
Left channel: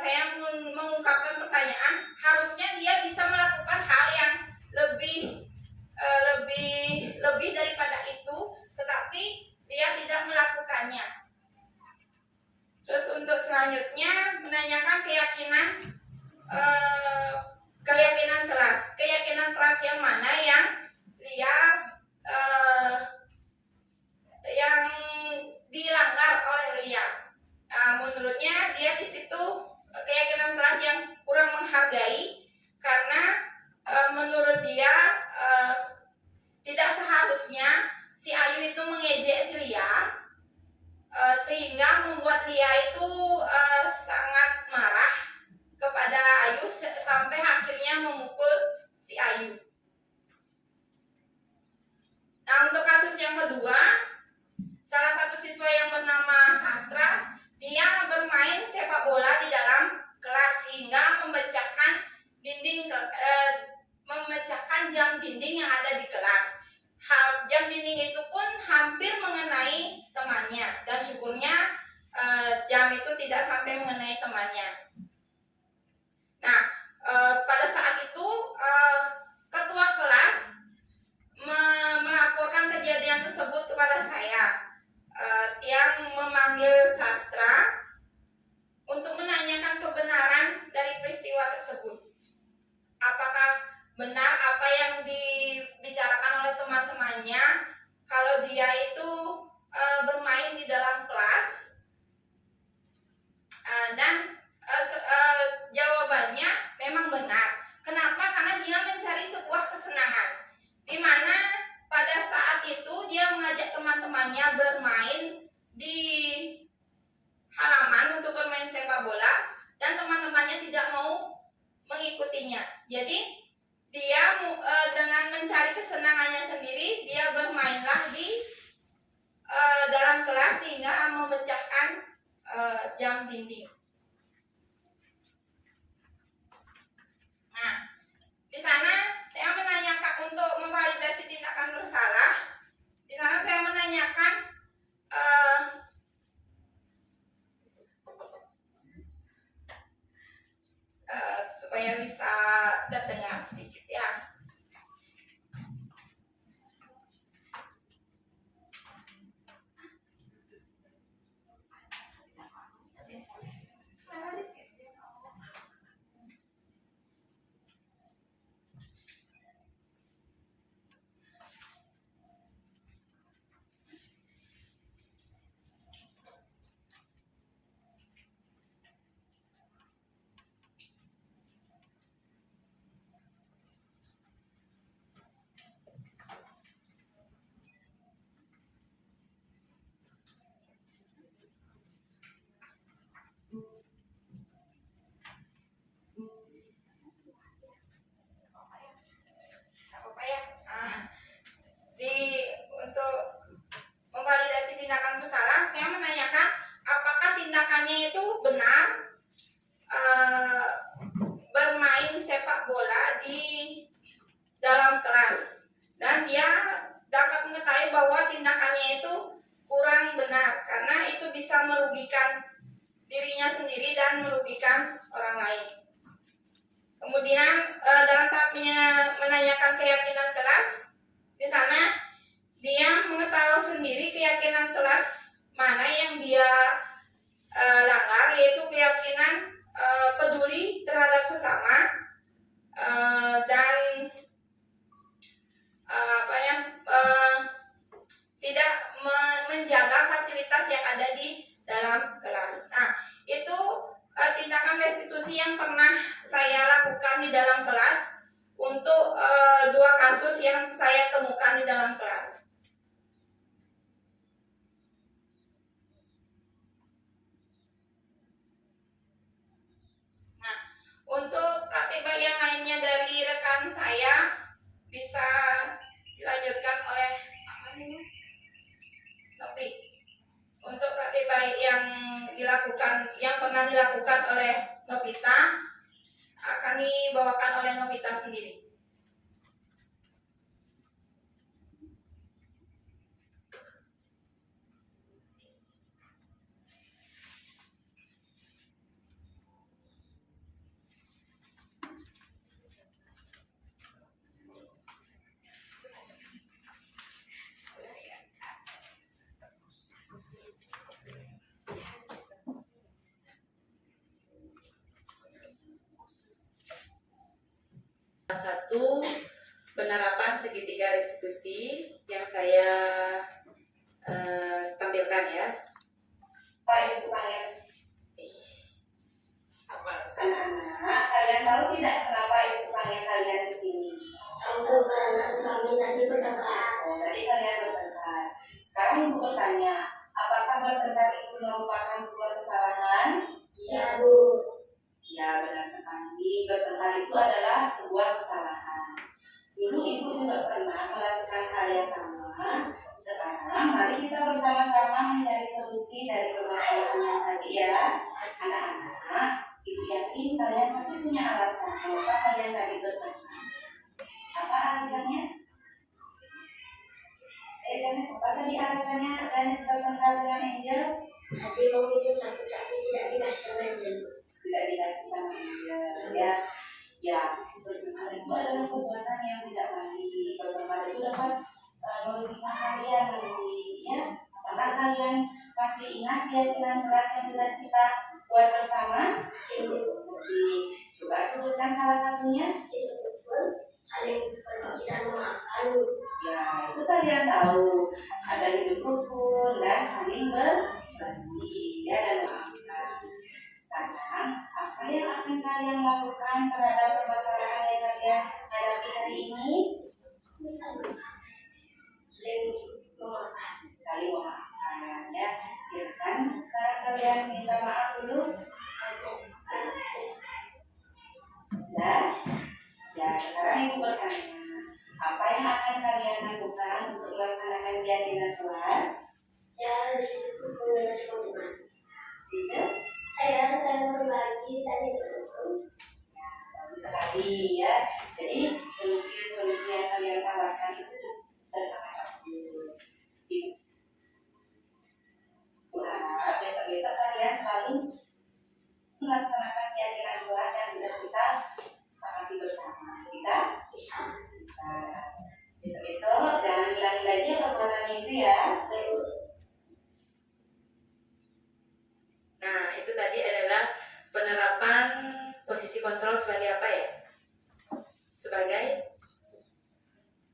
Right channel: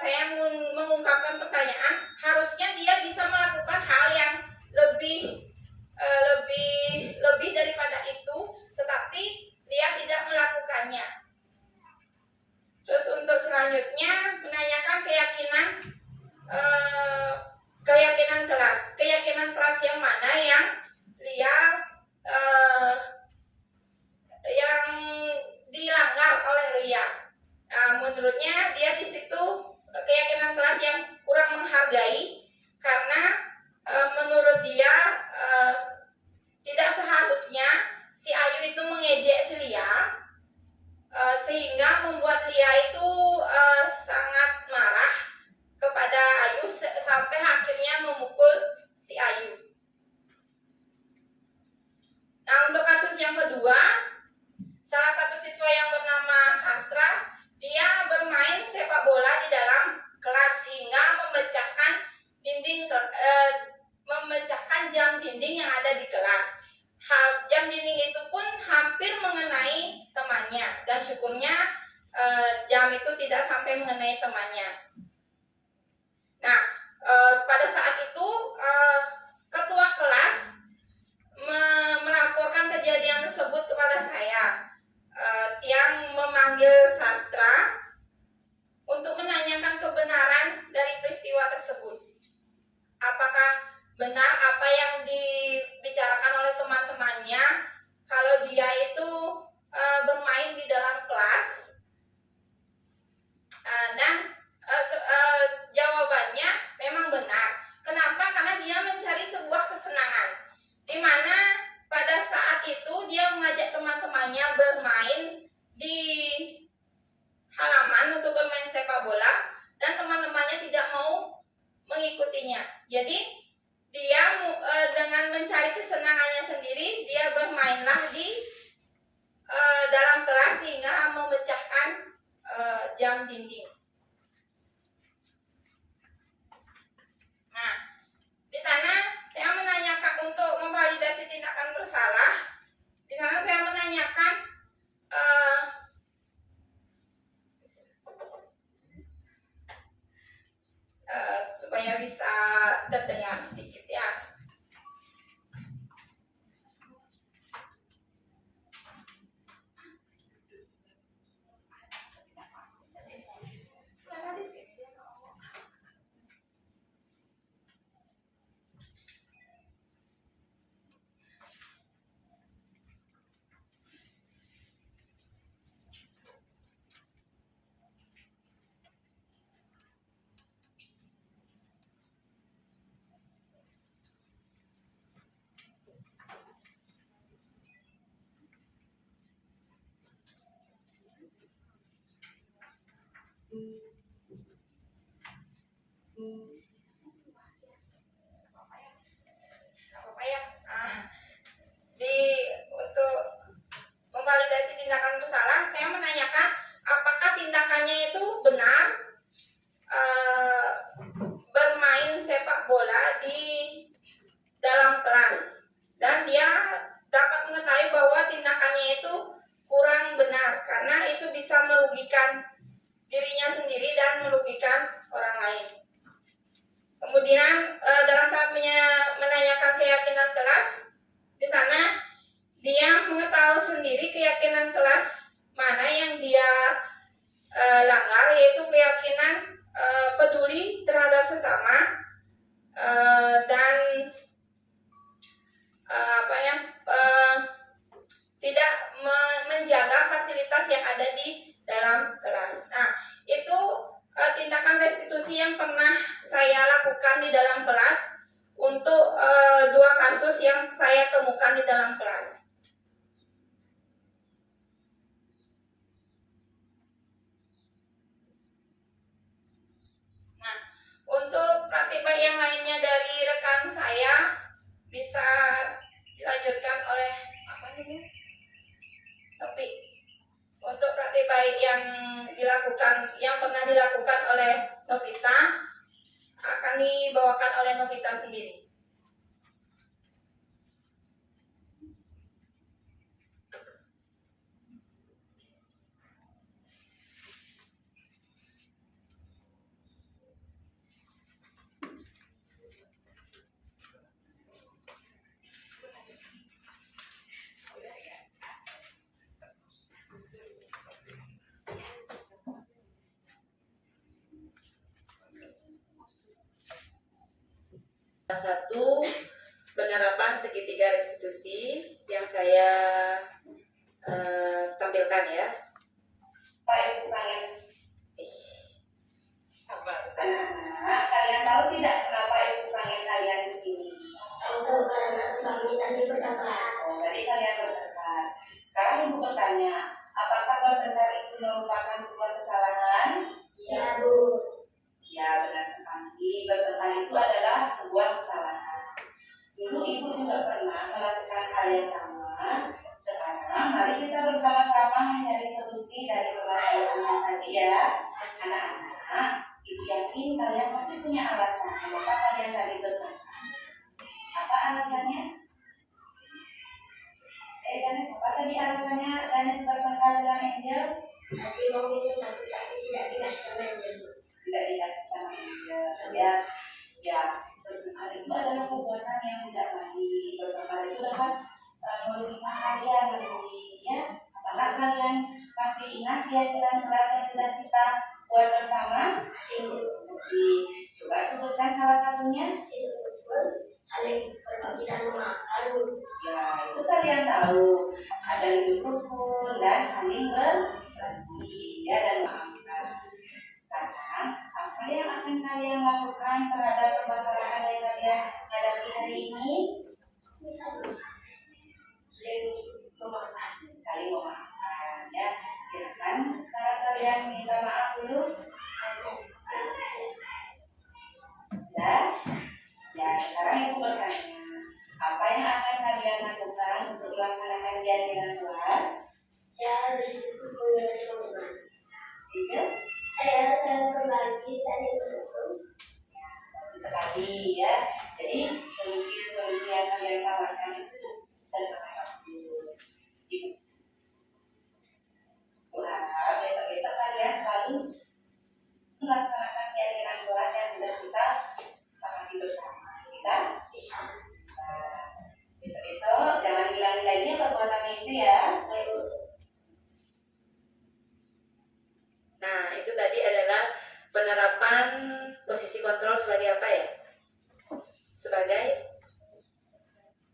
saya mengungkapkan pertanyaan, harusnya dia bisa melakukan hal yang lebih daripada itu, tetapi dia tidak melakukannya. Terus untuk selanjutnya menanyakan keyakinan kelas. Keyakinan kelas yang mana yang dia yang dilanggar oleh Lia. Menurutnya dia di situ keyakinan kelas yang kurang menghargai, karena menurut dia tidak seharusnya si Ayu itu mengejek si Lia, sehingga membuat Lia itu sangat marah kepada Ayu sampai akhirnya memukul si Ayu. Nah, untuk kasus yang kedua, salah satu siswa yang bernama Sastra, dia bermain sepak bola di dalam kelas hingga memecahkan jam dinding yang ada di kelas. Jam dinding itu pun hampir mengenai temannya, dan syukurnya jam itu tidak sampai mengenai temannya. Nah, pada saat itu ketua kelas melaporkan kejadian tersebut kepada saya, yang memanggil Sastra untuk menanyakan kebenaran dari peristiwa tersebut. Apakah benar apa yang dibicarakan oleh teman-temannya kalau dia itu bermain di dalam kelas? Dan jawabannya memang benar. Kenapa? Karena dia mencari sebuah kesenangan, di mana pada saat itu dia mengajak teman-temannya bermain di halaman untuk bermain sepak bola, dan teman-temannya tidak mau mengikutinya. Jadi dia dengan mencari kesenangannya sendiri, dia bermainlah di dalam kelas sehingga memecahkan jam dinding. Nah, di sana saya menanyakan untuk memvalidasi tindakan bersalah. Di sana saya menanyakan supaya bisa terdengar sedikit ya. Untuk memvalidasi tindakan bersalah, saya menanyakan apakah tindakannya itu benar bermain sepak bola di dalam kelas, dan dia dapat mengetahui bahwa tindakannya itu kurang benar karena itu bisa merugikan dirinya sendiri dan merugikan orang lain. Kemudian dalam tahap menanyakan keyakinan kelas, di sana dia mengetahui sendiri keyakinan kelas mana yang dia langgar, yaitu keyakinan peduli terhadap sesama dan tidak menjaga fasilitas yang ada di dalam kelas. Nah, itu tindakan restitusi yang pernah saya lakukan di dalam kelas untuk 2 kasus yang saya temukan di dalam kelas. Nah, untuk praktik baik yang lainnya dari rekan saya bisa dilanjutkan oleh Nopi. Untuk praktik baik yang pernah dilakukan oleh Novita akan dibawakan oleh Novita sendiri. Satu, penerapan segitiga restitusi yang saya tampilkan ya. Pak Ibu kalian, anak-anak, kalian tahu tidak kenapa Ibu panggil kalian di sini? Karena kami tadi bertengkar. Oh, tadi kalian bertengkar. Sekarang Ibu bertanya, apakah bertengkar itu merupakan sebuah kesalahan? Ya, Bu. Ya, benar sekali. Bertengkar itu adalah sebuah kesalahan. Dulu Ibu juga pernah melakukan hal yang sama. Sekarang mari kita bersama-sama mencari solusi dari permasalahan yang tadi ya. Anak-anak, Ibu yakin kalian pasti punya alasan kenapa kalian tadi bertengkar. Apa alasannya? Ganes, apa tadi alasannya Ganes bertengkar dengan Angel? Tadi mau minum tapi tidak dikasih sama Angel, Bu. Tidak dikasih sama Angel ya. Ya, bertengkar itu adalah perbuatan yang tidak baik. Bertengkar itu dapat merugikan kalian nanti ya. Apakah kalian masih ingat keyakinan kelas yang sudah kita buat bersama? Masih, Bu. Masih. Coba sebutkan salah satunya. Hidup betul, saling berbagi dan memaafkan, Bu. Ya, itu kalian tahu. Ada hidup rukun dan saling berbagi ya, dan memaafkan. Sekarang, apa yang akan kalian lakukan terhadap permasalahan yang kalian hadapi hari ini? Saling memaafkan. Saling memaafkan ya. Silakan sekarang kalian minta maaf dulu. Sudah? Ya, sekarang Ibu bertanya, apa yang akan kalian lakukan untuk melaksanakan keyakinan kelas? Ya, di sini dengan teman-teman. Itu Saya saling berbagi dan berhukum. bagus sekali ya. Jadi solusi-solusi yang kalian tawarkan itu sudah sangat bagus. Ibu harap besok-besok kalian selalu melaksanakan keyakinan kelas yang sudah kita sepakati bersama. Bisa? Bisa. Bisa. Besok-besok jangan ulangi lagi perbuatan itu ya. Baik, Bu. Nah, itu tadi adalah penerapan posisi kontrol sebagai apa ya? Sebagai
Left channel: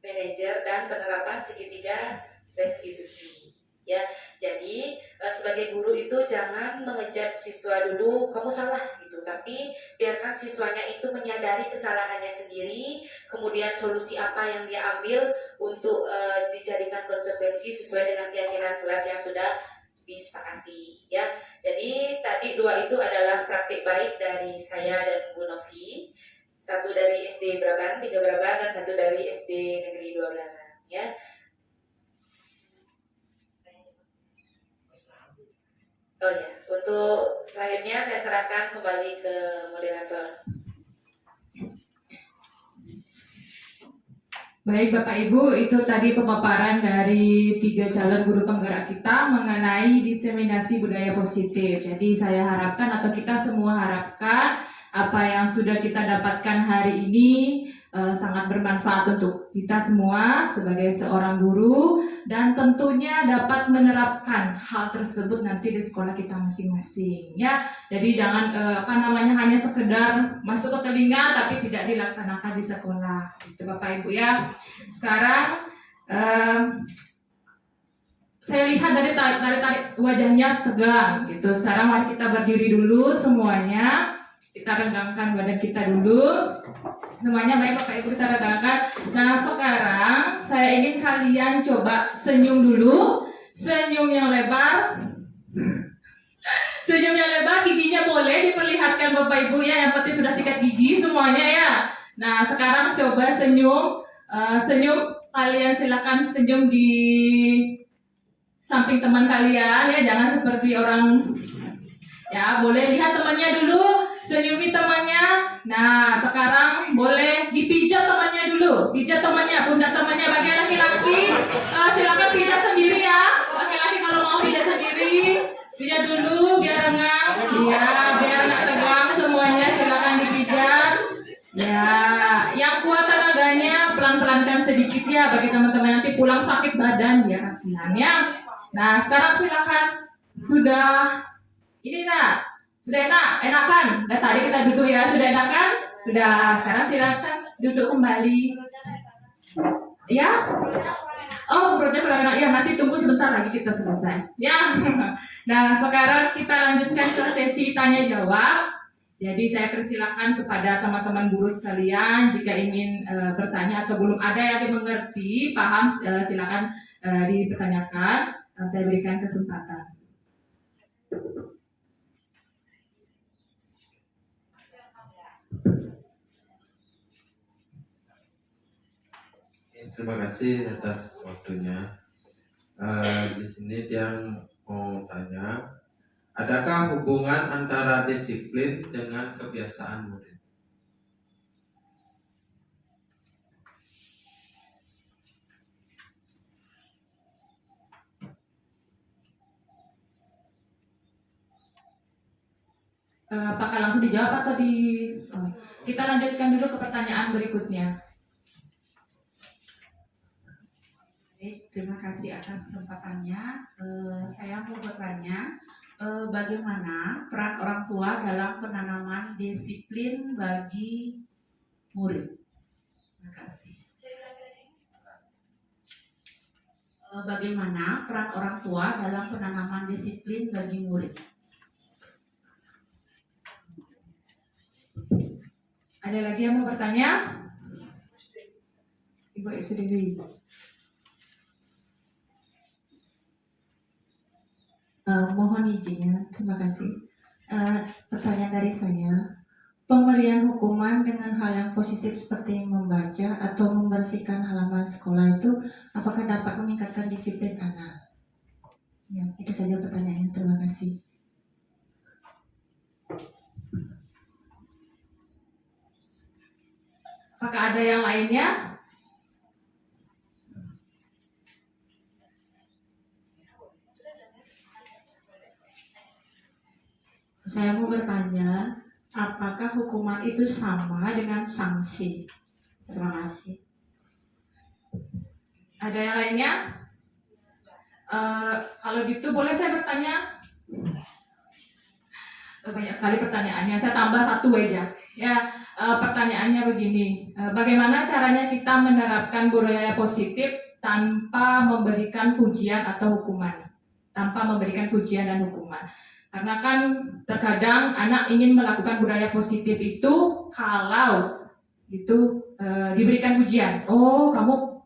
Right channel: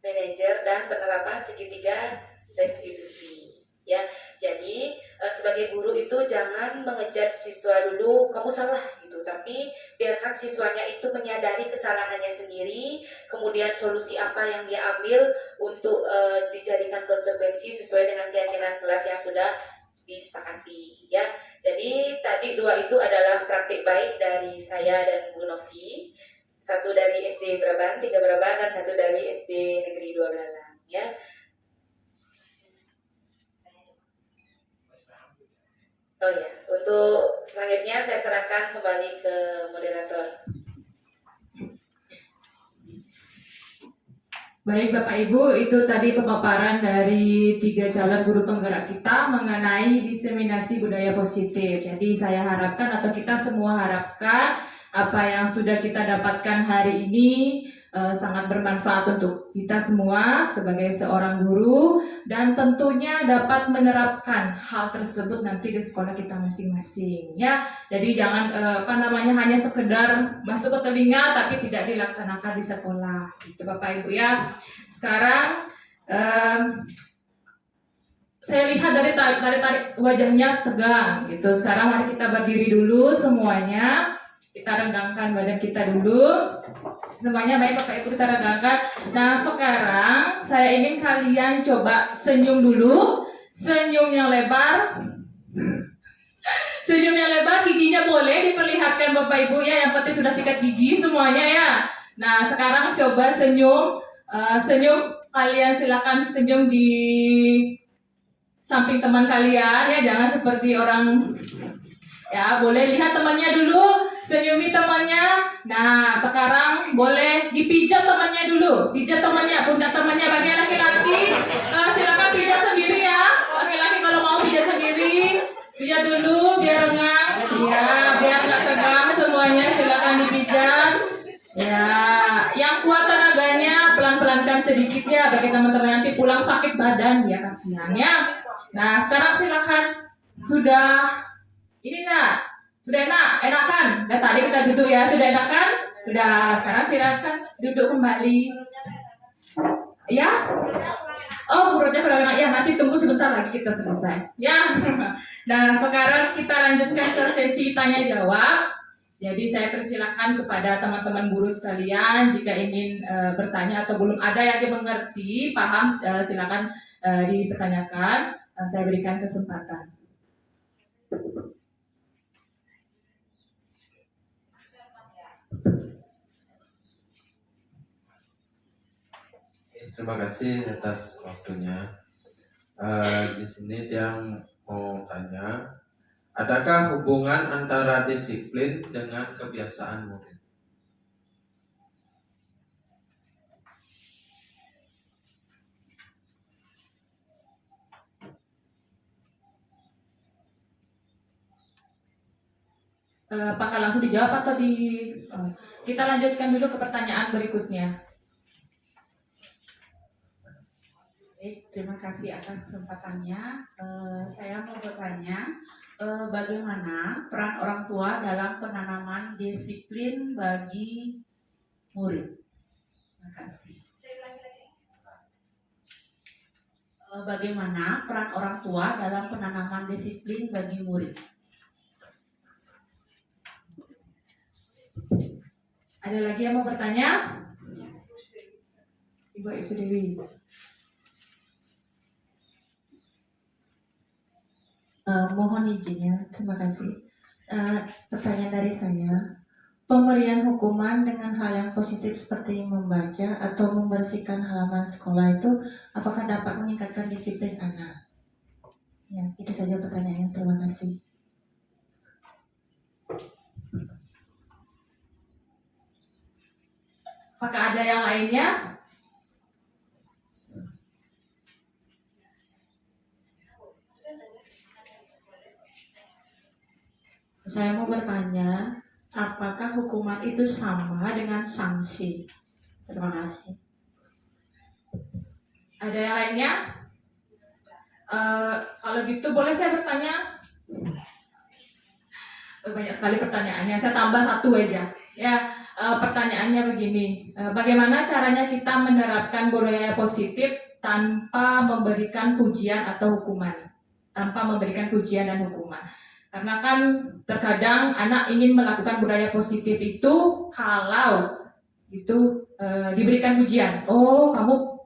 manajer dan penerapan segitiga restitusi. Ya, jadi sebagai guru itu jangan mengejar siswa dulu kamu salah gitu, tapi biarkan siswanya itu menyadari kesalahannya sendiri, kemudian solusi apa yang dia ambil untuk dijadikan konsekuensi sesuai dengan keyakinan kelas yang sudah disepakati ya. Jadi tadi dua itu adalah praktik baik dari saya dan Bu Novi. Satu dari SD Braban, 3 Braban, dan satu dari SD Negeri 2 Belalang ya. Oh ya, untuk selanjutnya saya serahkan kembali ke moderator. Baik Bapak Ibu, itu tadi pemaparan dari 3 calon guru penggerak kita mengenai diseminasi budaya positif. Jadi saya harapkan atau kita semua harapkan apa yang sudah kita dapatkan hari ini sangat bermanfaat untuk kita semua sebagai seorang guru, dan tentunya dapat menerapkan hal tersebut nanti di sekolah kita masing-masing ya. Jadi jangan hanya sekedar masuk ke telinga tapi tidak dilaksanakan di sekolah gitu Bapak Ibu ya. Sekarang saya lihat dari tarik wajahnya tegang gitu. Sekarang mari kita berdiri dulu semuanya. Kita regangkan badan kita dulu. Semuanya baik Bapak Ibu, kita regangkan. Nah sekarang saya ingin kalian coba senyum dulu. Senyum yang lebar. Senyum yang lebar, giginya boleh diperlihatkan Bapak Ibu ya. Yang penting sudah sikat gigi semuanya ya. Nah sekarang coba senyum. Senyum, kalian silakan senyum di samping teman kalian ya. Jangan seperti orang ya, boleh lihat temannya dulu. Senyumi temannya. Nah sekarang boleh dipijat temannya dulu. Pijat temannya, pundak temannya. Bagi laki-laki silakan pijat sendiri ya. Laki-laki kalau mau pijat sendiri, pijat dulu biar rengang. Ya, biar nggak tegang semuanya. Silakan dipijat. Ya, yang kuat tenaganya pelan-pelankan sedikit ya. Bagi teman-teman nanti pulang sakit badan ya, kasihan ya. Nah sekarang silakan. Sudah ini nak. Sudah enakan? Dan tadi kita duduk ya, sudah enakan? Sudah, sekarang silakan Duduk kembali. Ya? Oh, perutnya kurang enak. Ya, nanti tunggu sebentar lagi kita selesai. Ya. Nah, sekarang kita lanjutkan ke sesi tanya jawab. Jadi saya persilakan kepada teman-teman guru sekalian jika ingin bertanya atau belum ada yang dimengerti, paham, silakan dipertanyakan. Saya berikan kesempatan. Terima kasih atas waktunya. Di sini yang mau tanya, adakah hubungan antara disiplin dengan kebiasaan murid? Apakah langsung dijawab atau kita lanjutkan dulu ke pertanyaan berikutnya. Baik, terima kasih atas kesempatannya. Saya mau bertanya, bagaimana peran orang tua dalam penanaman disiplin bagi murid? Terima kasih. Bagaimana peran orang tua dalam penanaman disiplin bagi murid? Ada lagi yang mau bertanya? Ibu Isu Dewi. Mohon izinnya, terima kasih. Pertanyaan dari saya, pemberian hukuman dengan hal yang positif seperti membaca atau membersihkan halaman sekolah itu apakah dapat meningkatkan disiplin anak? Ya, itu saja pertanyaannya. Terima kasih. Apakah ada yang lainnya? Saya mau bertanya, apakah hukuman itu sama dengan sanksi? Terima kasih. Ada yang lainnya? Kalau gitu boleh saya bertanya? Banyak sekali pertanyaannya. Saya tambah satu aja. Ya, pertanyaannya begini. Bagaimana caranya kita menerapkan budaya positif tanpa memberikan pujian atau hukuman? Tanpa memberikan pujian dan hukuman. Karena kan terkadang anak ingin melakukan budaya positif itu kalau itu diberikan pujian. Oh, kamu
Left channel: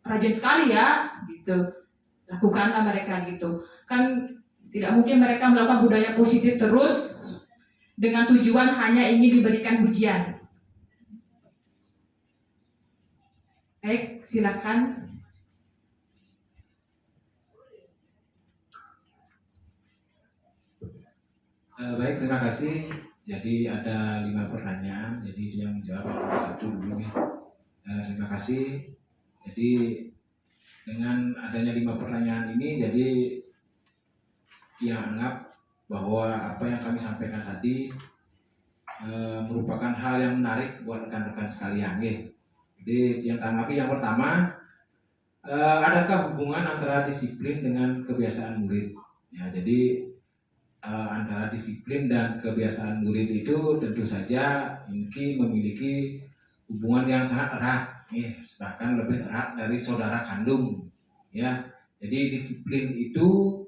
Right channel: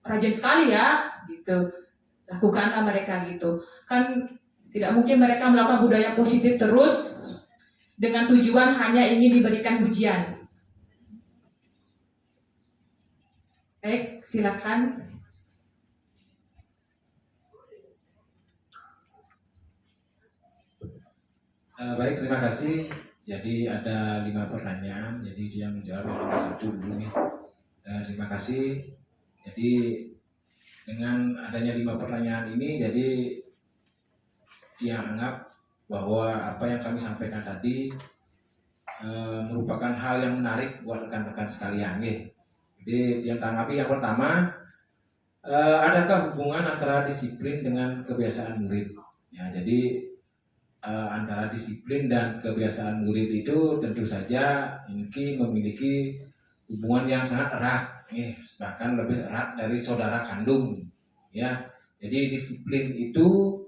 rajin sekali ya, gitu. Lakukanlah mereka gitu. Kan tidak mungkin mereka melakukan budaya positif terus dengan tujuan hanya ingin diberikan pujian. Baik, silakan. Baik, terima kasih. Jadi ada 5 pertanyaan. Jadi dia menjawab yang nomor 1 dulu nih. Terima kasih. Jadi dengan adanya 5 pertanyaan ini, jadi dia anggap bahwa apa yang kami sampaikan tadi merupakan hal yang menarik buat rekan-rekan sekalian. Jadi yang tanggapi yang pertama, adakah hubungan antara disiplin dengan kebiasaan murid? Ya, jadi antara disiplin dan kebiasaan murid itu tentu saja ini memiliki hubungan yang sangat erat, bahkan lebih erat dari saudara kandung. Ya, jadi disiplin itu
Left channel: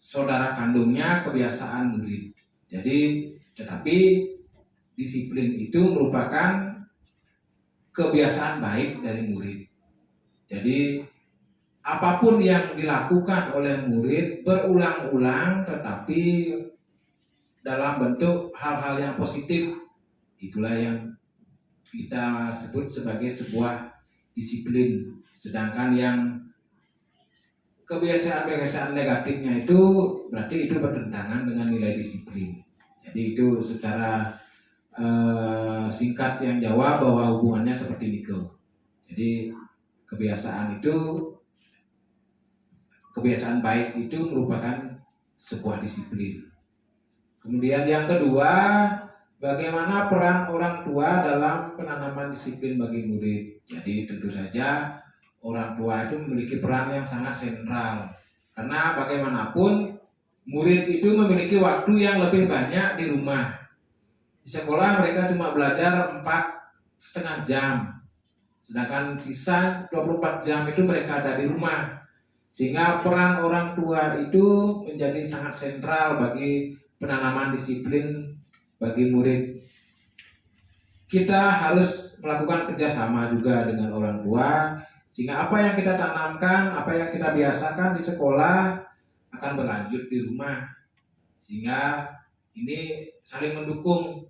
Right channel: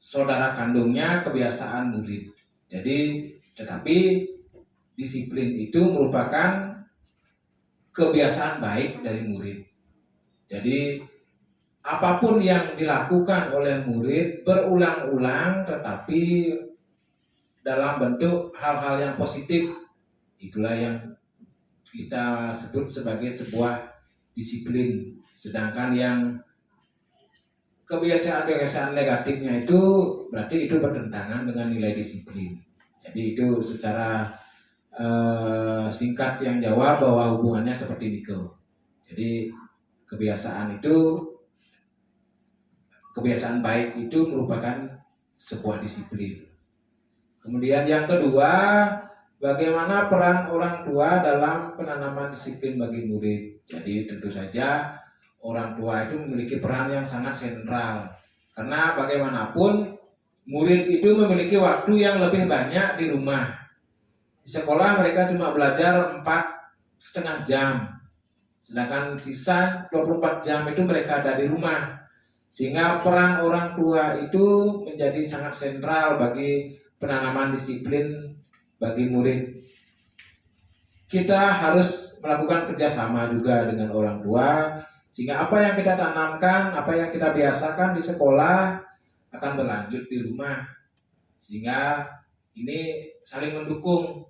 saudara kandungnya kebiasaan murid. Jadi, tetapi disiplin itu merupakan kebiasaan baik dari murid. Jadi apapun yang dilakukan oleh murid berulang-ulang tetapi dalam bentuk hal-hal yang positif, itulah yang kita sebut sebagai sebuah disiplin. Sedangkan yang kebiasaan-kebiasaan negatifnya itu berarti itu bertentangan dengan nilai disiplin. Jadi itu secara singkat yang jawab bahwa hubungannya seperti itu. Jadi kebiasaan baik itu merupakan sebuah disiplin. Kemudian yang kedua, bagaimana peran orang tua dalam penanaman disiplin bagi murid? Jadi tentu saja orang tua itu memiliki peran yang sangat sentral. Karena bagaimanapun murid itu memiliki waktu yang lebih banyak di rumah. Di sekolah mereka cuma belajar 4 setengah jam. Sedangkan sisa 24 jam itu mereka ada di rumah. Sehingga peran orang tua itu menjadi sangat sentral bagi penanaman disiplin bagi murid. Kita harus melakukan kerjasama juga dengan orang tua, sehingga apa yang kita tanamkan, apa yang kita biasakan di sekolah akan berlanjut di rumah. Sehingga ini saling mendukung.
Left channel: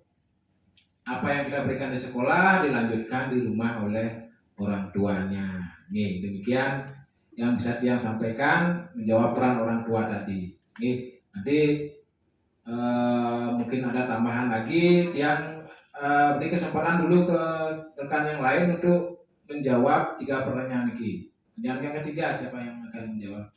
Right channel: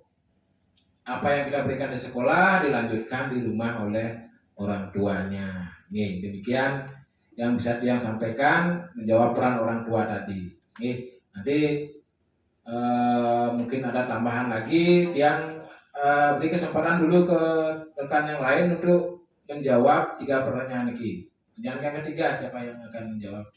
Apa yang kita berikan di sekolah dilanjutkan di rumah oleh orang tuanya. Nih, demikian yang bisa Tiang sampaikan menjawab peran orang tua tadi. Nih, nanti mungkin ada tambahan lagi. Tiang beri kesempatan dulu ke rekan yang lain untuk menjawab 3 pertanyaan ini. Yang ketiga siapa yang akan menjawab?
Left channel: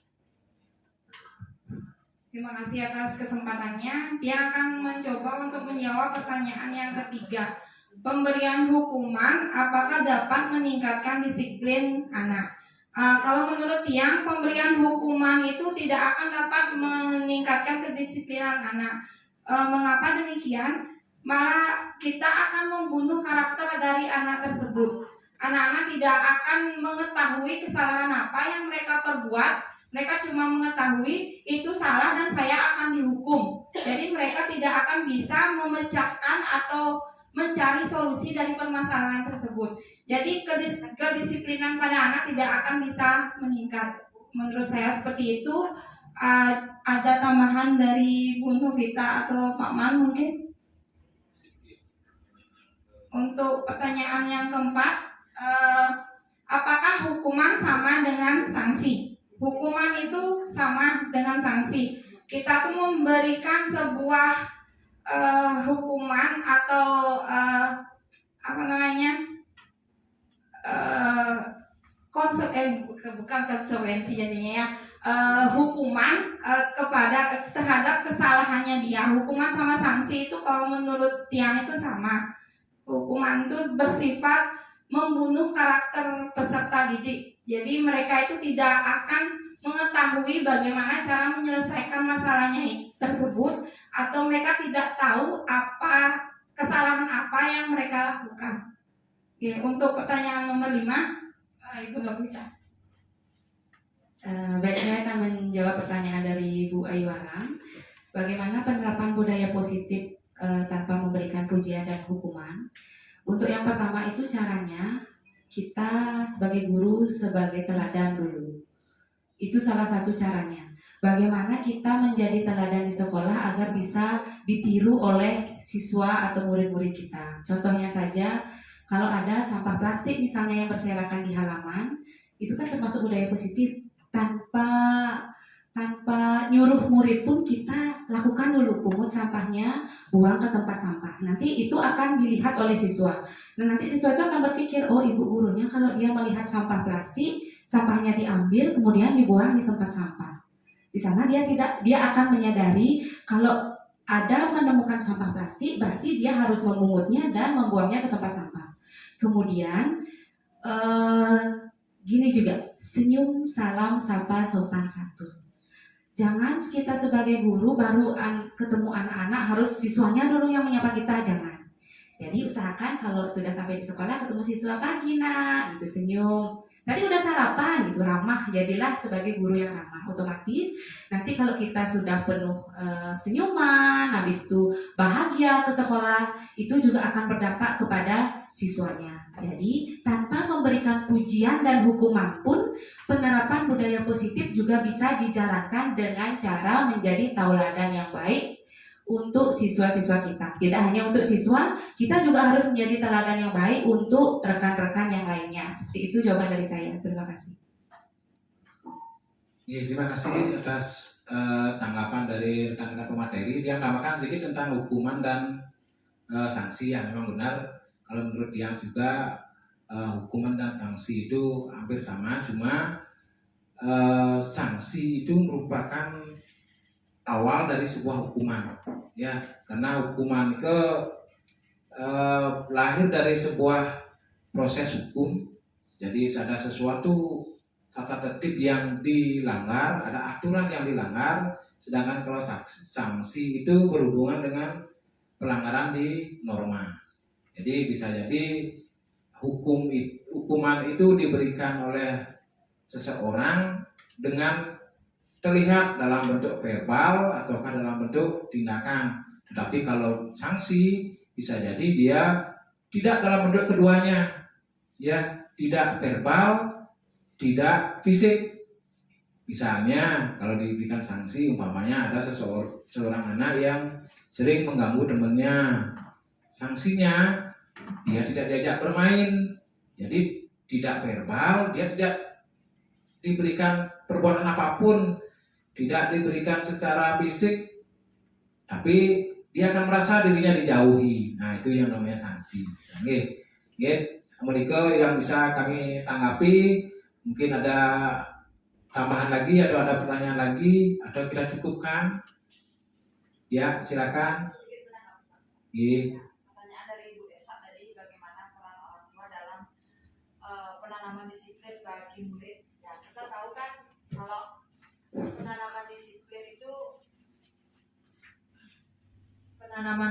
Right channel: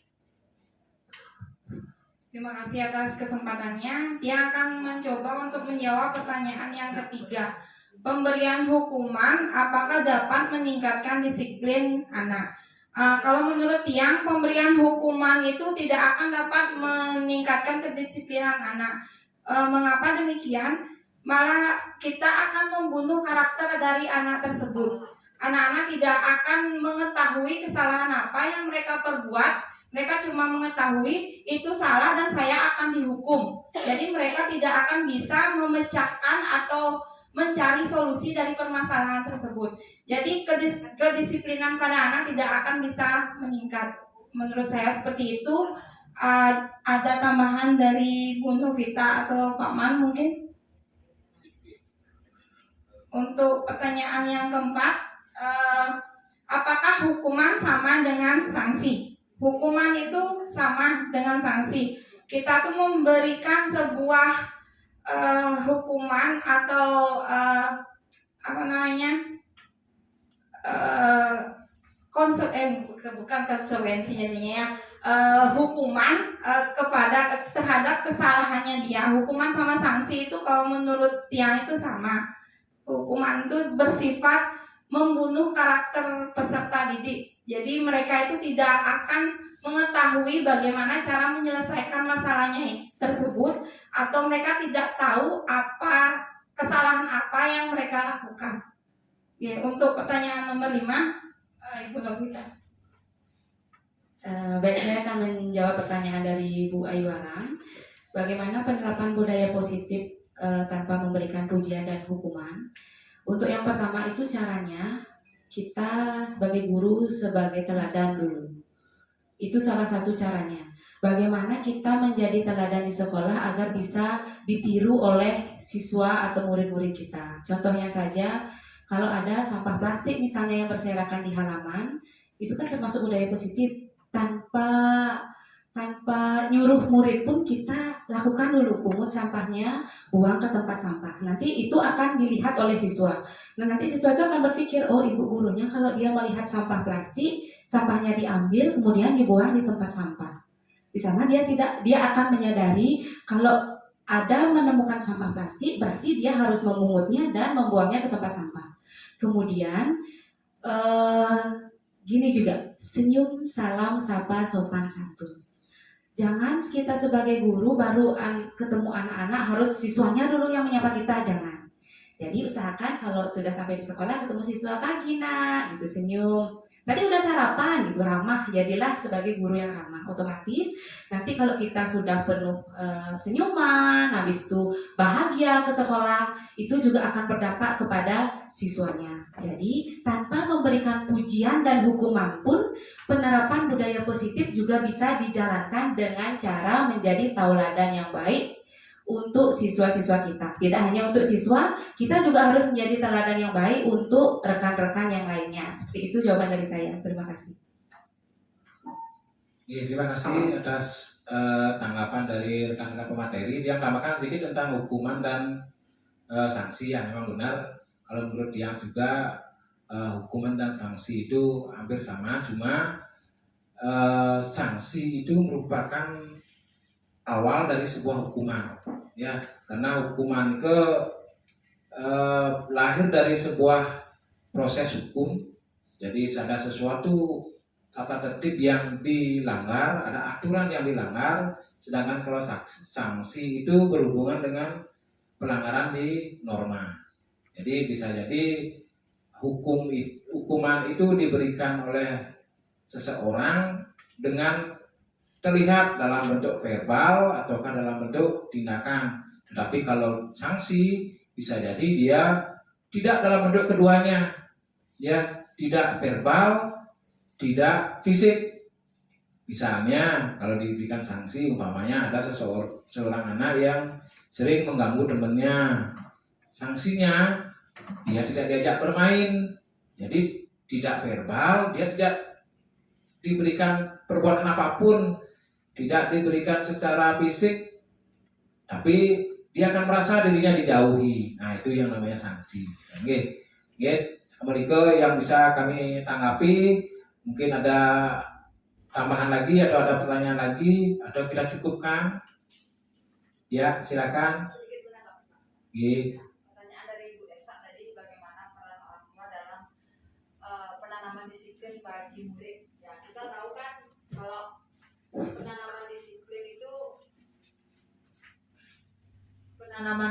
Terima kasih atas kesempatannya. Dia akan mencoba untuk menjawab pertanyaan yang ketiga. Pemberian hukuman apakah dapat meningkatkan disiplin anak? Kalau menurut Tiang, pemberian hukuman itu tidak akan dapat meningkatkan kedisiplinan anak. Mengapa demikian? Malah kita akan membunuh karakter dari anak tersebut. Anak-anak tidak akan mengetahui kesalahan apa yang mereka perbuat. Mereka cuma mengetahui itu salah dan saya akan dihukum. Jadi mereka tidak akan bisa memecahkan atau mencari solusi dari permasalahan tersebut. Jadi kedisiplinan pada anak tidak akan bisa meningkat. Menurut saya seperti itu. Ada tambahan dari Bu Novita atau Pak Man mungkin? Untuk pertanyaan yang keempat, apakah hukuman sama dengan sanksi? Hukuman itu sama dengan sanksi. Kita tuh memberikan sebuah hukuman atau bukan konsekuensi jadinya ya, hukuman terhadap kesalahannya dia. Hukuman sama sanksi itu kalau menurut Tiang itu sama. Hukuman itu bersifat membunuh karakter peserta didik. Jadi mereka itu tidak akan mengetahui bagaimana cara menyelesaikan masalahnya tersebut, atau mereka tidak tahu apa kesalahan apa yang mereka lakukan. Oke, untuk pertanyaan nomor 5, Ibu Novita. Baik, saya akan menjawab pertanyaan dari Bu Ayu Aram. Bagaimana penerapan budaya positif tanpa memberikan pujian dan hukuman? Untuk yang pertama itu caranya kita sebagai guru sebagai teladan dulu. Itu salah satu caranya. Bagaimana kita menjadi teladan di sekolah agar bisa ditiru oleh siswa atau murid-murid kita. Contohnya saja, kalau ada sampah plastik misalnya yang berserakan di halaman, itu kan termasuk budaya positif. Tanpa nyuruh murid pun kita lakukan dulu, pungut sampahnya, buang ke tempat sampah. Nanti itu akan dilihat oleh siswa. Nah, nanti siswa itu akan berpikir, oh ibu gurunya kalau dia melihat sampah plastik, sampahnya diambil kemudian dibuang di tempat sampah. Di sana dia akan menyadari kalau ada menemukan sampah plastik berarti dia harus memungutnya dan membuangnya ke tempat sampah. Kemudian gini juga, senyum, salam, sapa, sopan santun. Jangan kita sebagai guru baru ketemu anak-anak harus siswanya dulu yang menyapa kita, jangan. Jadi usahakan kalau sudah sampai di sekolah ketemu siswa, pagi nak, gitu, senyum. Tadi udah sarapan, gitu, ramah. Jadilah sebagai guru yang ramah. Otomatis nanti kalau kita sudah penuh senyuman, habis itu bahagia ke sekolah, itu juga akan berdampak kepada siswanya. Jadi tanpa memberikan pujian dan hukuman pun, penerapan budaya positif juga bisa dijalankan dengan cara menjadi tauladan yang baik untuk siswa-siswa kita. Tidak hanya untuk siswa, kita juga harus menjadi teladan yang baik untuk rekan-rekan yang lainnya. Seperti itu jawaban dari saya. Terima kasih. Terima kasih atas tanggapan dari rekan-rekan pemateri. Dia menambahkan sedikit tentang hukuman dan sanksi yang memang benar. Kalau menurut dia juga hukuman dan sanksi itu hampir sama, cuma sanksi itu merupakan awal dari sebuah hukuman, ya, karena hukuman itu lahir dari sebuah proses hukum. Jadi ada sesuatu tata tertib yang dilanggar, ada aturan yang dilanggar, sedangkan kalau sanksi itu berhubungan dengan pelanggaran di norma. Jadi bisa jadi hukuman itu diberikan oleh seseorang dengan terlihat dalam bentuk verbal ataukah dalam bentuk tindakan. Tetapi kalau sanksi bisa jadi dia tidak dalam bentuk keduanya, ya, tidak verbal, tidak fisik. Misalnya kalau diberikan sanksi, umpamanya ada seorang anak yang sering mengganggu temannya, sanksinya dia tidak diajak bermain, jadi tidak verbal, dia tidak diberikan perbuatan apapun, tidak diberikan secara fisik, tapi dia akan merasa dirinya dijauhi. Nah, itu yang namanya sanksi. Oke, Amerika yang bisa kami tanggapi, mungkin ada tambahan lagi atau ada pertanyaan lagi atau kita cukupkan? Ya, silakan. Iya. Pertanyaan dari Ibu Desa tadi, bagaimana peran orang tua dalam penanaman disiplin bagi murid? Ya, kita tahu kan kalau penanaman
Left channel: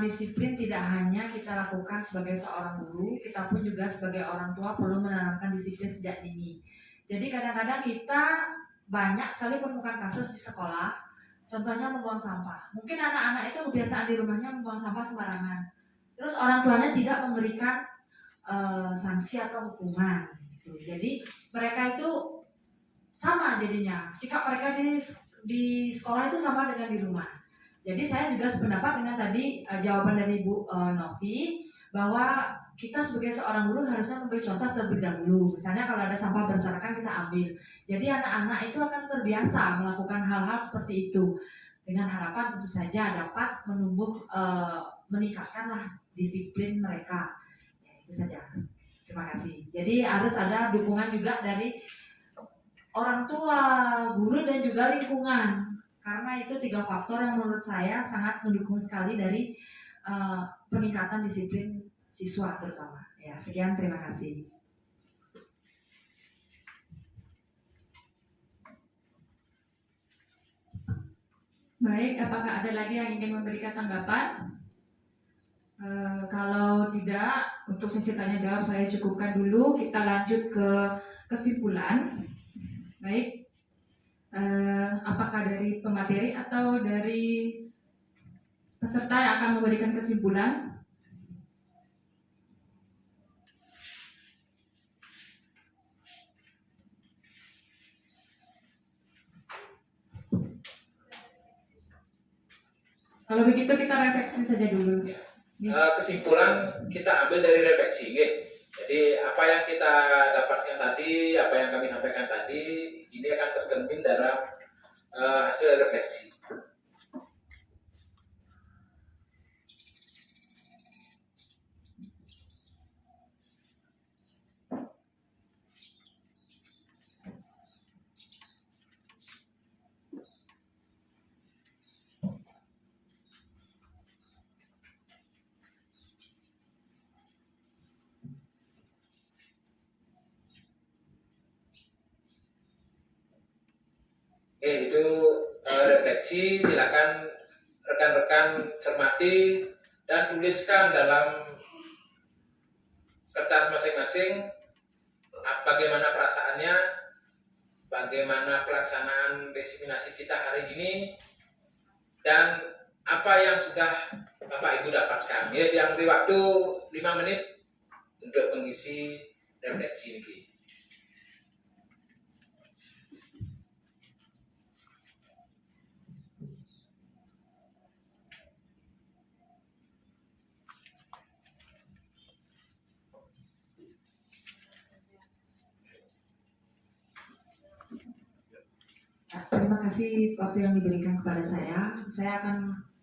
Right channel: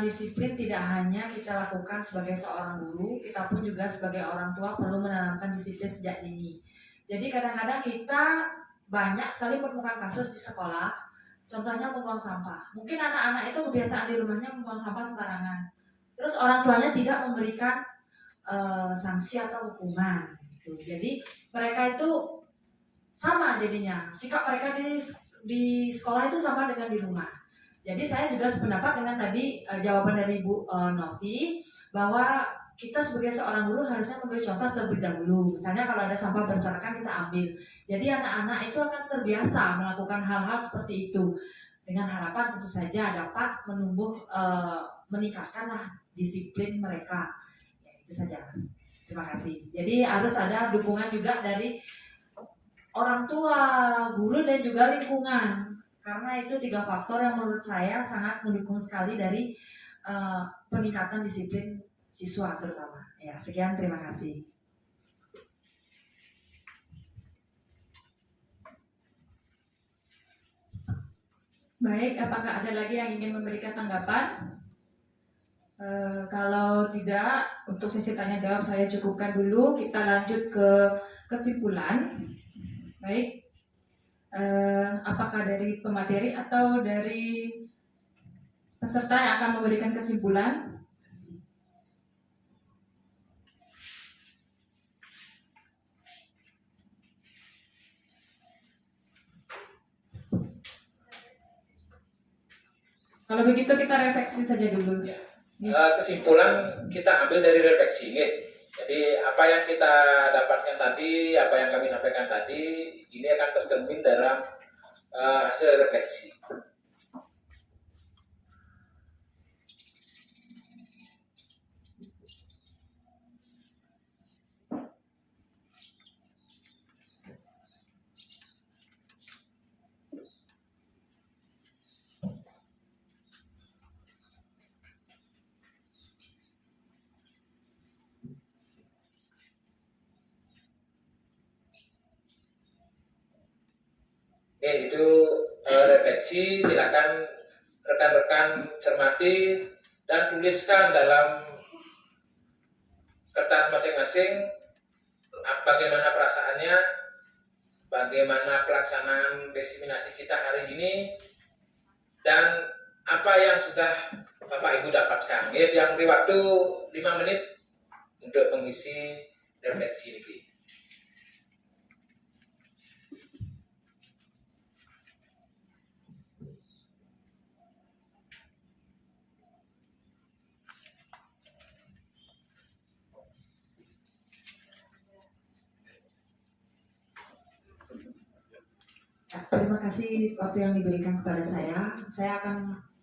disiplin tidak hanya kita lakukan sebagai seorang guru, kita pun juga sebagai orang tua perlu menanamkan disiplin sejak dini. Jadi kadang-kadang kita banyak sekali menemukan kasus di sekolah, contohnya membuang sampah. Mungkin anak-anak itu kebiasaan di rumahnya membuang sampah sembarangan. Terus orang tuanya tidak memberikan sanksi atau hukuman. Gitu. Jadi mereka itu sama jadinya. Sikap mereka di sekolah itu sama dengan di rumah. Jadi saya juga sependapat dengan tadi jawaban dari Bu Novi bahwa kita sebagai seorang guru harusnya memberi contoh terlebih dahulu. Misalnya kalau ada sampah berserakan kita ambil. Jadi anak-anak itu akan terbiasa melakukan hal-hal seperti itu dengan harapan tentu saja dapat meningkatkanlah disiplin mereka. Ya, itu saja. Terima kasih. Jadi harus ada dukungan juga dari orang tua, guru dan juga lingkungan. Karena itu 3 faktor yang menurut saya sangat mendukung sekali dari peningkatan disiplin siswa terutama. Ya, sekian, terima kasih. Baik, apakah ada lagi yang ingin memberikan tanggapan? Kalau tidak, untuk sesi tanya jawab saya cukupkan dulu. Kita lanjut ke kesimpulan. Baik. Apakah dari pemateri atau dari peserta yang akan memberikan kesimpulan? Kalau begitu kita refleksi saja dulu. Kesimpulan kita ambil dari refleksi. Jadi apa yang kita dapatkan tadi, apa yang kami sampaikan tadi, ini akan tercermin dalam hasil refleksi. Itu refleksi, silakan rekan-rekan cermati dan tuliskan dalam kertas masing-masing bagaimana perasaannya, bagaimana pelaksanaan diseminasi kita hari ini, dan apa yang sudah Bapak Ibu dapatkan. Yang beri waktu 5 menit untuk mengisi refleksi ini. Terima kasih waktu yang diberikan kepada saya. Saya akan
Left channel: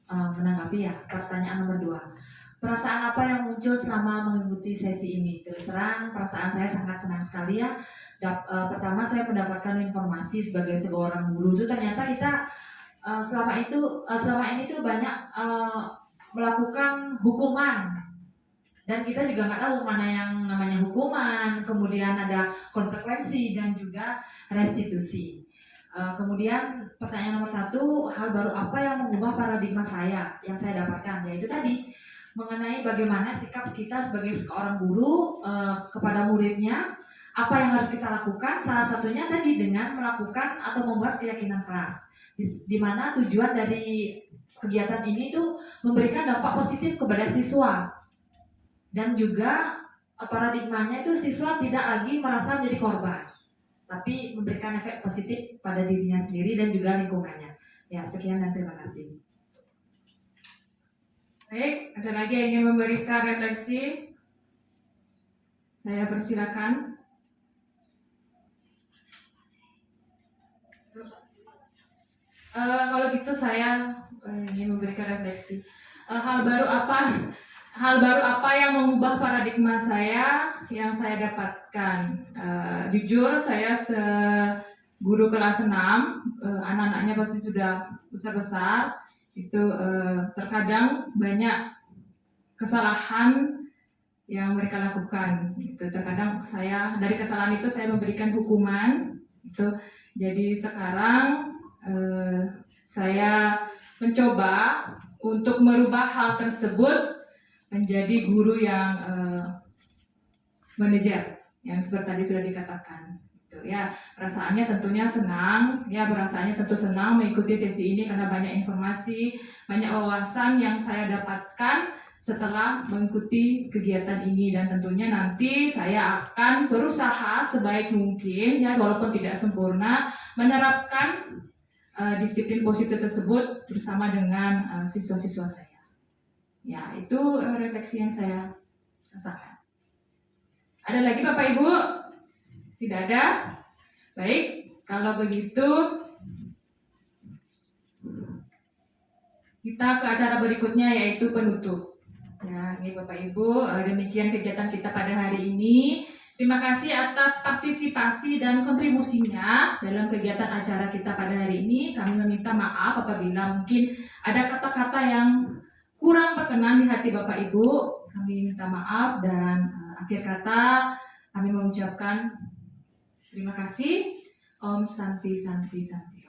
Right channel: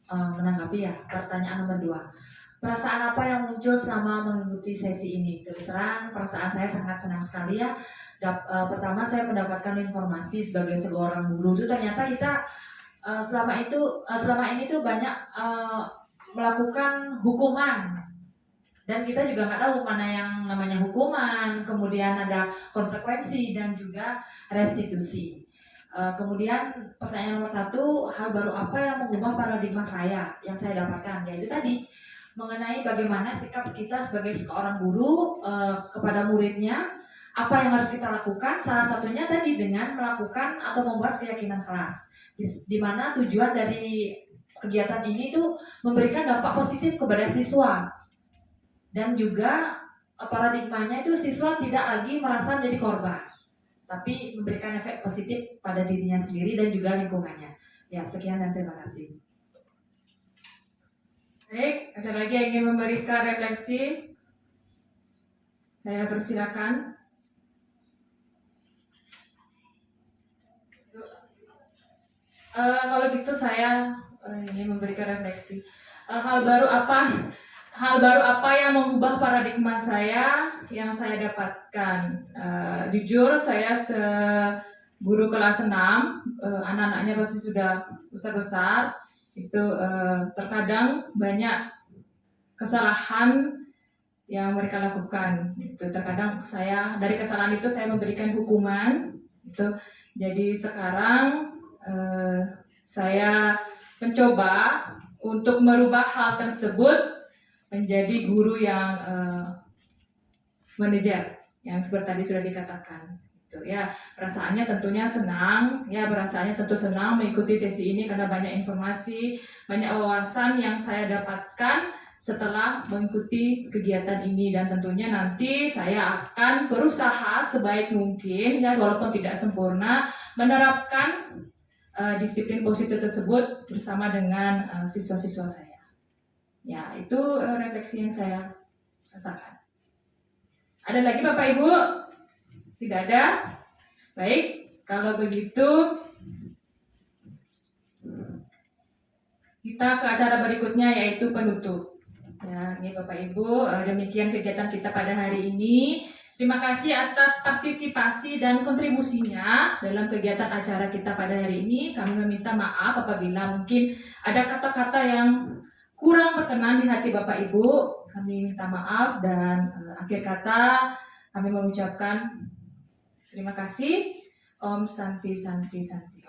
menanggapi ya pertanyaan nomor 2. Perasaan apa yang muncul selama mengikuti sesi ini? Terus terang, perasaan saya sangat senang sekali ya. Pertama, saya mendapatkan informasi sebagai seorang guru itu ternyata kita selama ini tuh banyak melakukan hukuman. Dan kita juga nggak tahu mana yang namanya hukuman, kemudian ada konsekuensi dan juga restitusi. Kemudian pertanyaan nomor 1, hal baru apa yang mengubah paradigma saya yang saya dapatkan, yaitu tadi mengenai bagaimana sikap kita sebagai seorang guru kepada muridnya, apa yang harus kita lakukan. Salah satunya tadi dengan melakukan atau membuat keyakinan kelas, di mana tujuan dari kegiatan ini tuh memberikan dampak positif kepada siswa, dan juga paradigmanya itu siswa tidak lagi merasa menjadi korban, tapi memberikan efek positif pada dirinya sendiri dan juga lingkungannya. Ya, sekian dan terima kasih. Baik, ada lagi yang ingin memberikan refleksi? Saya persilakan. Kalau gitu saya ingin memberikan refleksi. Hal baru apa yang mengubah paradigma saya yang saya dapatkan? Jujur saya guru kelas 6, anak-anaknya pasti sudah besar-besar. Itu terkadang banyak kesalahan yang mereka lakukan. Itu terkadang dari kesalahan itu saya memberikan hukuman. Itu jadi sekarang saya mencoba untuk merubah hal tersebut menjadi guru yang manajer, yang seperti tadi sudah dikatakan. Ya, perasaannya tentunya senang, tentu senang mengikuti sesi ini karena banyak informasi, banyak wawasan yang saya dapatkan setelah mengikuti kegiatan ini, dan tentunya nanti saya akan berusaha sebaik mungkin, ya walaupun tidak sempurna, menerapkan disiplin positif tersebut bersama dengan siswa-siswa saya. Ya, itu refleksi yang saya rasakan. Ada lagi Bapak Ibu? Tidak ada? Baik, kalau begitu kita ke acara berikutnya, yaitu penutup. Ya, ini Bapak Ibu, demikian kegiatan kita pada hari ini. Terima kasih atas partisipasi dan kontribusinya dalam kegiatan acara kita pada hari ini. Kami meminta maaf apabila mungkin ada kata-kata yang kurang berkenan di hati Bapak Ibu. Kami minta maaf, dan akhir kata kami mengucapkan terima kasih. Om Santi Santi Santi.